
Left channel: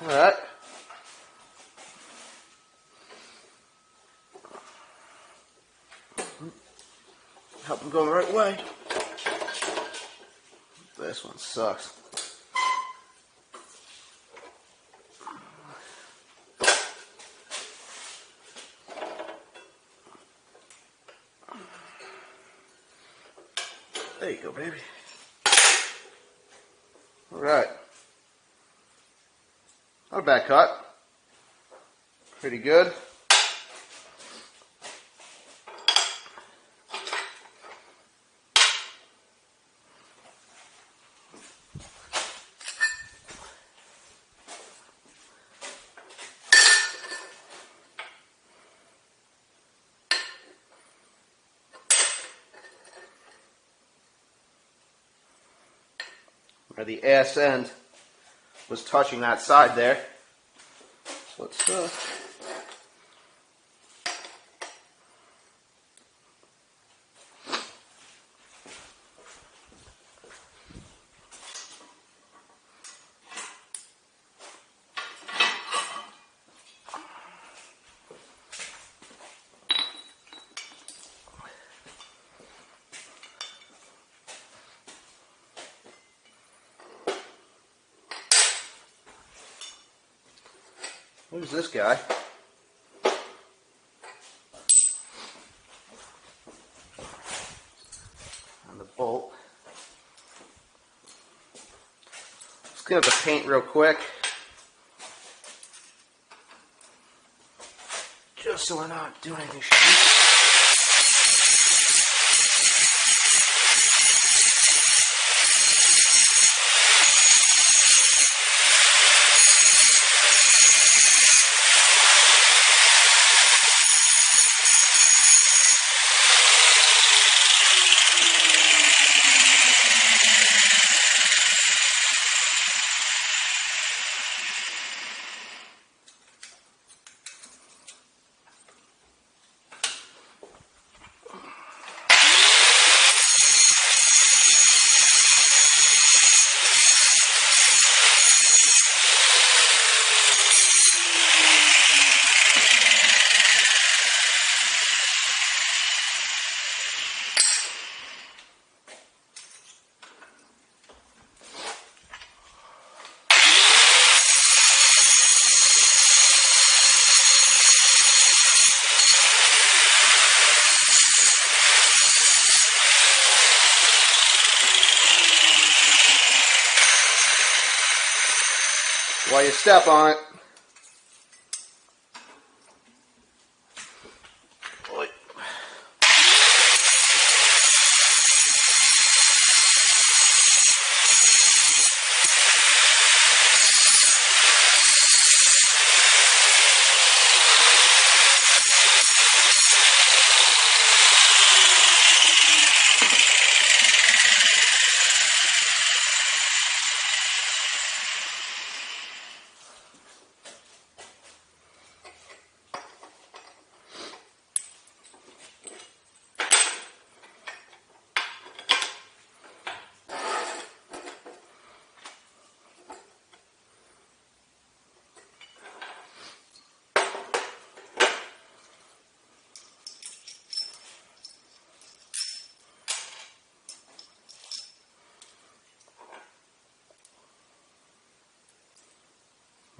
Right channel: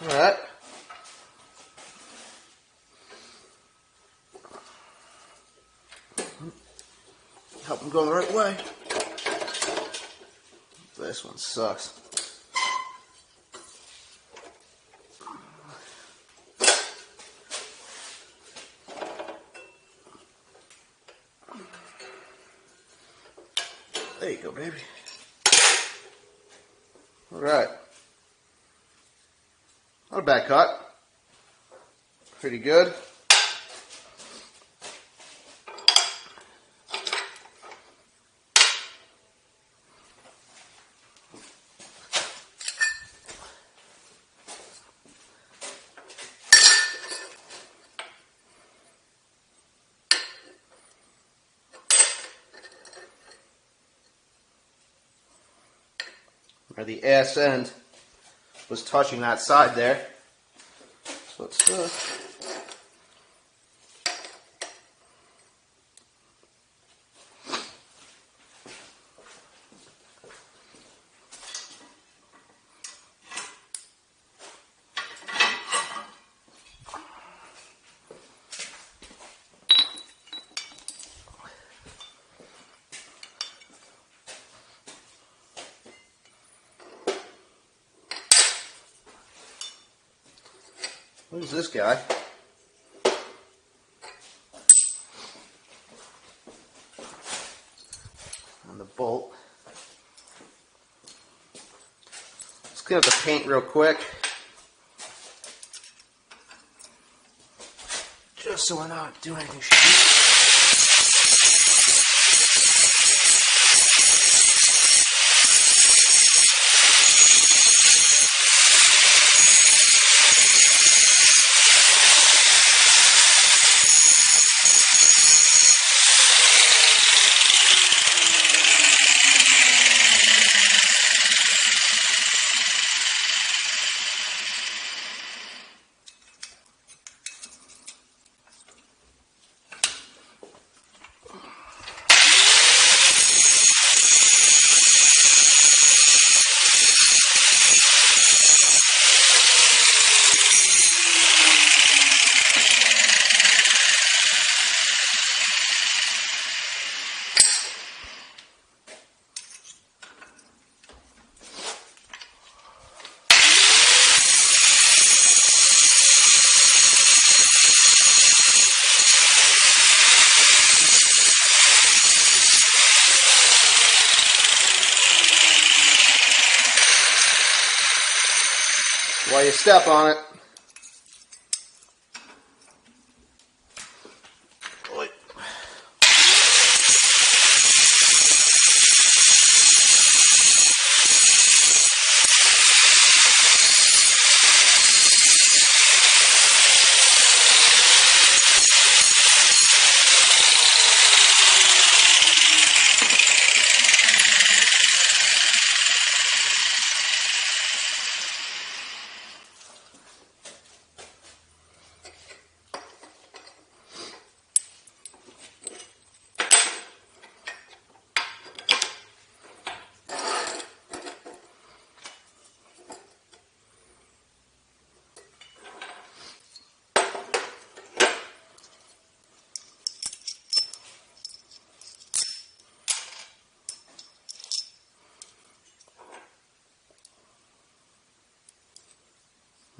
All right. Help them go the right way. This one sucks. There you go, baby. All right. Not a bad cut. Pretty good. Where the ass end was touching that side there. So it's who's this guy? On the bolt. Let's clean up the paint real quick. Just so we're not doing anything shitty. While you step on it.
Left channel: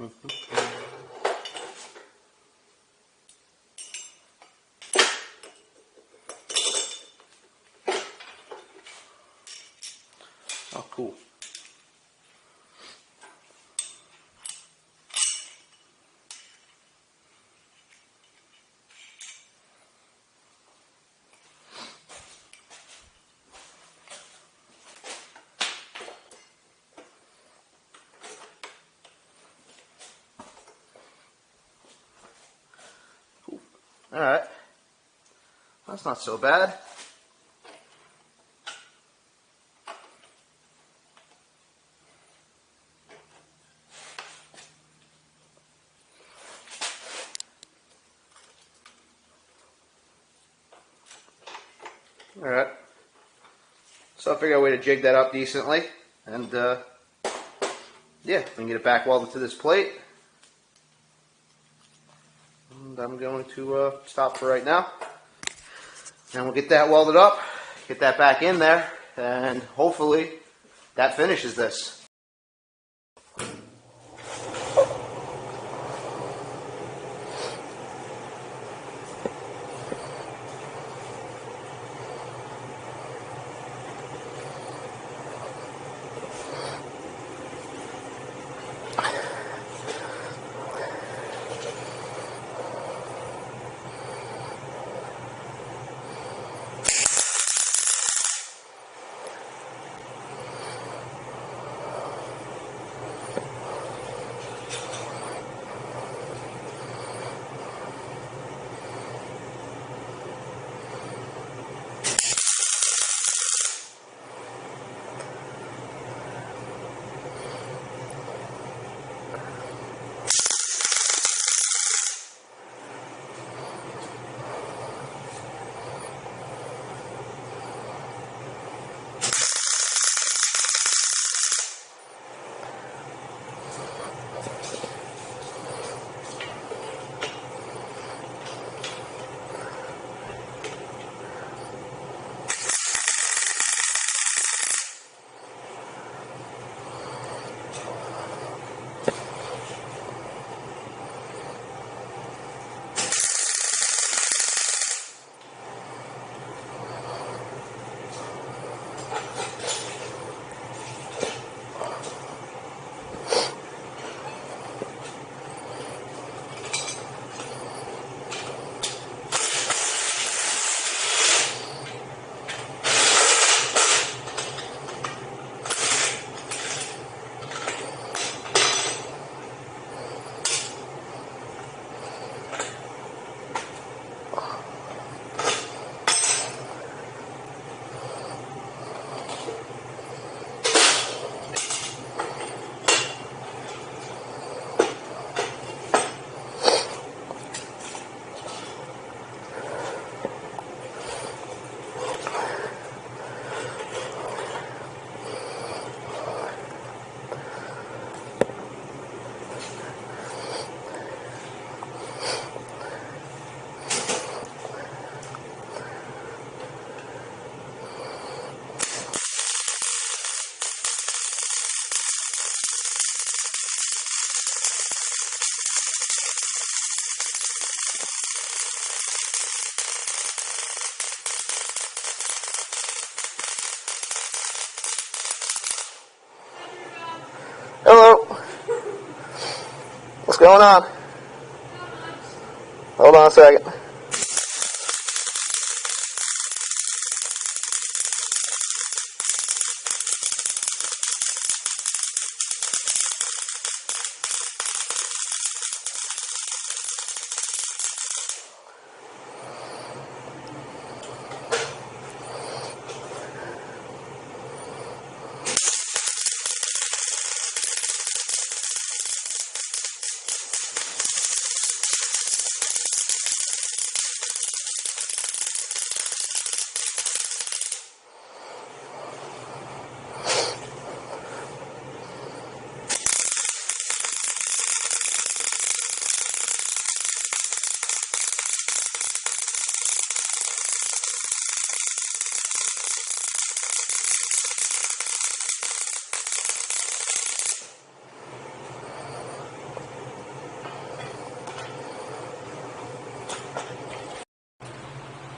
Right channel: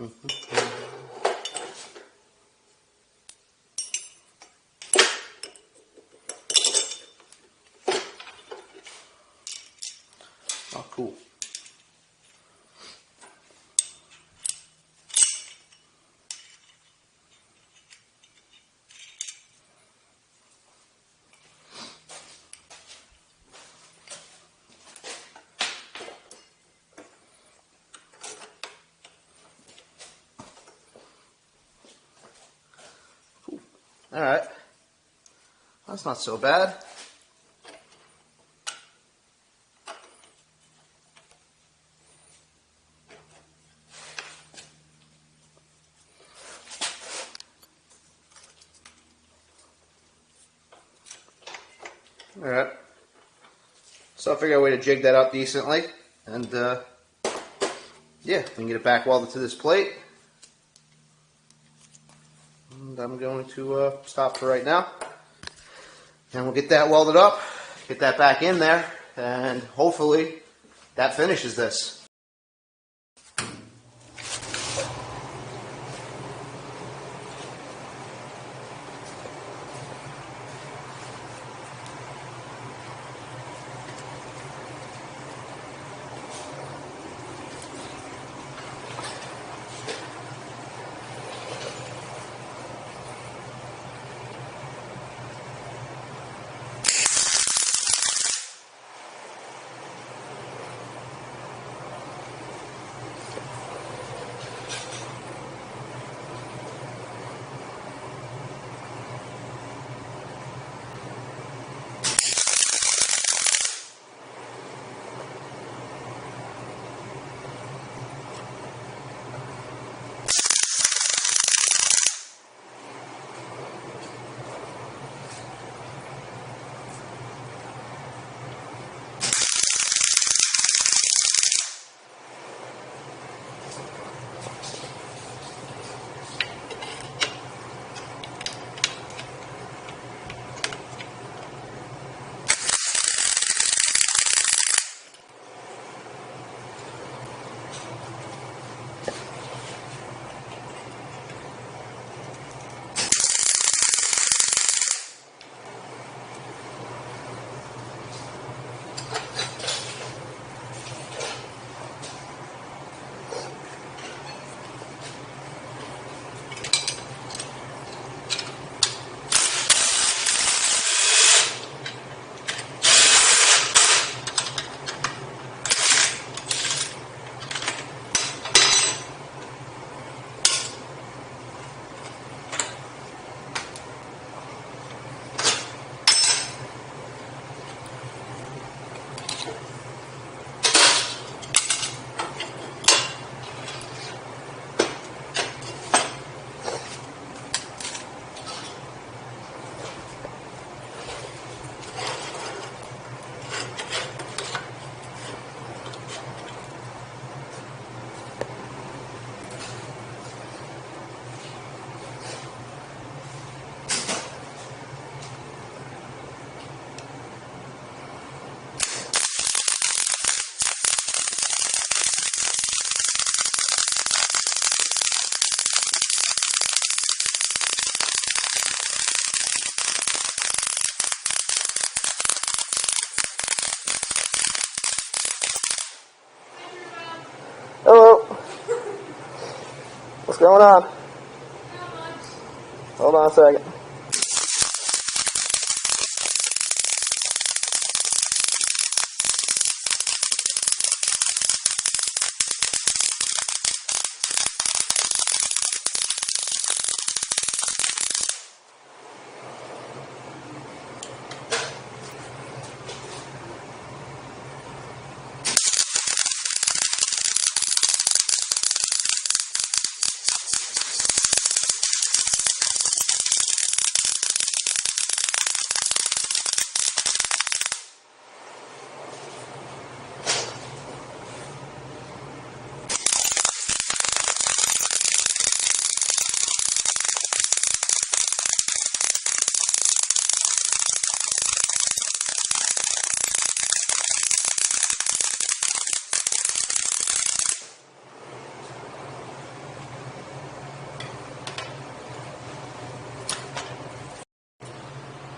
Oh, cool. All right, that's not so bad. All right, so I figured out a way to jig that up decently, and yeah, I can get it back welded to this plate. And I'm going to stop for right now. Then we'll get that welded up, get that back in there, and hopefully that finishes this. Hello. What's going on? Hold on a second.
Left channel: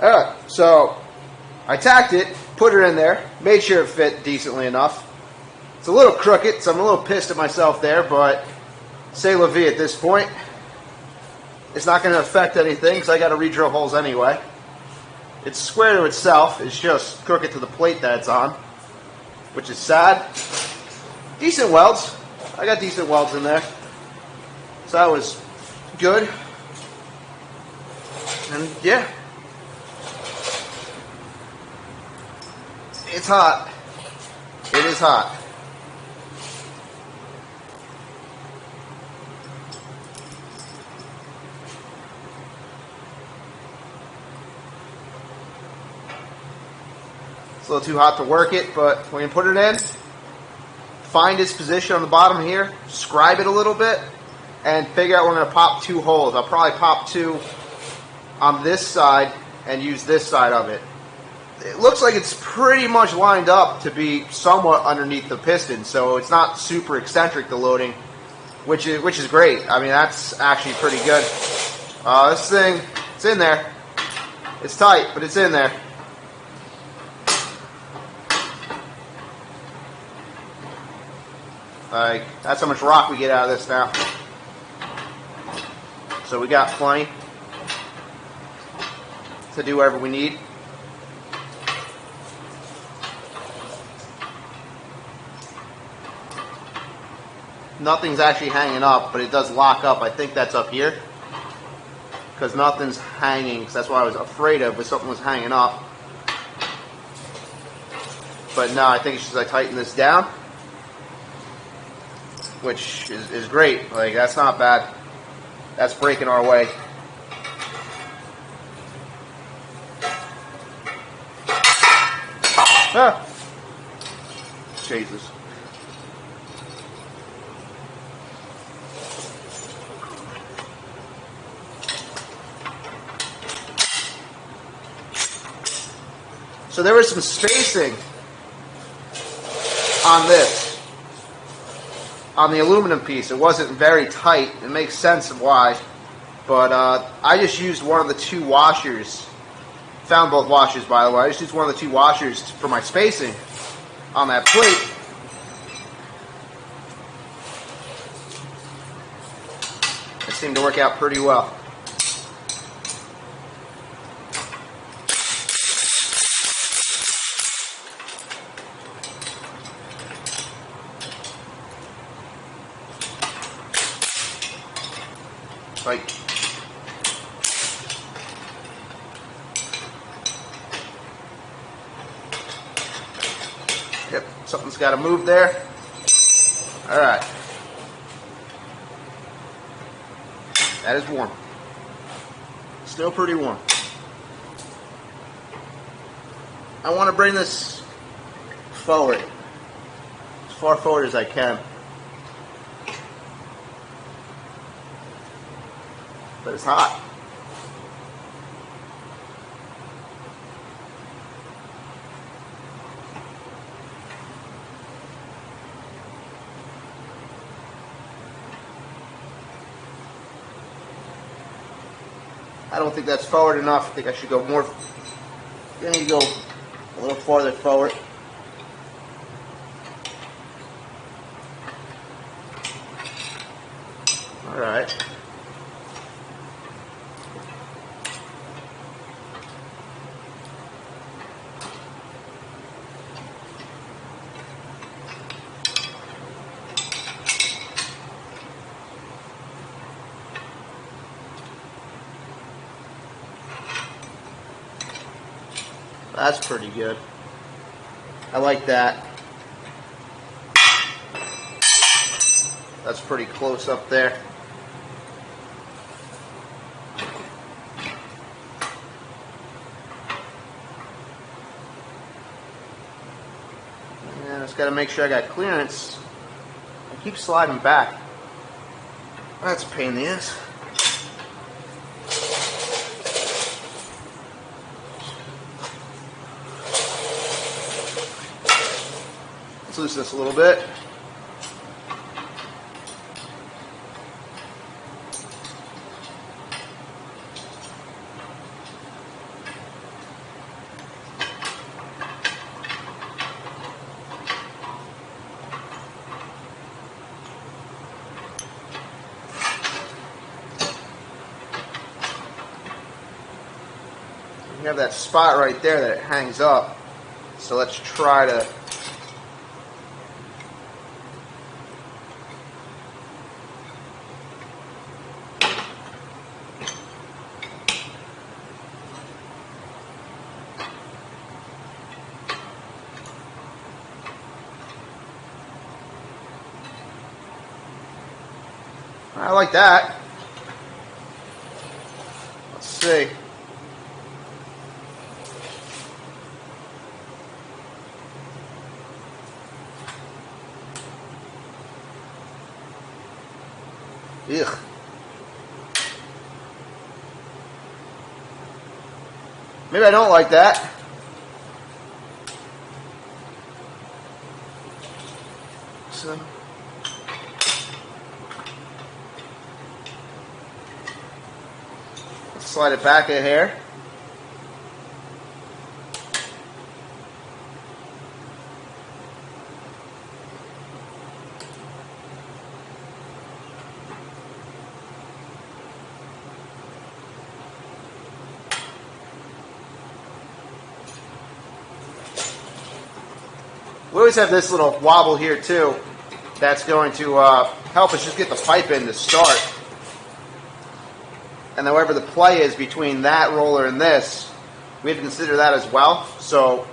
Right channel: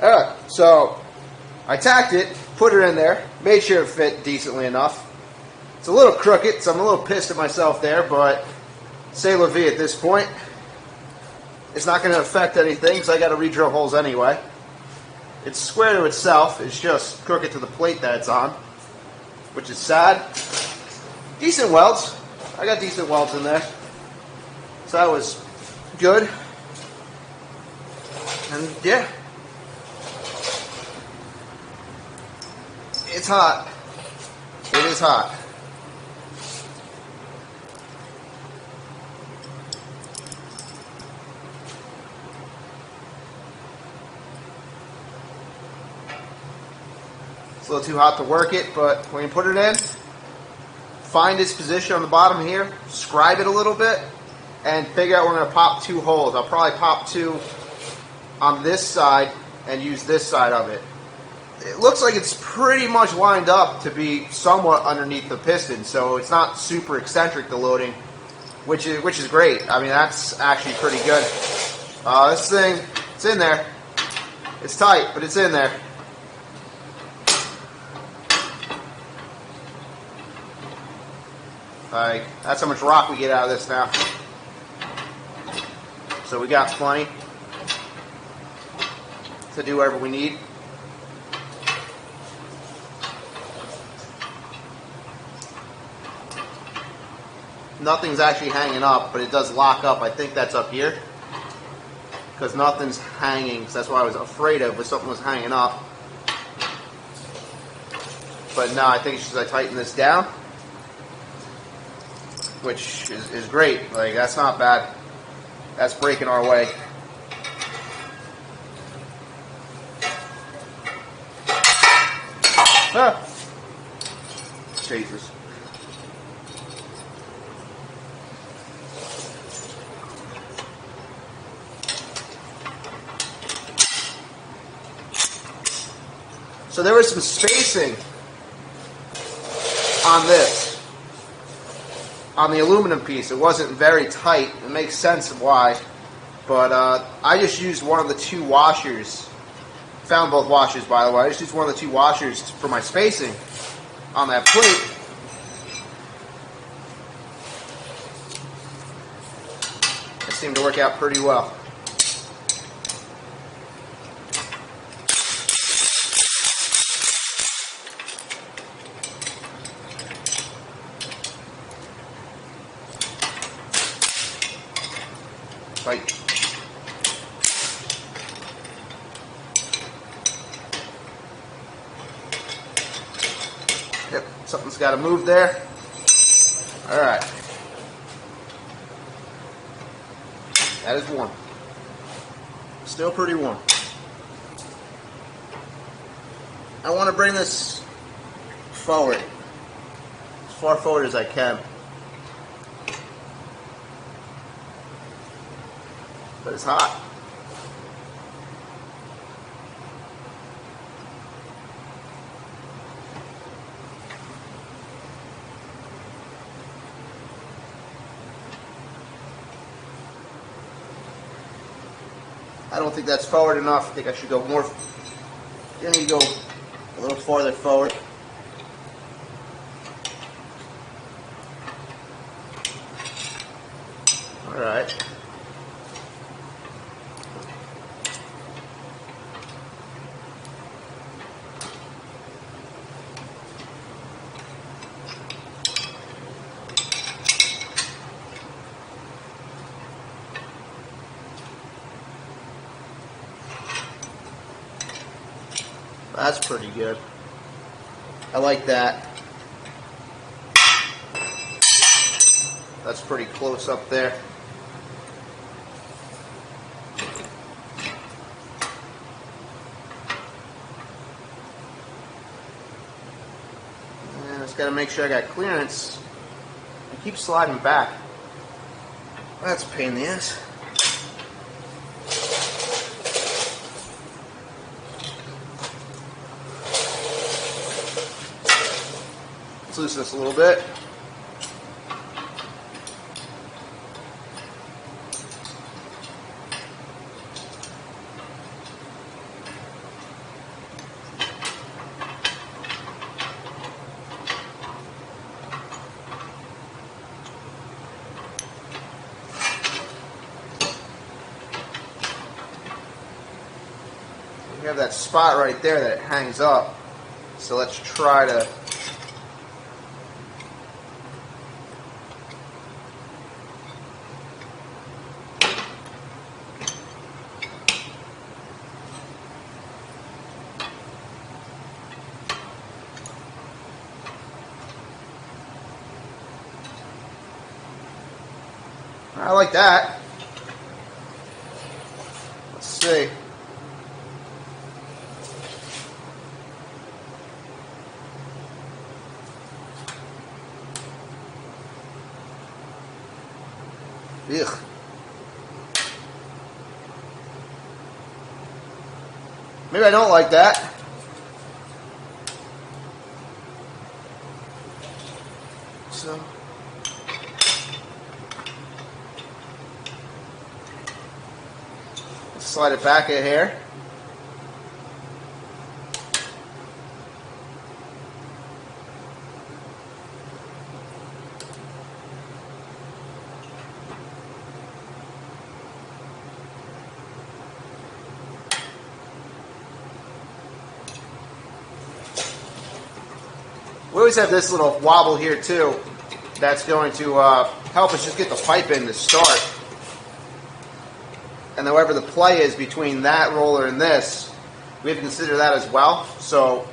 Alright, so I tacked it, put it in there, made sure it fit decently enough. It's a little crooked, so I'm a little pissed at myself there, but c'est la vie at this point. It's not going to affect anything, so I got to re-drill holes anyway. It's square to itself, it's just crooked to the plate that it's on, which is sad. Decent welds. I got decent welds in there. So that was good. And yeah. It's hot. It is hot. It's a little too hot to work it, but when you put it in, find its position on the bottom here, scribe it a little bit, and figure out we're going to pop 2 holes. I'll probably pop 2 on this side and use this side of it. It looks like it's pretty much lined up to be somewhat underneath the piston, so it's not super eccentric, the loading, which is great. I mean, that's actually pretty good. This thing, it's in there. It's tight, but it's in there. Like, that's how much rock we get out of this now. So we got plenty to do whatever we need. Nothing's actually hanging up, but it does lock up. I think that's up here. Because nothing's hanging. So that's what I was afraid of, but something was hanging up. But no, I think it's just I tighten this down. Which is great. Like, that's not bad. That's breaking our way. Ah. Jesus. So there was some spacing on this, on the aluminum piece. It wasn't very tight. It makes sense of why. But I just used one of the 2 washers. Found both washers, by the way. I just used one of the 2 washers for my spacing on that plate. It seemed to work out pretty well. Right. Yep, something's got to move there. All right. That is warm. Still pretty warm. I want to bring this forward, as far forward as I can. But it's hot. I don't think that's forward enough. I think I should go more. I need to go a little farther forward. All right. That's pretty good. I like that. That's pretty close up there. And I just got to make sure I got clearance. I keep sliding back. That's a pain in the ass. Let's loosen this a little bit. You have that spot right there that it hangs up. So let's try to I like that. Let's see. Ugh. Maybe I don't like that. So. Slide it back in here. We always have this little wobble here too that's going to help us just get the pipe in to start. And whatever the play is between that roller and this, we have to consider that as well. So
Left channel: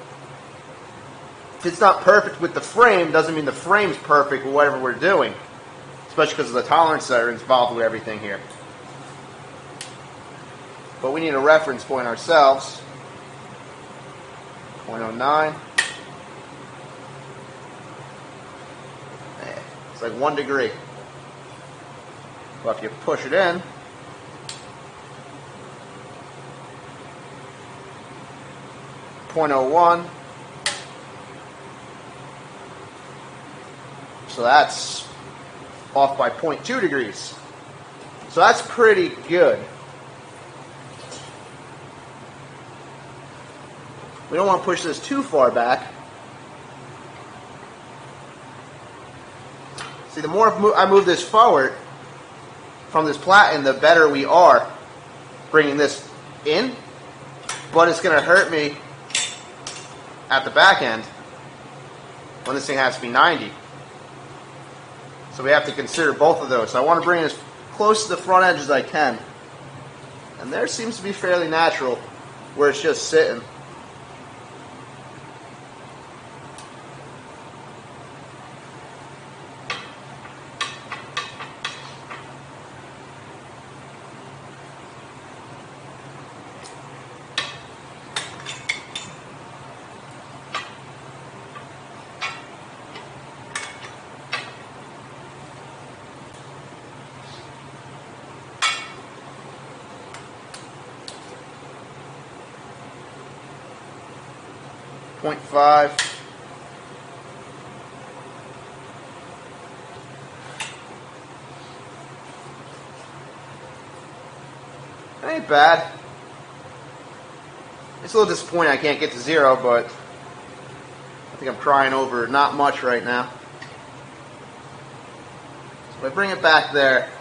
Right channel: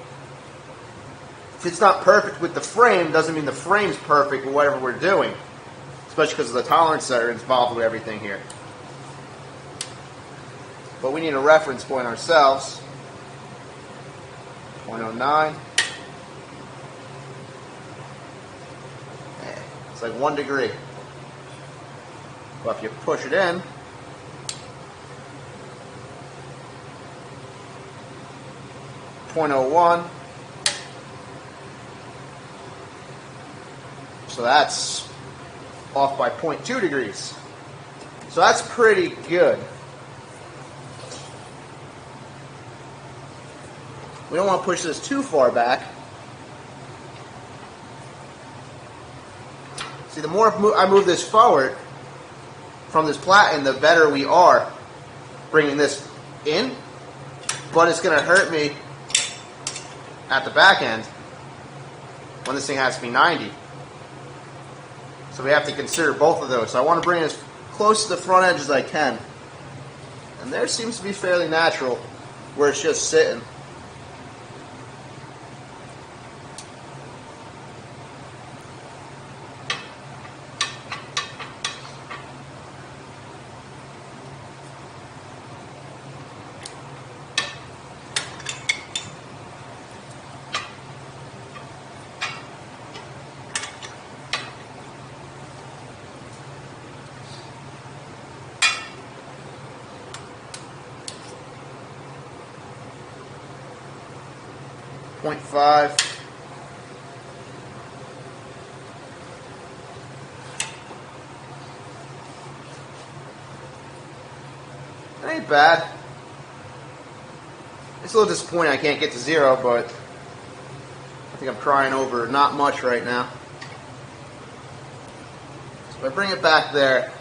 if it's not perfect with the frame, doesn't mean the frame's perfect with whatever we're doing, especially because of the tolerances that are involved with everything here. But we need a reference point ourselves. 0.09. It's like 1 degree. But if you push it in, .01. So that's off by 0.2 degrees. So that's pretty good. We don't want to push this too far back. See, the more I move this forward from this platen, the better we are bringing this in. But it's going to hurt me at the back end when this thing has to be 90. So we have to consider both of those. So I want to bring it as close to the front edge as I can. And there seems to be fairly natural where it's just sitting. .5. It ain't bad. It's a little disappointing I can't get to 0, but I think I'm crying over not much right now. So if I bring it back there,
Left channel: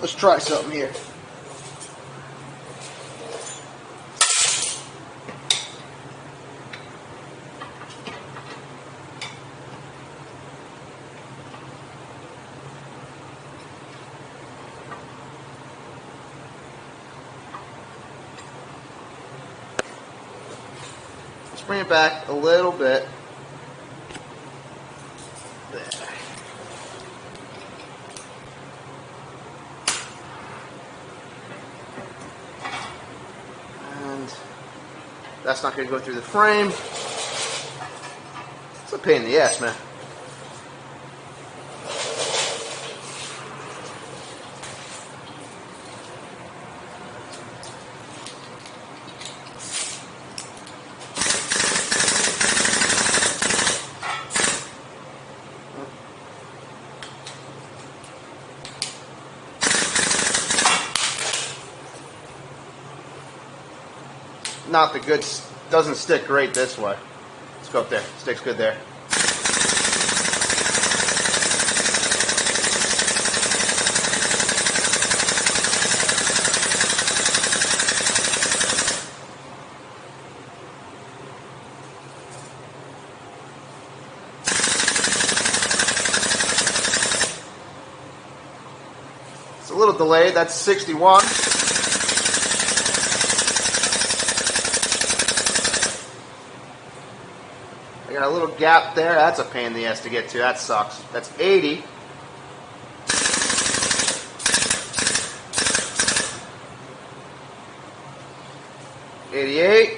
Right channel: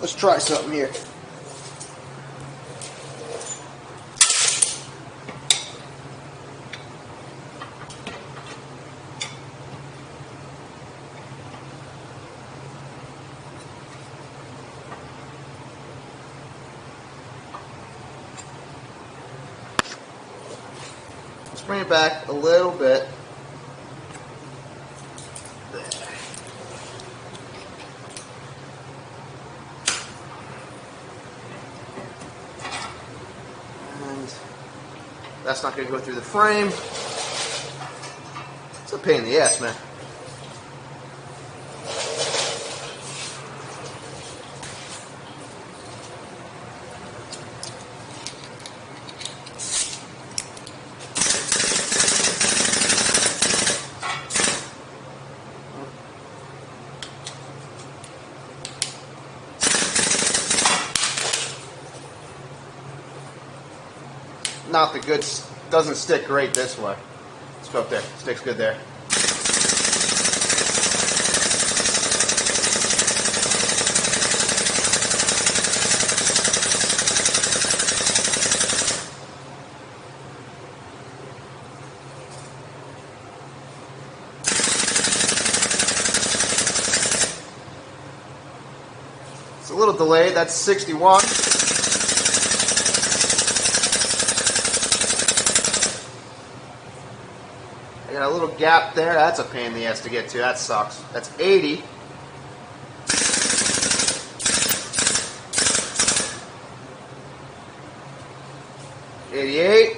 let's try something here. Let's bring it back a little bit. That's not going to go through the frame. It's a pain in the ass, man. Not the good, doesn't stick great this way. It's okay, sticks good there. little delayed. That's 61. I got a little gap there. That's a pain in the ass to get to. That sucks. That's 80. $88.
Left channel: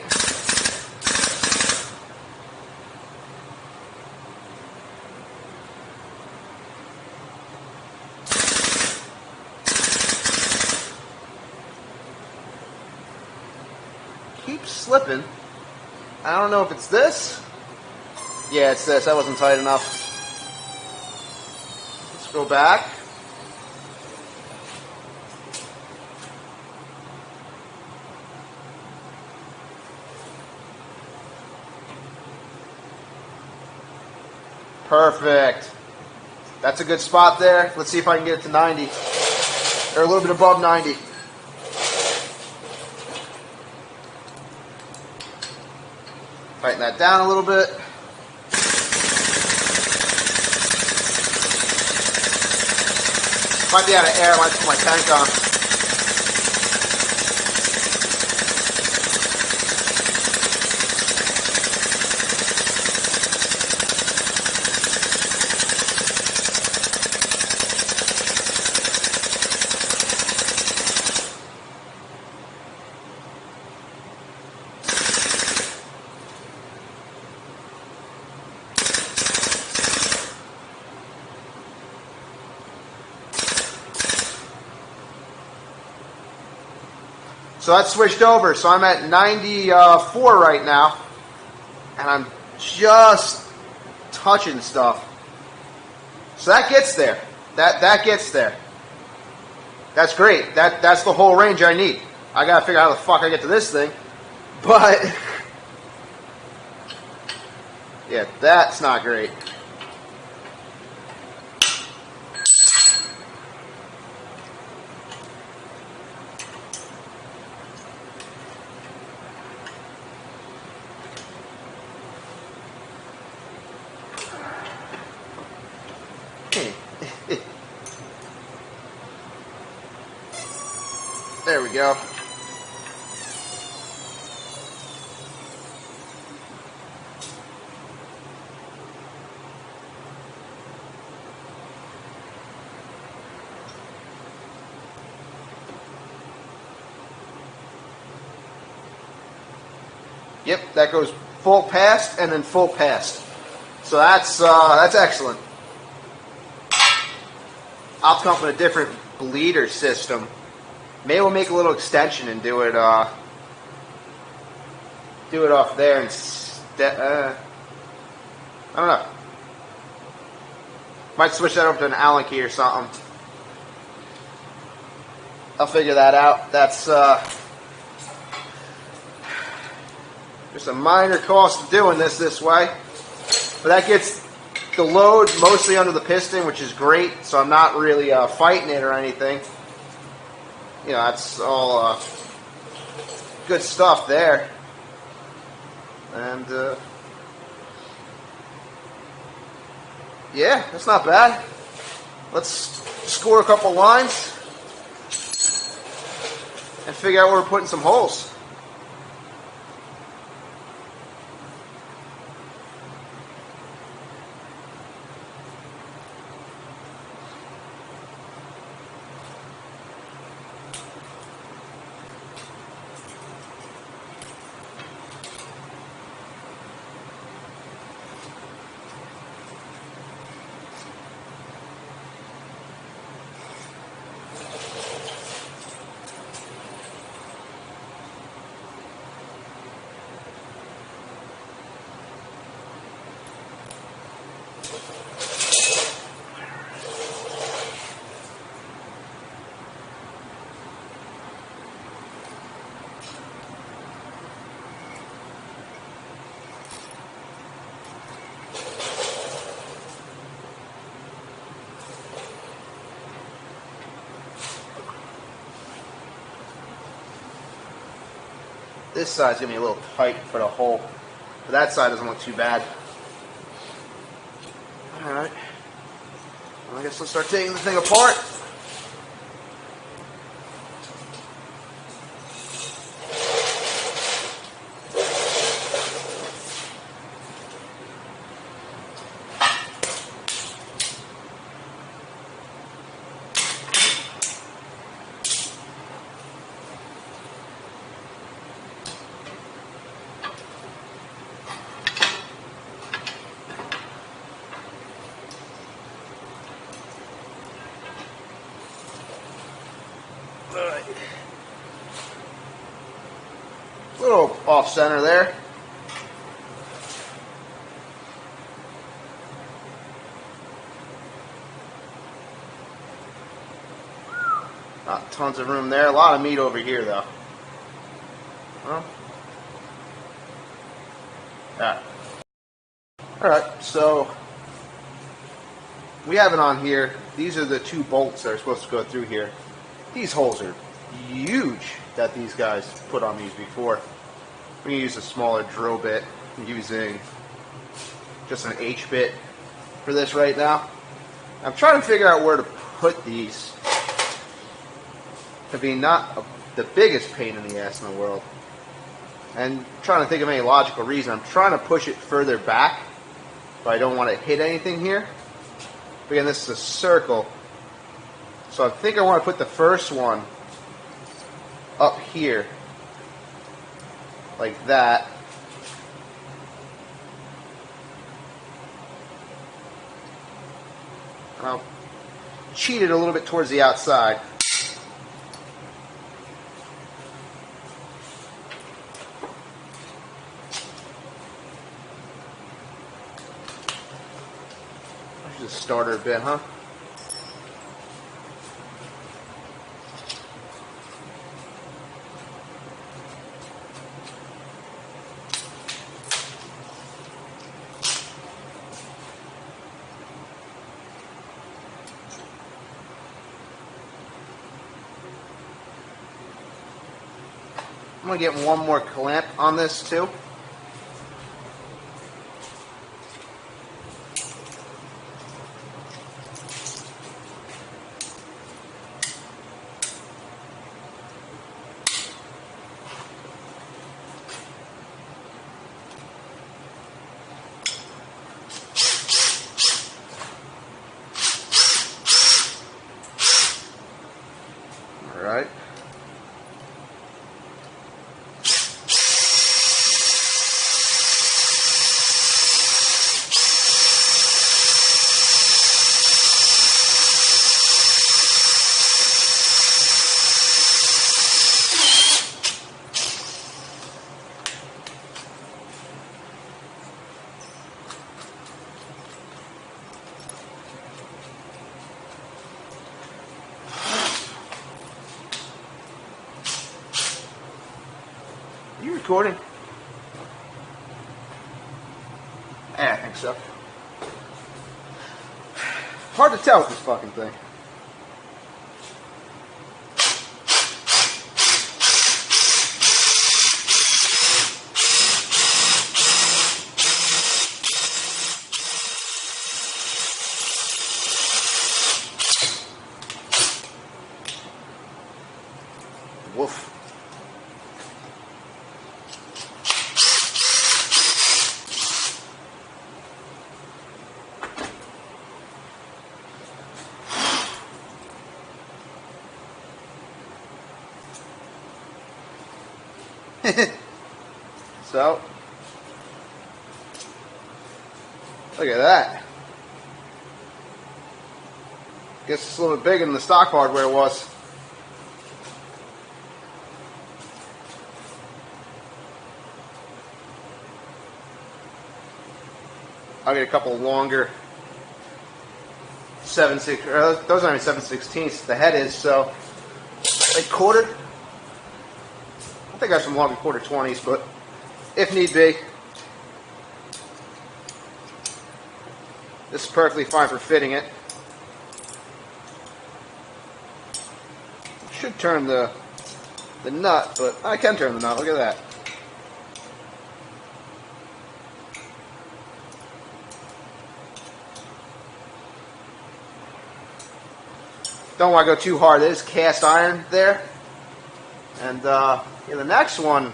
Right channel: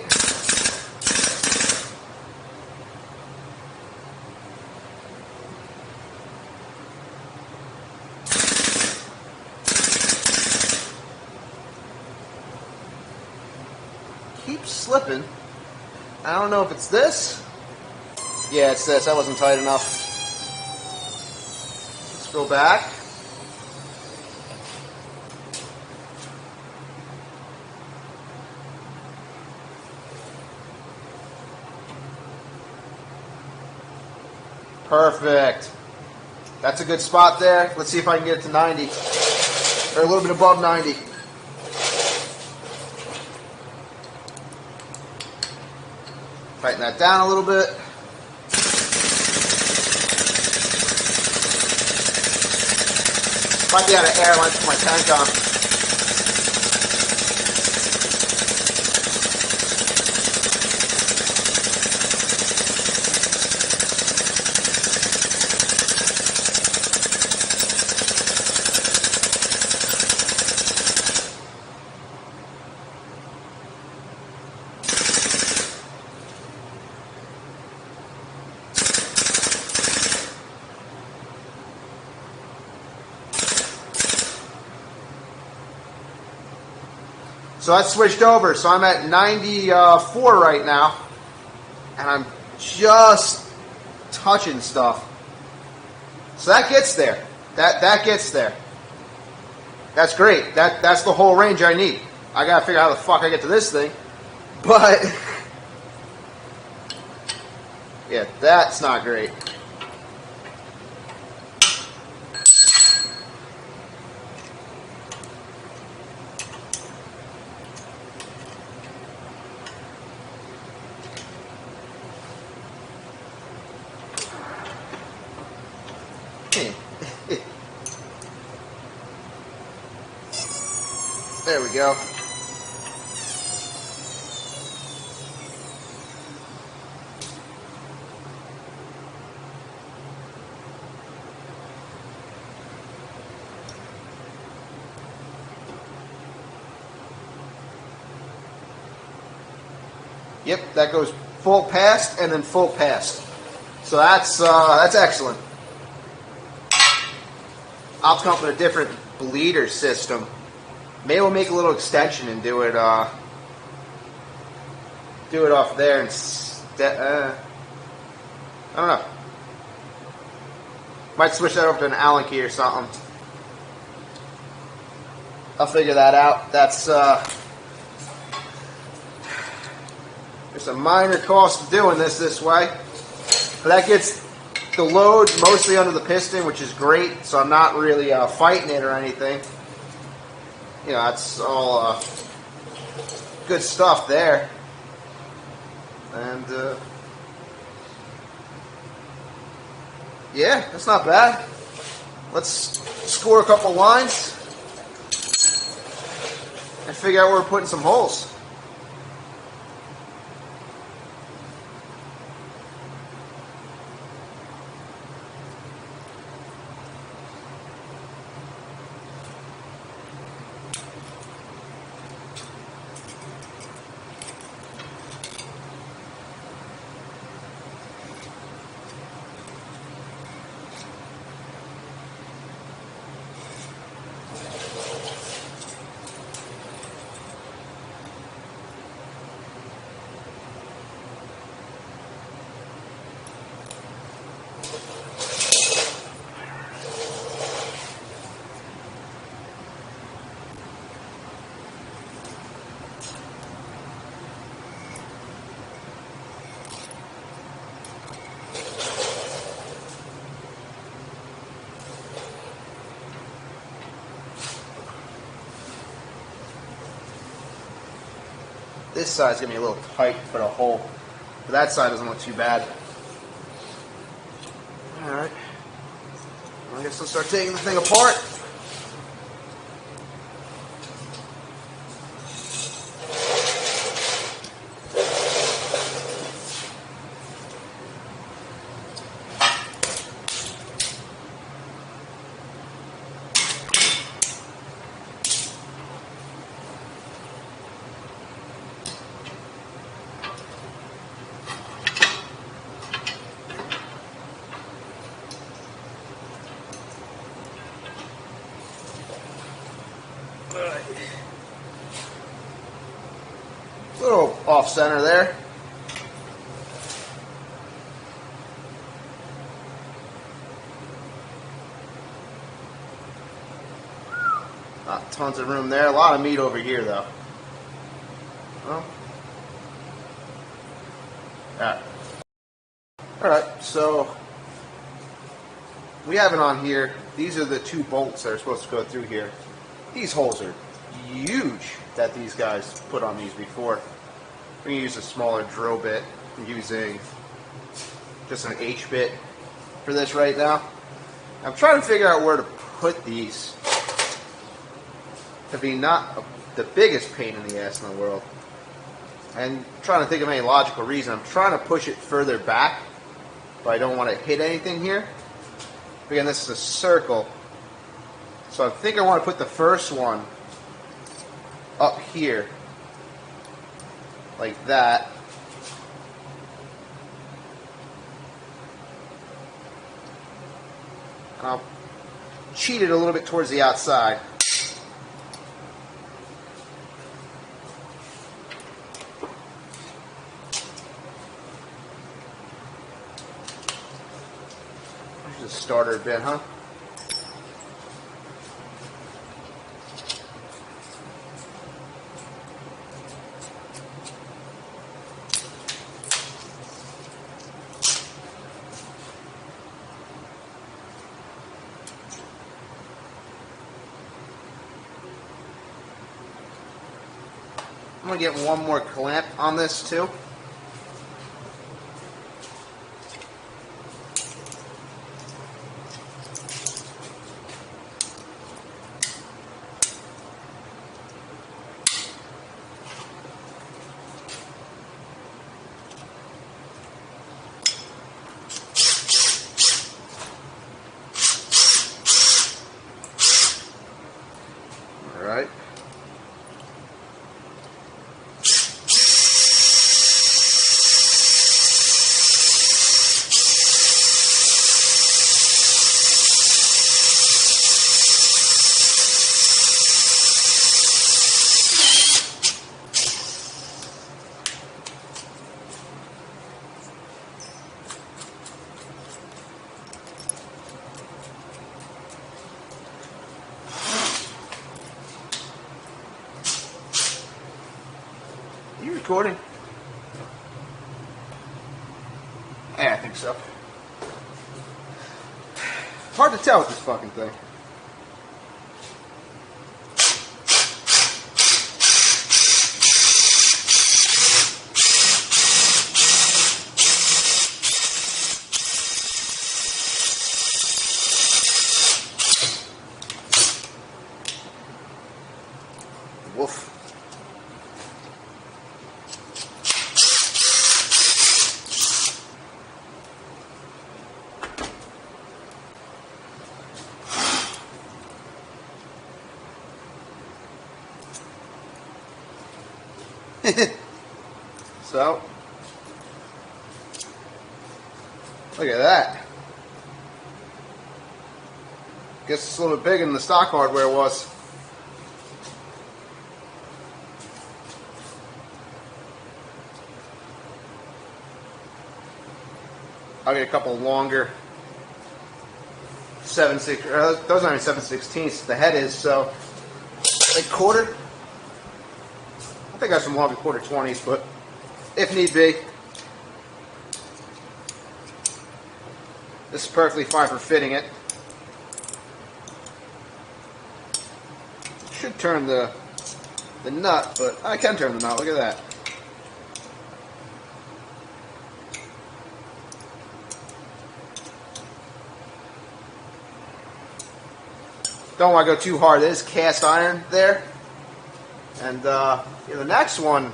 Keeps slipping. I don't know if it's this. Yeah, it's this. That wasn't tight enough. Let's go back. Perfect. That's a good spot there. Let's see if I can get it to 90. Or a little bit above 90. Tighten that down a little bit. Might be out of air. I might put my tank on. So I switched over, so I'm at 94 right now, and I'm just touching stuff. So that gets there. That gets there. That's great. That's the whole range I need. I gotta figure out how the fuck I get to this thing. But yeah, that's not great. There we go. Yep, that goes full past and then full past. So that's excellent. I'll come up with a different bleeder system. Maybe we'll make a little extension and do it off there instead. I don't know. Might switch that over to an Allen key or something. I'll figure that out. That's there's a minor cost of doing this way, but that gets the load mostly under the piston, which is great. So I'm not really fighting it or anything. You know, that's all good stuff there. And yeah, that's not bad. Let's score a couple lines and figure out where we're putting some holes. This side's going to be a little tight to put a hole. But that side doesn't look too bad. Alright. I guess we'll start taking the thing apart. off center there. Tons of room there. A lot of meat over here, though. Well, Alright, so we have it on here. These are the 2 bolts that are supposed to go through here. These holes are huge that these guys put on these before. We can use a smaller drill bit. I'm using just an H bit for this right now. I'm trying to figure out where to put these to be not the biggest pain in the ass in the world. And trying to think of any logical reason. I'm trying to push it further back, but I don't want to hit anything here. Again, this is a circle. So I think I want to put the first one up here, like that. And I'll cheat it a little bit towards the outside. Just started a bit, huh? I'm going to get one more clamp on this too. All right. Are you recording? Yeah, I think so. Hard to tell with this fucking thing. Woof. So, look at that. Guess it's a little bit bigger than the stock hardware was. I'll get a couple longer 7/6. Those aren't 7/16. The head is so a quarter. I think I have some long quarter 20s, but if need be, this is perfectly fine for fitting it. Should turn the nut, but I can turn the nut. Look at that. Don't want to go too hard. It is cast iron there. And in the next one,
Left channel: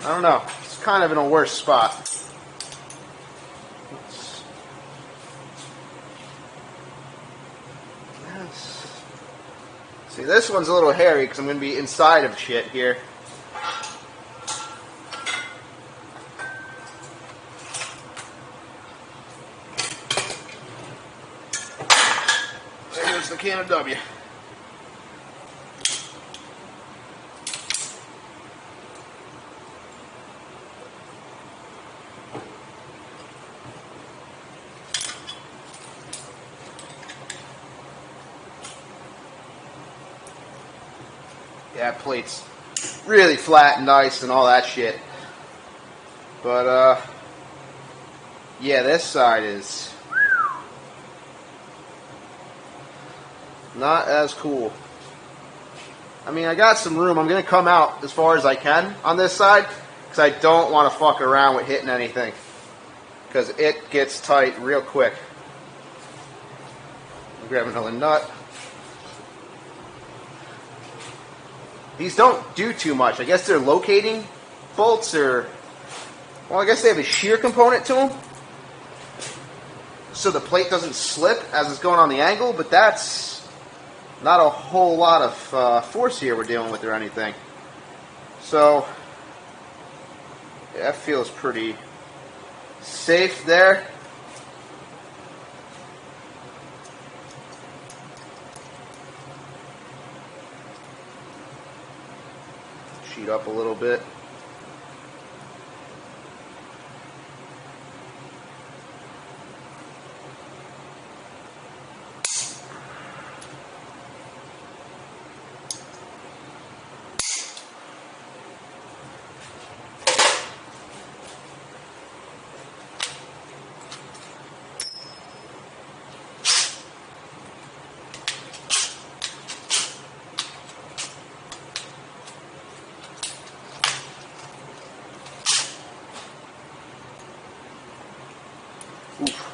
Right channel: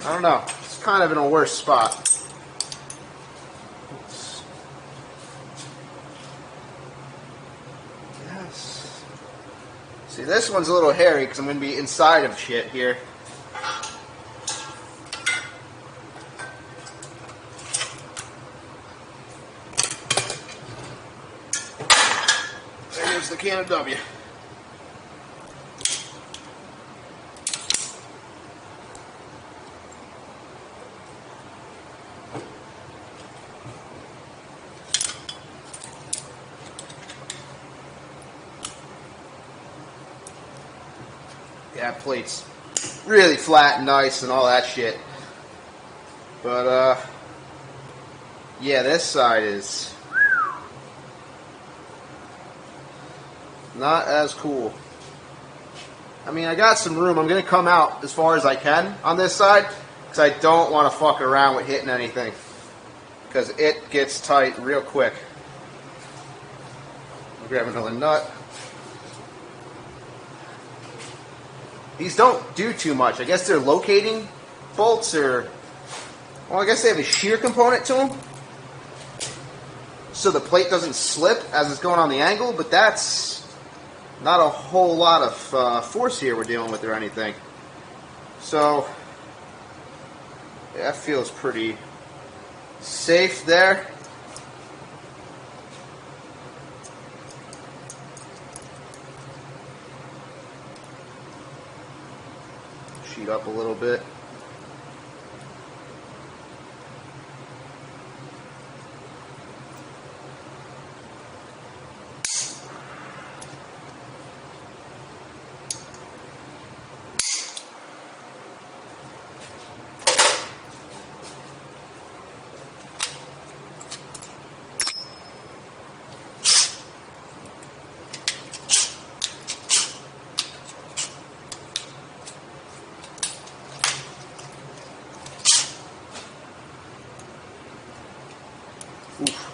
I don't know. It's kind of in a worse spot. Yes. See, this one's a little hairy because I'm going to be inside of shit here. There's the can of W. that plate's really flat and nice and all that shit. But, yeah, this side is not as cool. I mean, I got some room. I'm going to come out as far as I can on this side because I don't want to fuck around with hitting anything because it gets tight real quick. I'll grab another nut. These don't do too much. I guess they're locating bolts or, well, I guess they have a shear component to them so the plate doesn't slip as it's going on the angle, but that's not a whole lot of force here we're dealing with or anything. So that feels pretty safe there. Sheet up a little bit. Oof.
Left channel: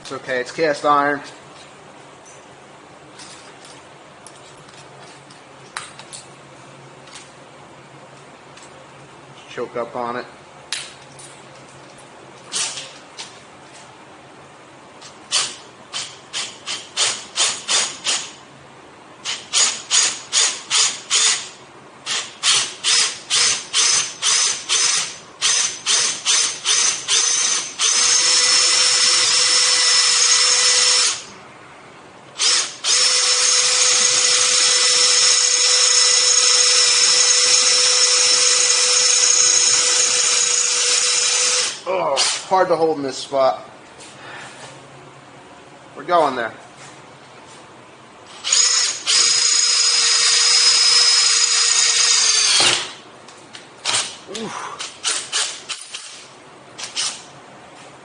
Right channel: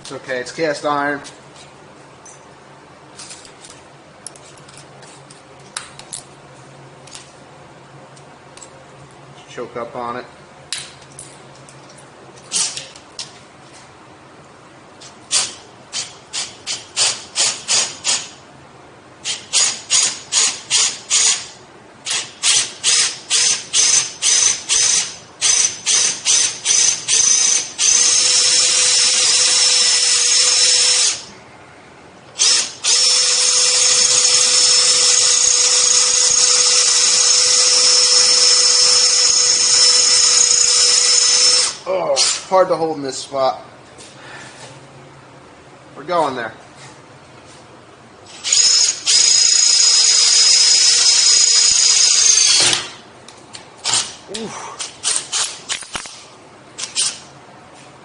It's okay, it's cast iron. Choke up on it. Oh, hard to hold in this spot. We're going there. Oof.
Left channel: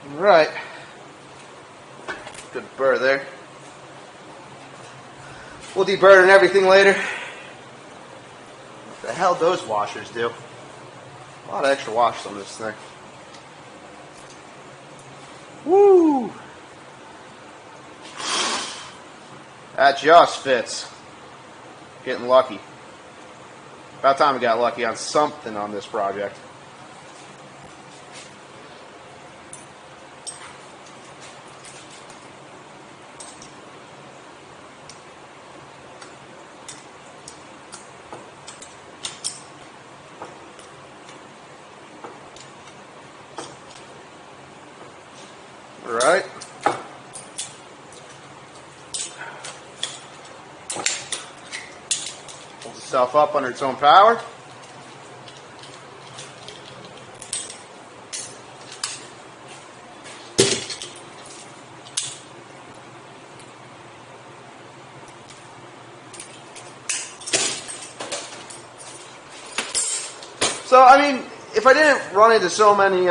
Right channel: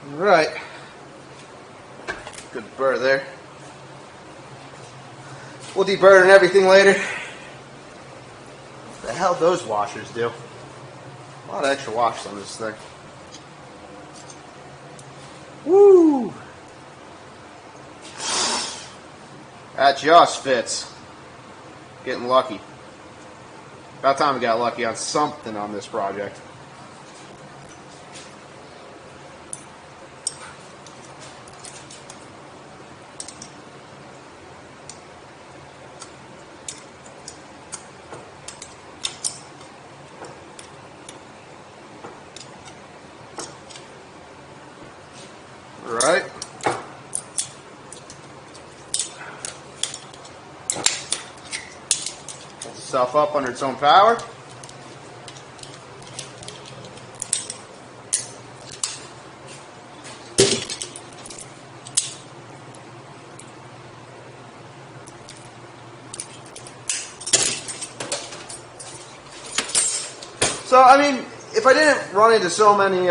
All right. Good burr there. We'll deburr everything later. What the hell those washers do? A lot of extra wash on this thing. Woo! That just fits. Getting lucky. About time we got lucky on something on this project. Right. Pulls itself up under its own power. So, I mean, if I didn't run into so many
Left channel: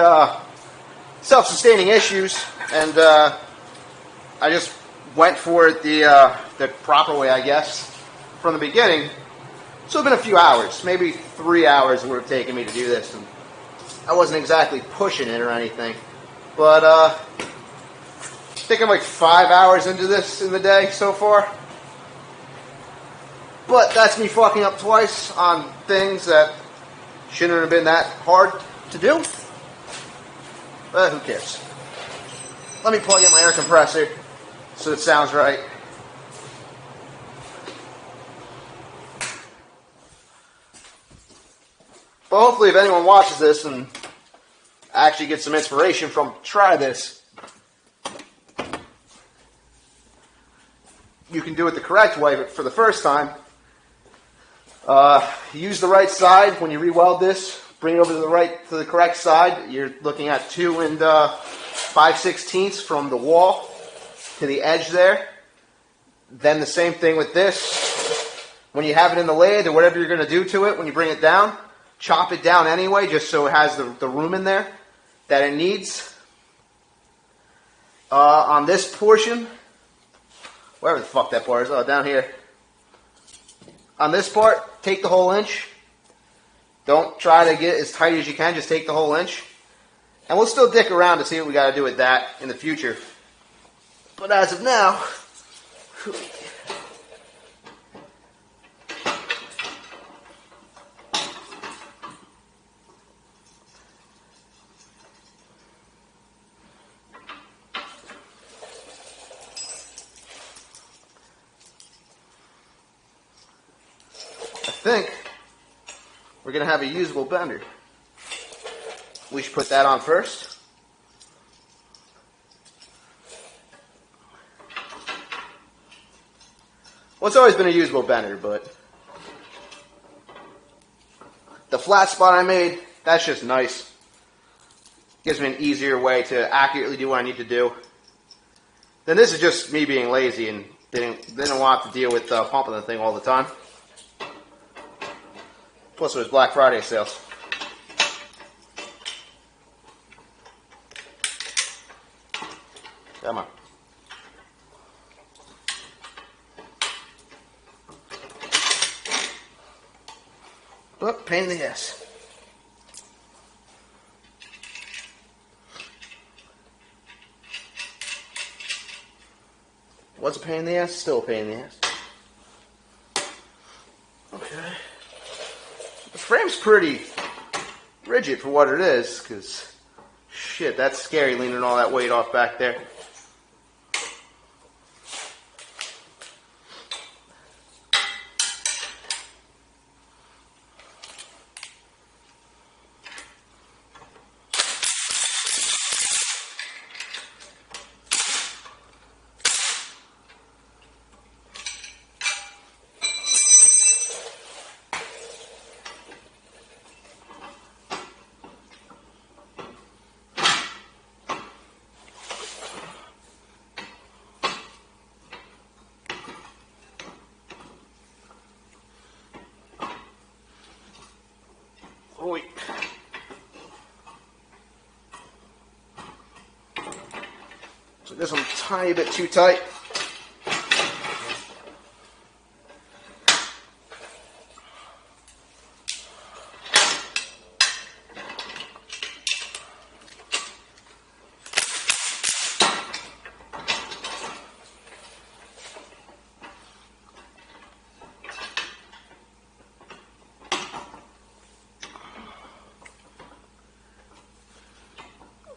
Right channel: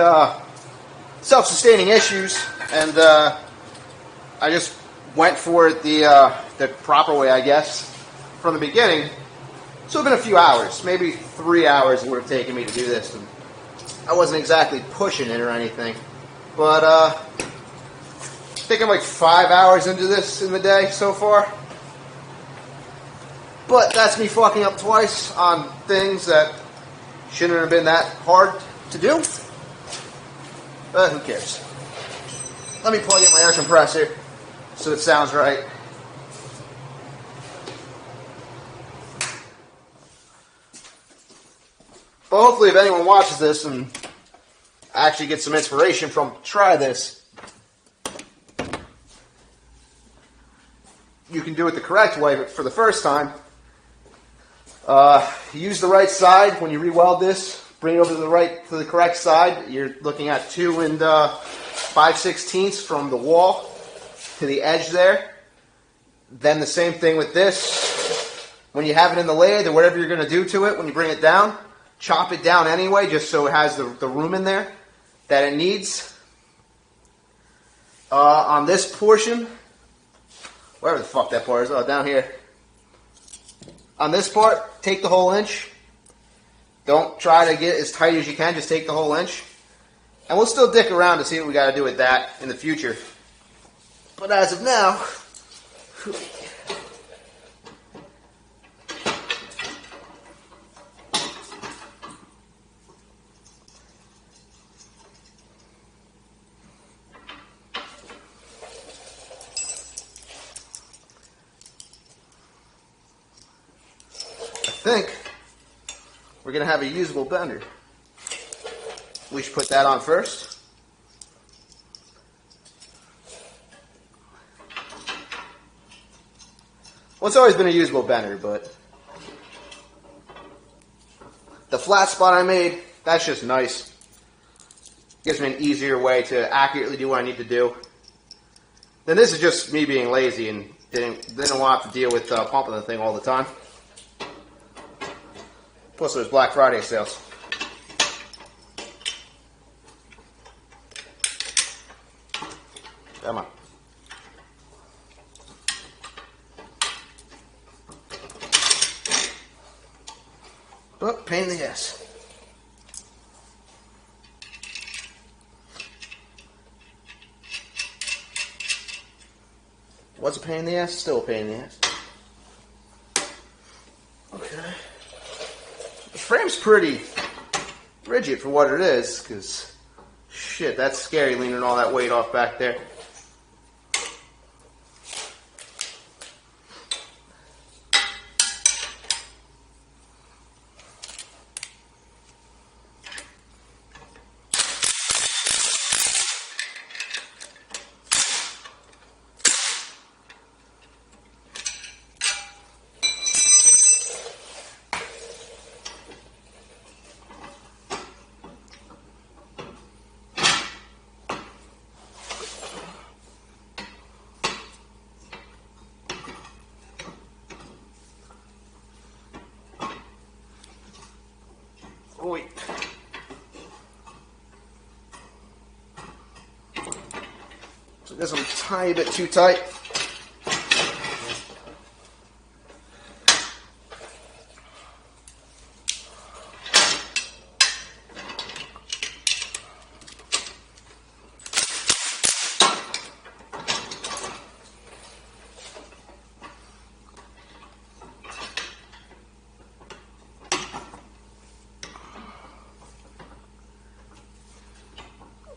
self-sustaining issues, and I just went for it the proper way, I guess, from the beginning. So it's been a few hours, maybe 3 hours it would have taken me to do this. And I wasn't exactly pushing it or anything. But I think I'm like 5 hours into this in the day so far. But that's me fucking up twice on things that shouldn't have been that hard to do. But who cares? Let me plug in my air compressor so it sounds right. Well, hopefully if anyone watches this and actually gets some inspiration from, try this. you can do it the correct way, but for the first time, use the right side when you re-weld this. Bring it over to the correct side. You're looking at 2 5/16 from the wall to the edge there. Then the same thing with this. When you have it in the lathe or whatever you're going to do to it, when you bring it down, chop it down anyway, just so it has the room in there that it needs. On this portion, wherever the fuck that part is, down here. On this part, take the whole inch. Don't try to get as tight as you can, just take the whole inch. And we'll still dick around to see what we got to do with that in the future. But as of now, I think we're going to have a usable bender. We should put that on first. Well, it's always been a usable bender, but the flat spot I made, that's just nice. Gives me an easier way to accurately do what I need to do. Then this is just me being lazy and didn't want to deal with pumping the thing all the time. Plus it was Black Friday sales. Come on. But pain in the ass. Was a pain in the ass? Still a pain in the ass. Okay. The frame's pretty rigid for what it is, because shit, that's scary leaning all that weight off back there. So this one's a tiny bit too tight.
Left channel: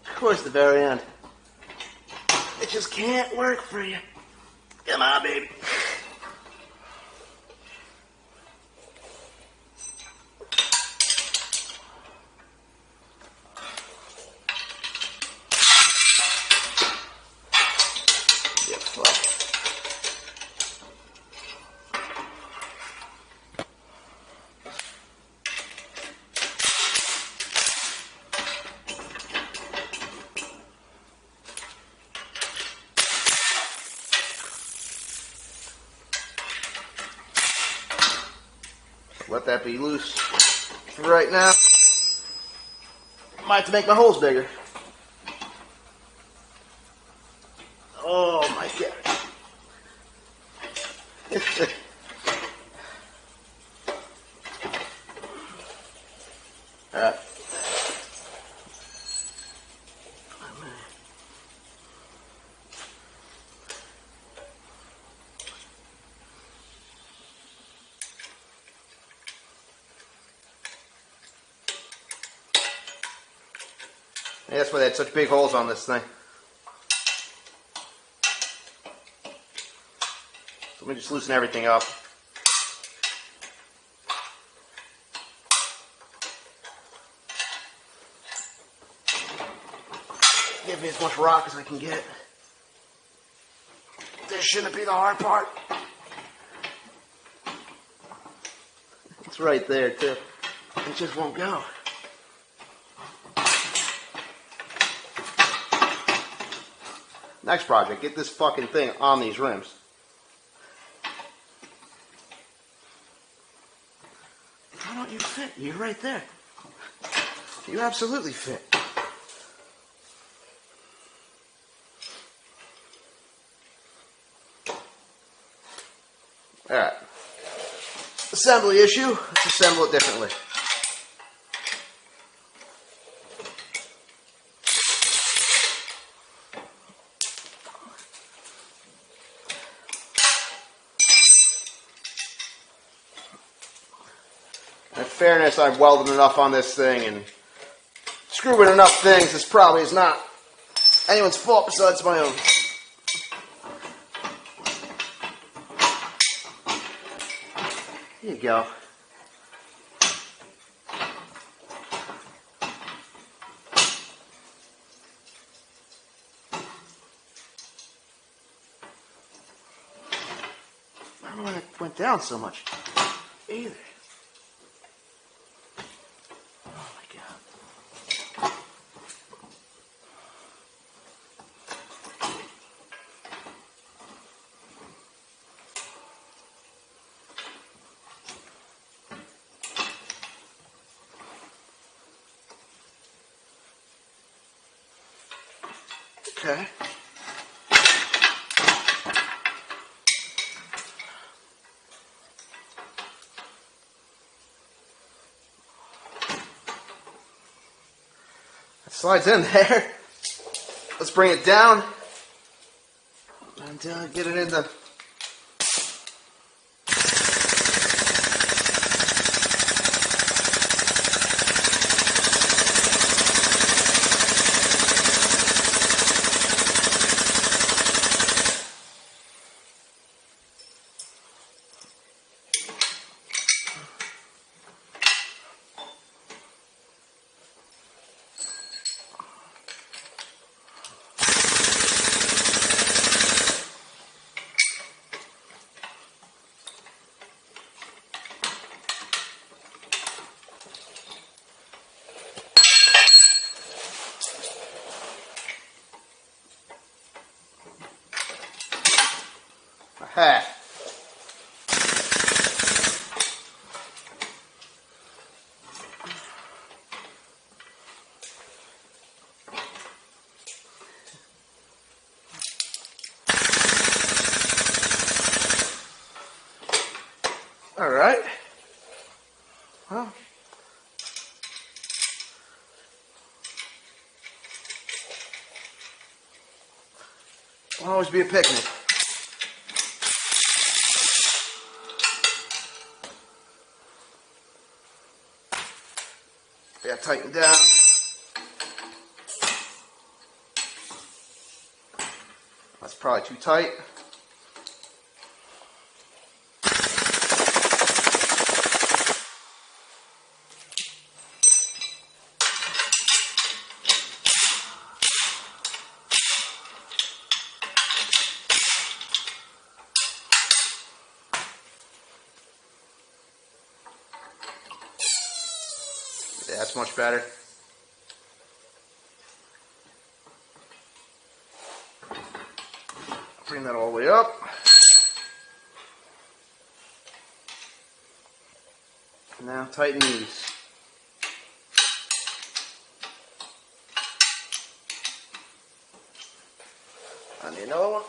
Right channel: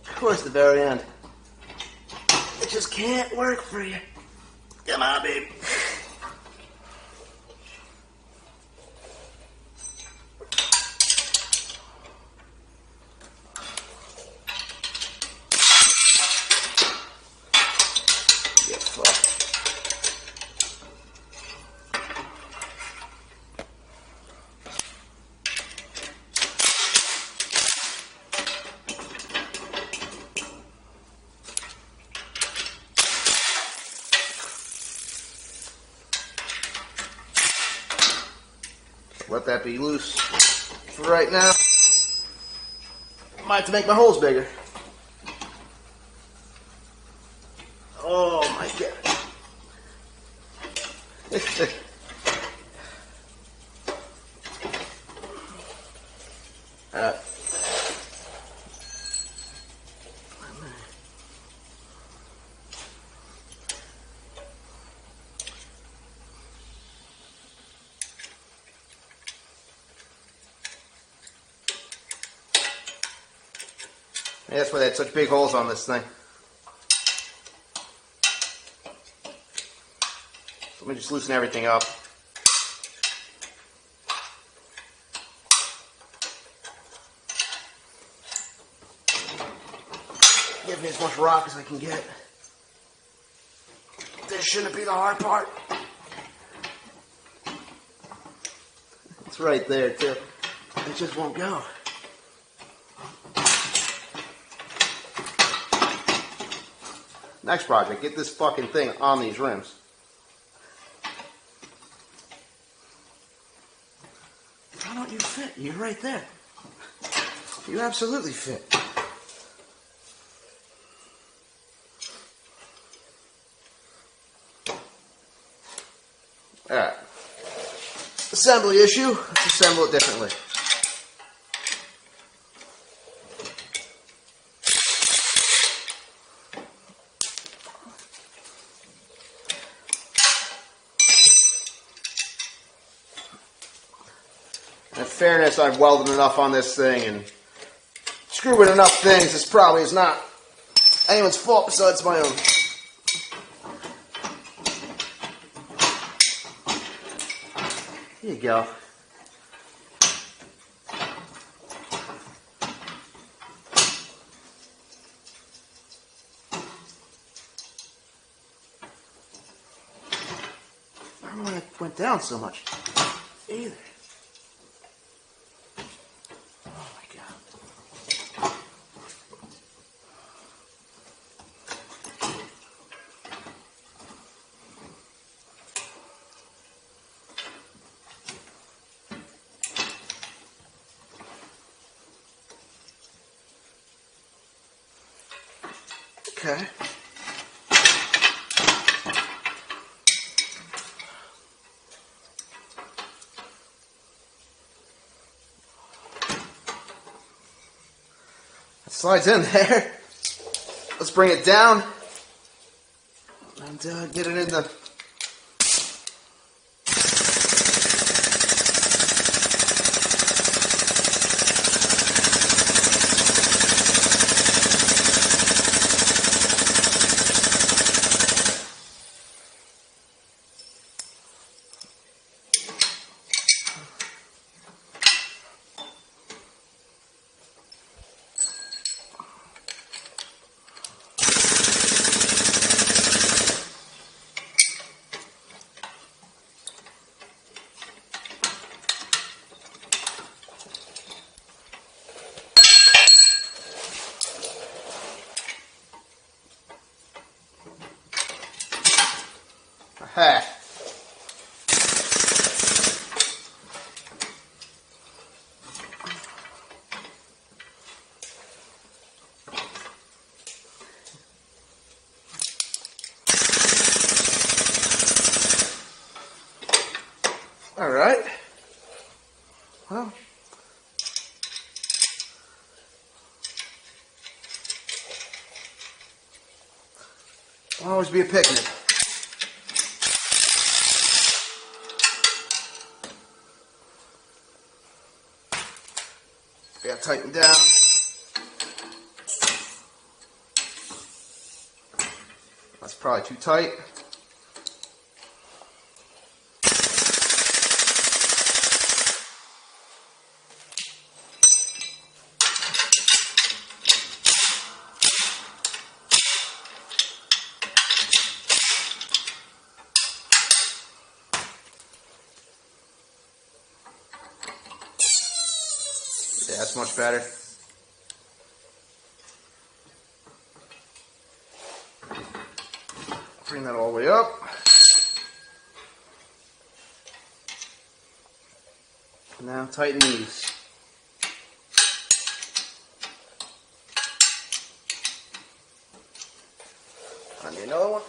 Of course, the very end. It just can't work for you. Come on, baby. Let that be loose for right now. Might have to make my holes bigger. Oh my god. Yeah, that's why they had such big holes on this thing. So let me just loosen everything up. Give me as much rock as I can get. This shouldn't be the hard part. It's right there too. It just won't go. Next project, get this fucking thing on these rims. Why don't you fit? You're right there. You absolutely fit. Alright. Assembly issue. Let's assemble it differently. In fairness, I've welded enough on this thing and screwed with enough things. This probably is not anyone's fault besides my own. There you go. I don't know why it went down so much. Either. Okay. It slides in there. Let's bring it down and get it in the. Hey. All right. Well, it'll always be a picnic. Yeah, tighten down. That's probably too tight. Yeah, that's much better. Bring that all the way up. Now tighten these. I need another one.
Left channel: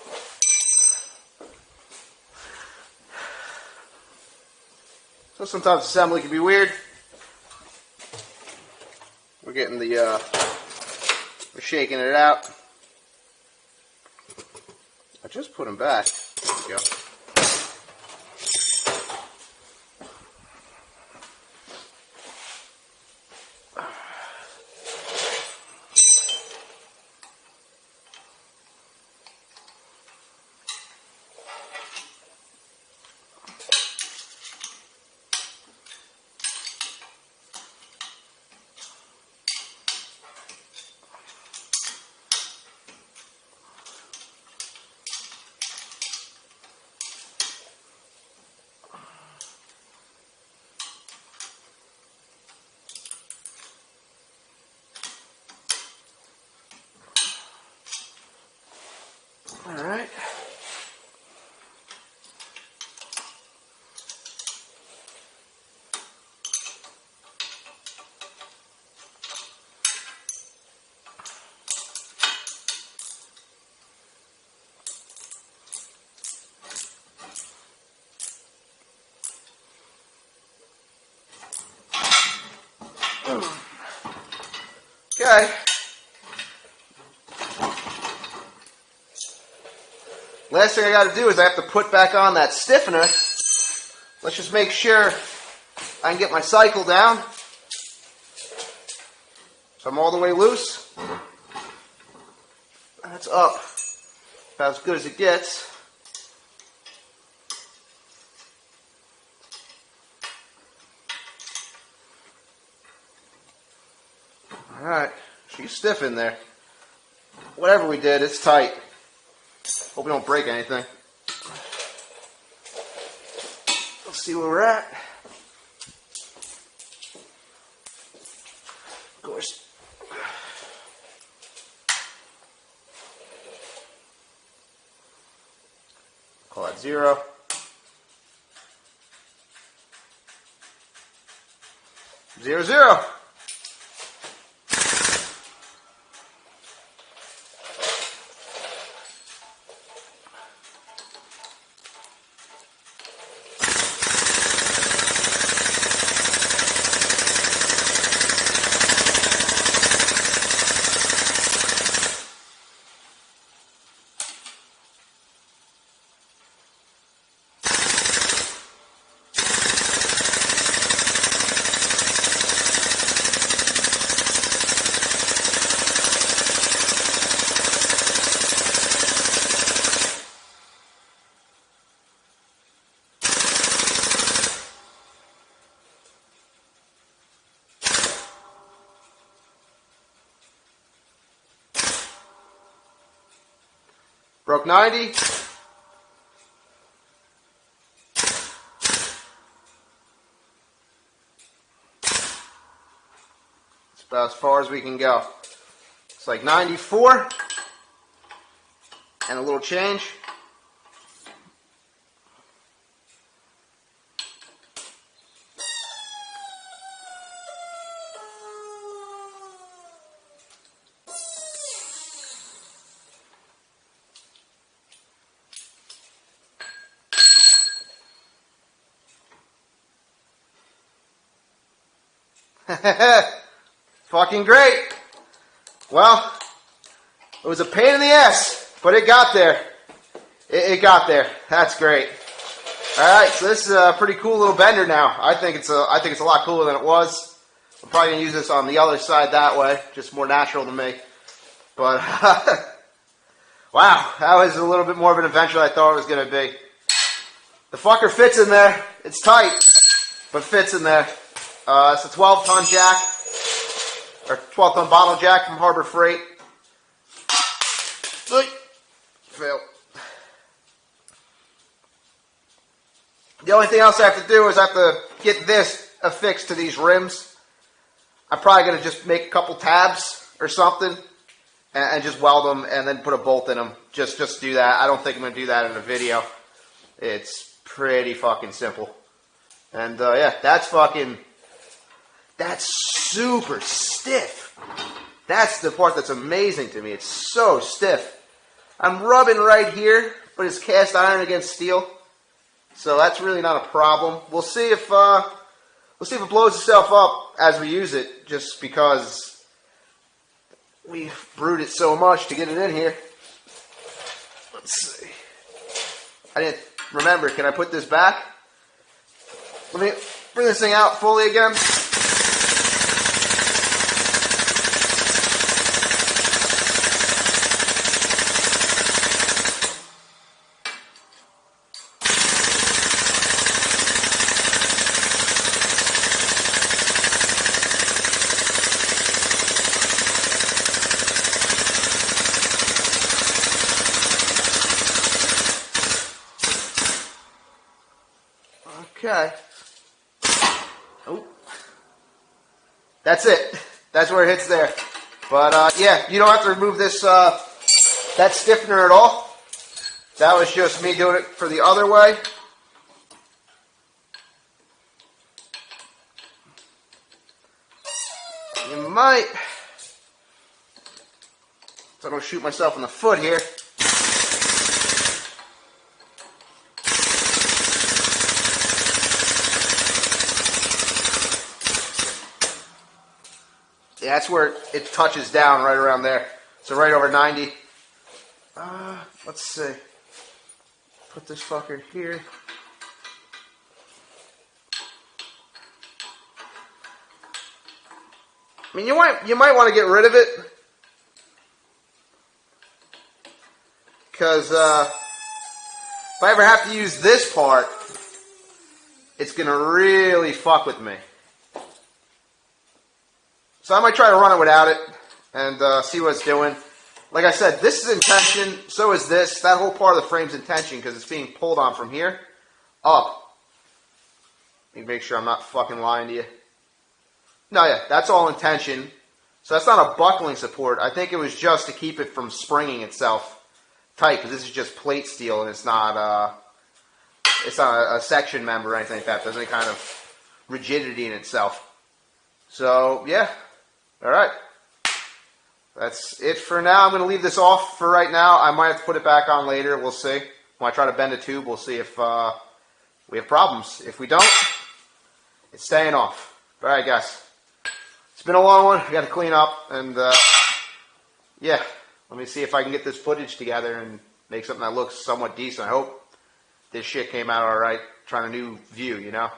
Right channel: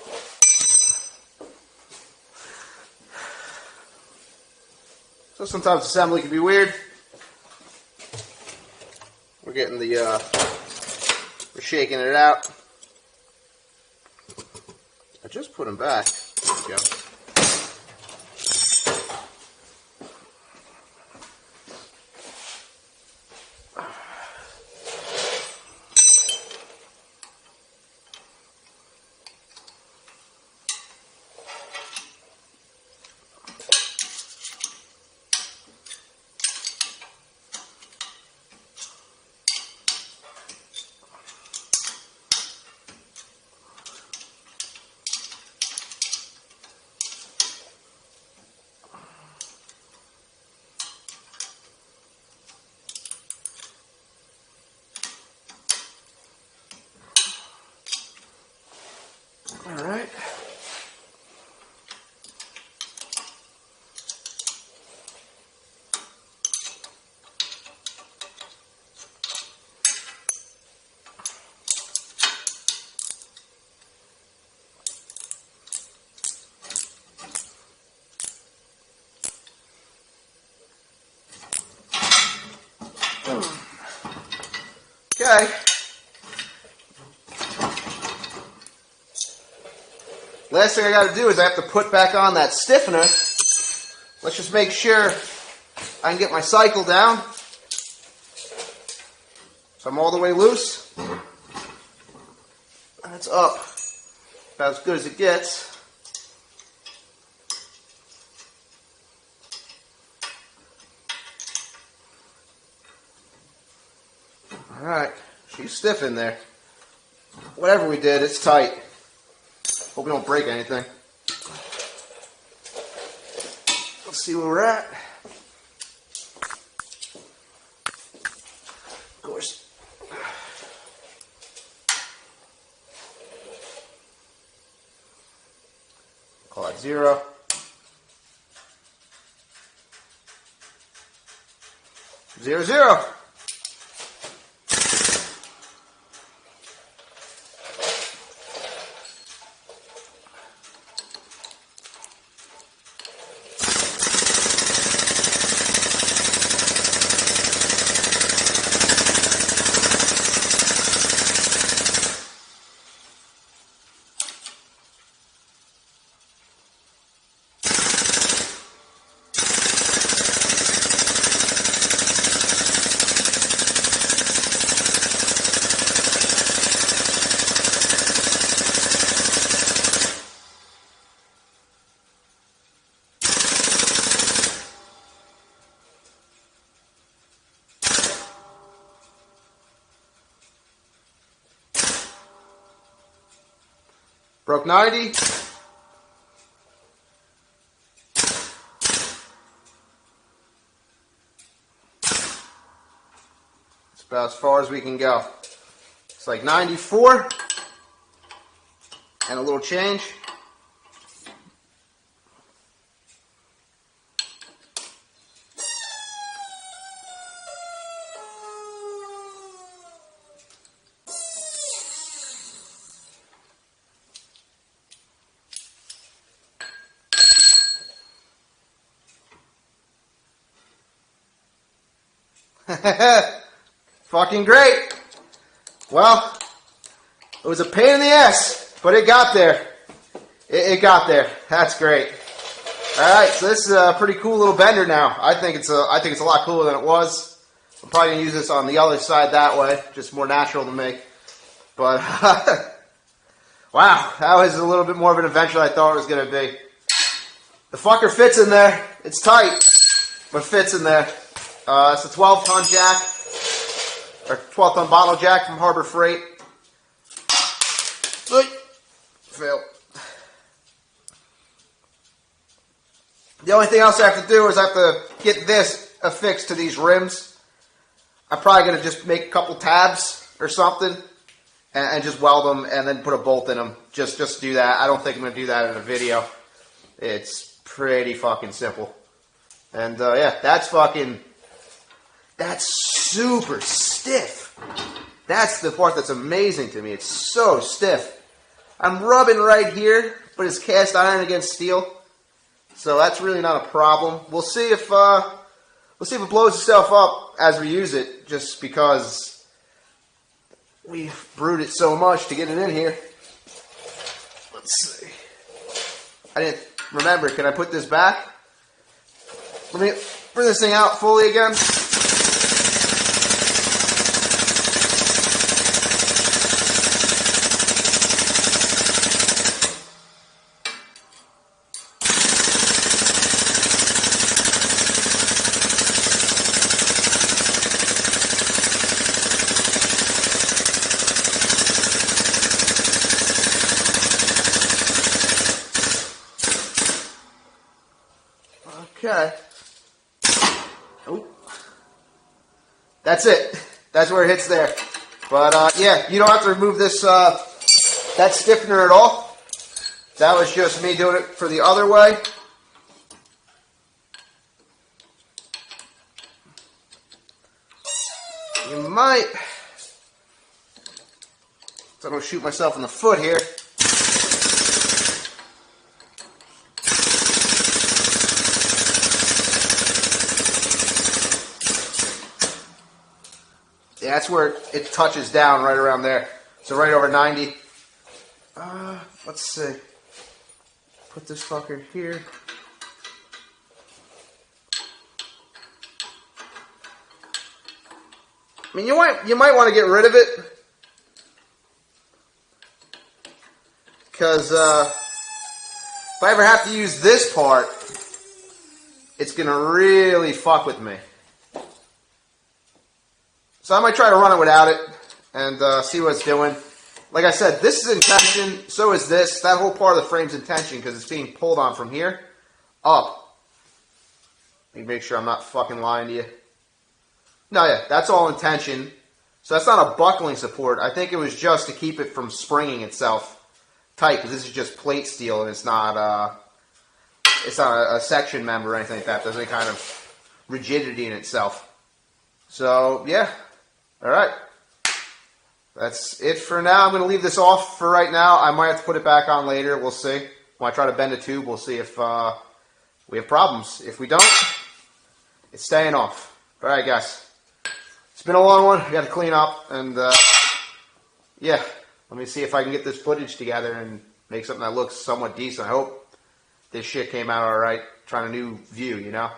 So sometimes assembly can be weird. We're getting we're shaking it out. I just put them back. There we go. Okay. Last thing I got to do is I have to put back on that stiffener. Let's just make sure I can get my cycle down. I'm all the way loose. That's up. About as good as it gets. Alright, she's stiff in there. Whatever we did, it's tight. Hope we don't break anything. Let's see where we're at. Of course. Call it 0. 0, 0. Broke 90. It's about as far as we can go. It's like 94 and a little change. Fucking great. Well, it was a pain in the ass, but it got there. It got there. That's great. All right, so this is a pretty cool little bender now. I think it's a lot cooler than it was. I'm probably gonna use this on the other side that way, just more natural to me. But wow, that was a little bit more of an adventure than I thought it was gonna be. The fucker fits in there. It's tight, but fits in there. It's a 12-ton jack, or 12-ton bottle jack from Harbor Freight. Fail. The only thing else I have to do is I have to get this affixed to these rims. I'm probably going to just make a couple tabs or something and just weld them and then put a bolt in them. Just do that. I don't think I'm going to do that in a video. It's pretty fucking simple. And yeah, that's super stiff. That's the part that's amazing to me. It's so stiff. I'm rubbing right here, but it's cast iron against steel. So that's really not a problem. We'll see if it blows itself up as we use it, just because we brewed it so much to get it in here. Let's see. I didn't remember. Can I put this back? Let me bring this thing out fully again. Okay. Oh. That's it. That's where it hits there. But yeah, you don't have to remove this that stiffener at all. That was just me doing it for the other way. You might, so I don't shoot myself in the foot here. Yeah, that's where it touches down, right around there. So right over 90. Let's see. Put this fucker in here. I mean, you might want to get rid of it, because if I ever have to use this part, it's going to really fuck with me. So I might try to run it without it and see what it's doing. Like I said, this is in tension, so is this. That whole part of the frame's in tension because it's being pulled on from here up. Let me make sure I'm not fucking lying to you. No, yeah, that's all in tension. So that's not a buckling support. I think it was just to keep it from springing itself tight, because this is just plate steel and it's not a section member or anything like that. There's any kind of rigidity in itself. So, yeah. All right. That's it for now. I'm going to leave this off for right now. I might have to put it back on later. We'll see. When I try to bend the tube, we'll see if we have problems. If we don't, it's staying off. All right, guys. It's been a long one. We got to clean up. And, yeah. Let me see if I can get this footage together and make something that looks somewhat decent. I hope this shit came out all right. Trying a new view, you know?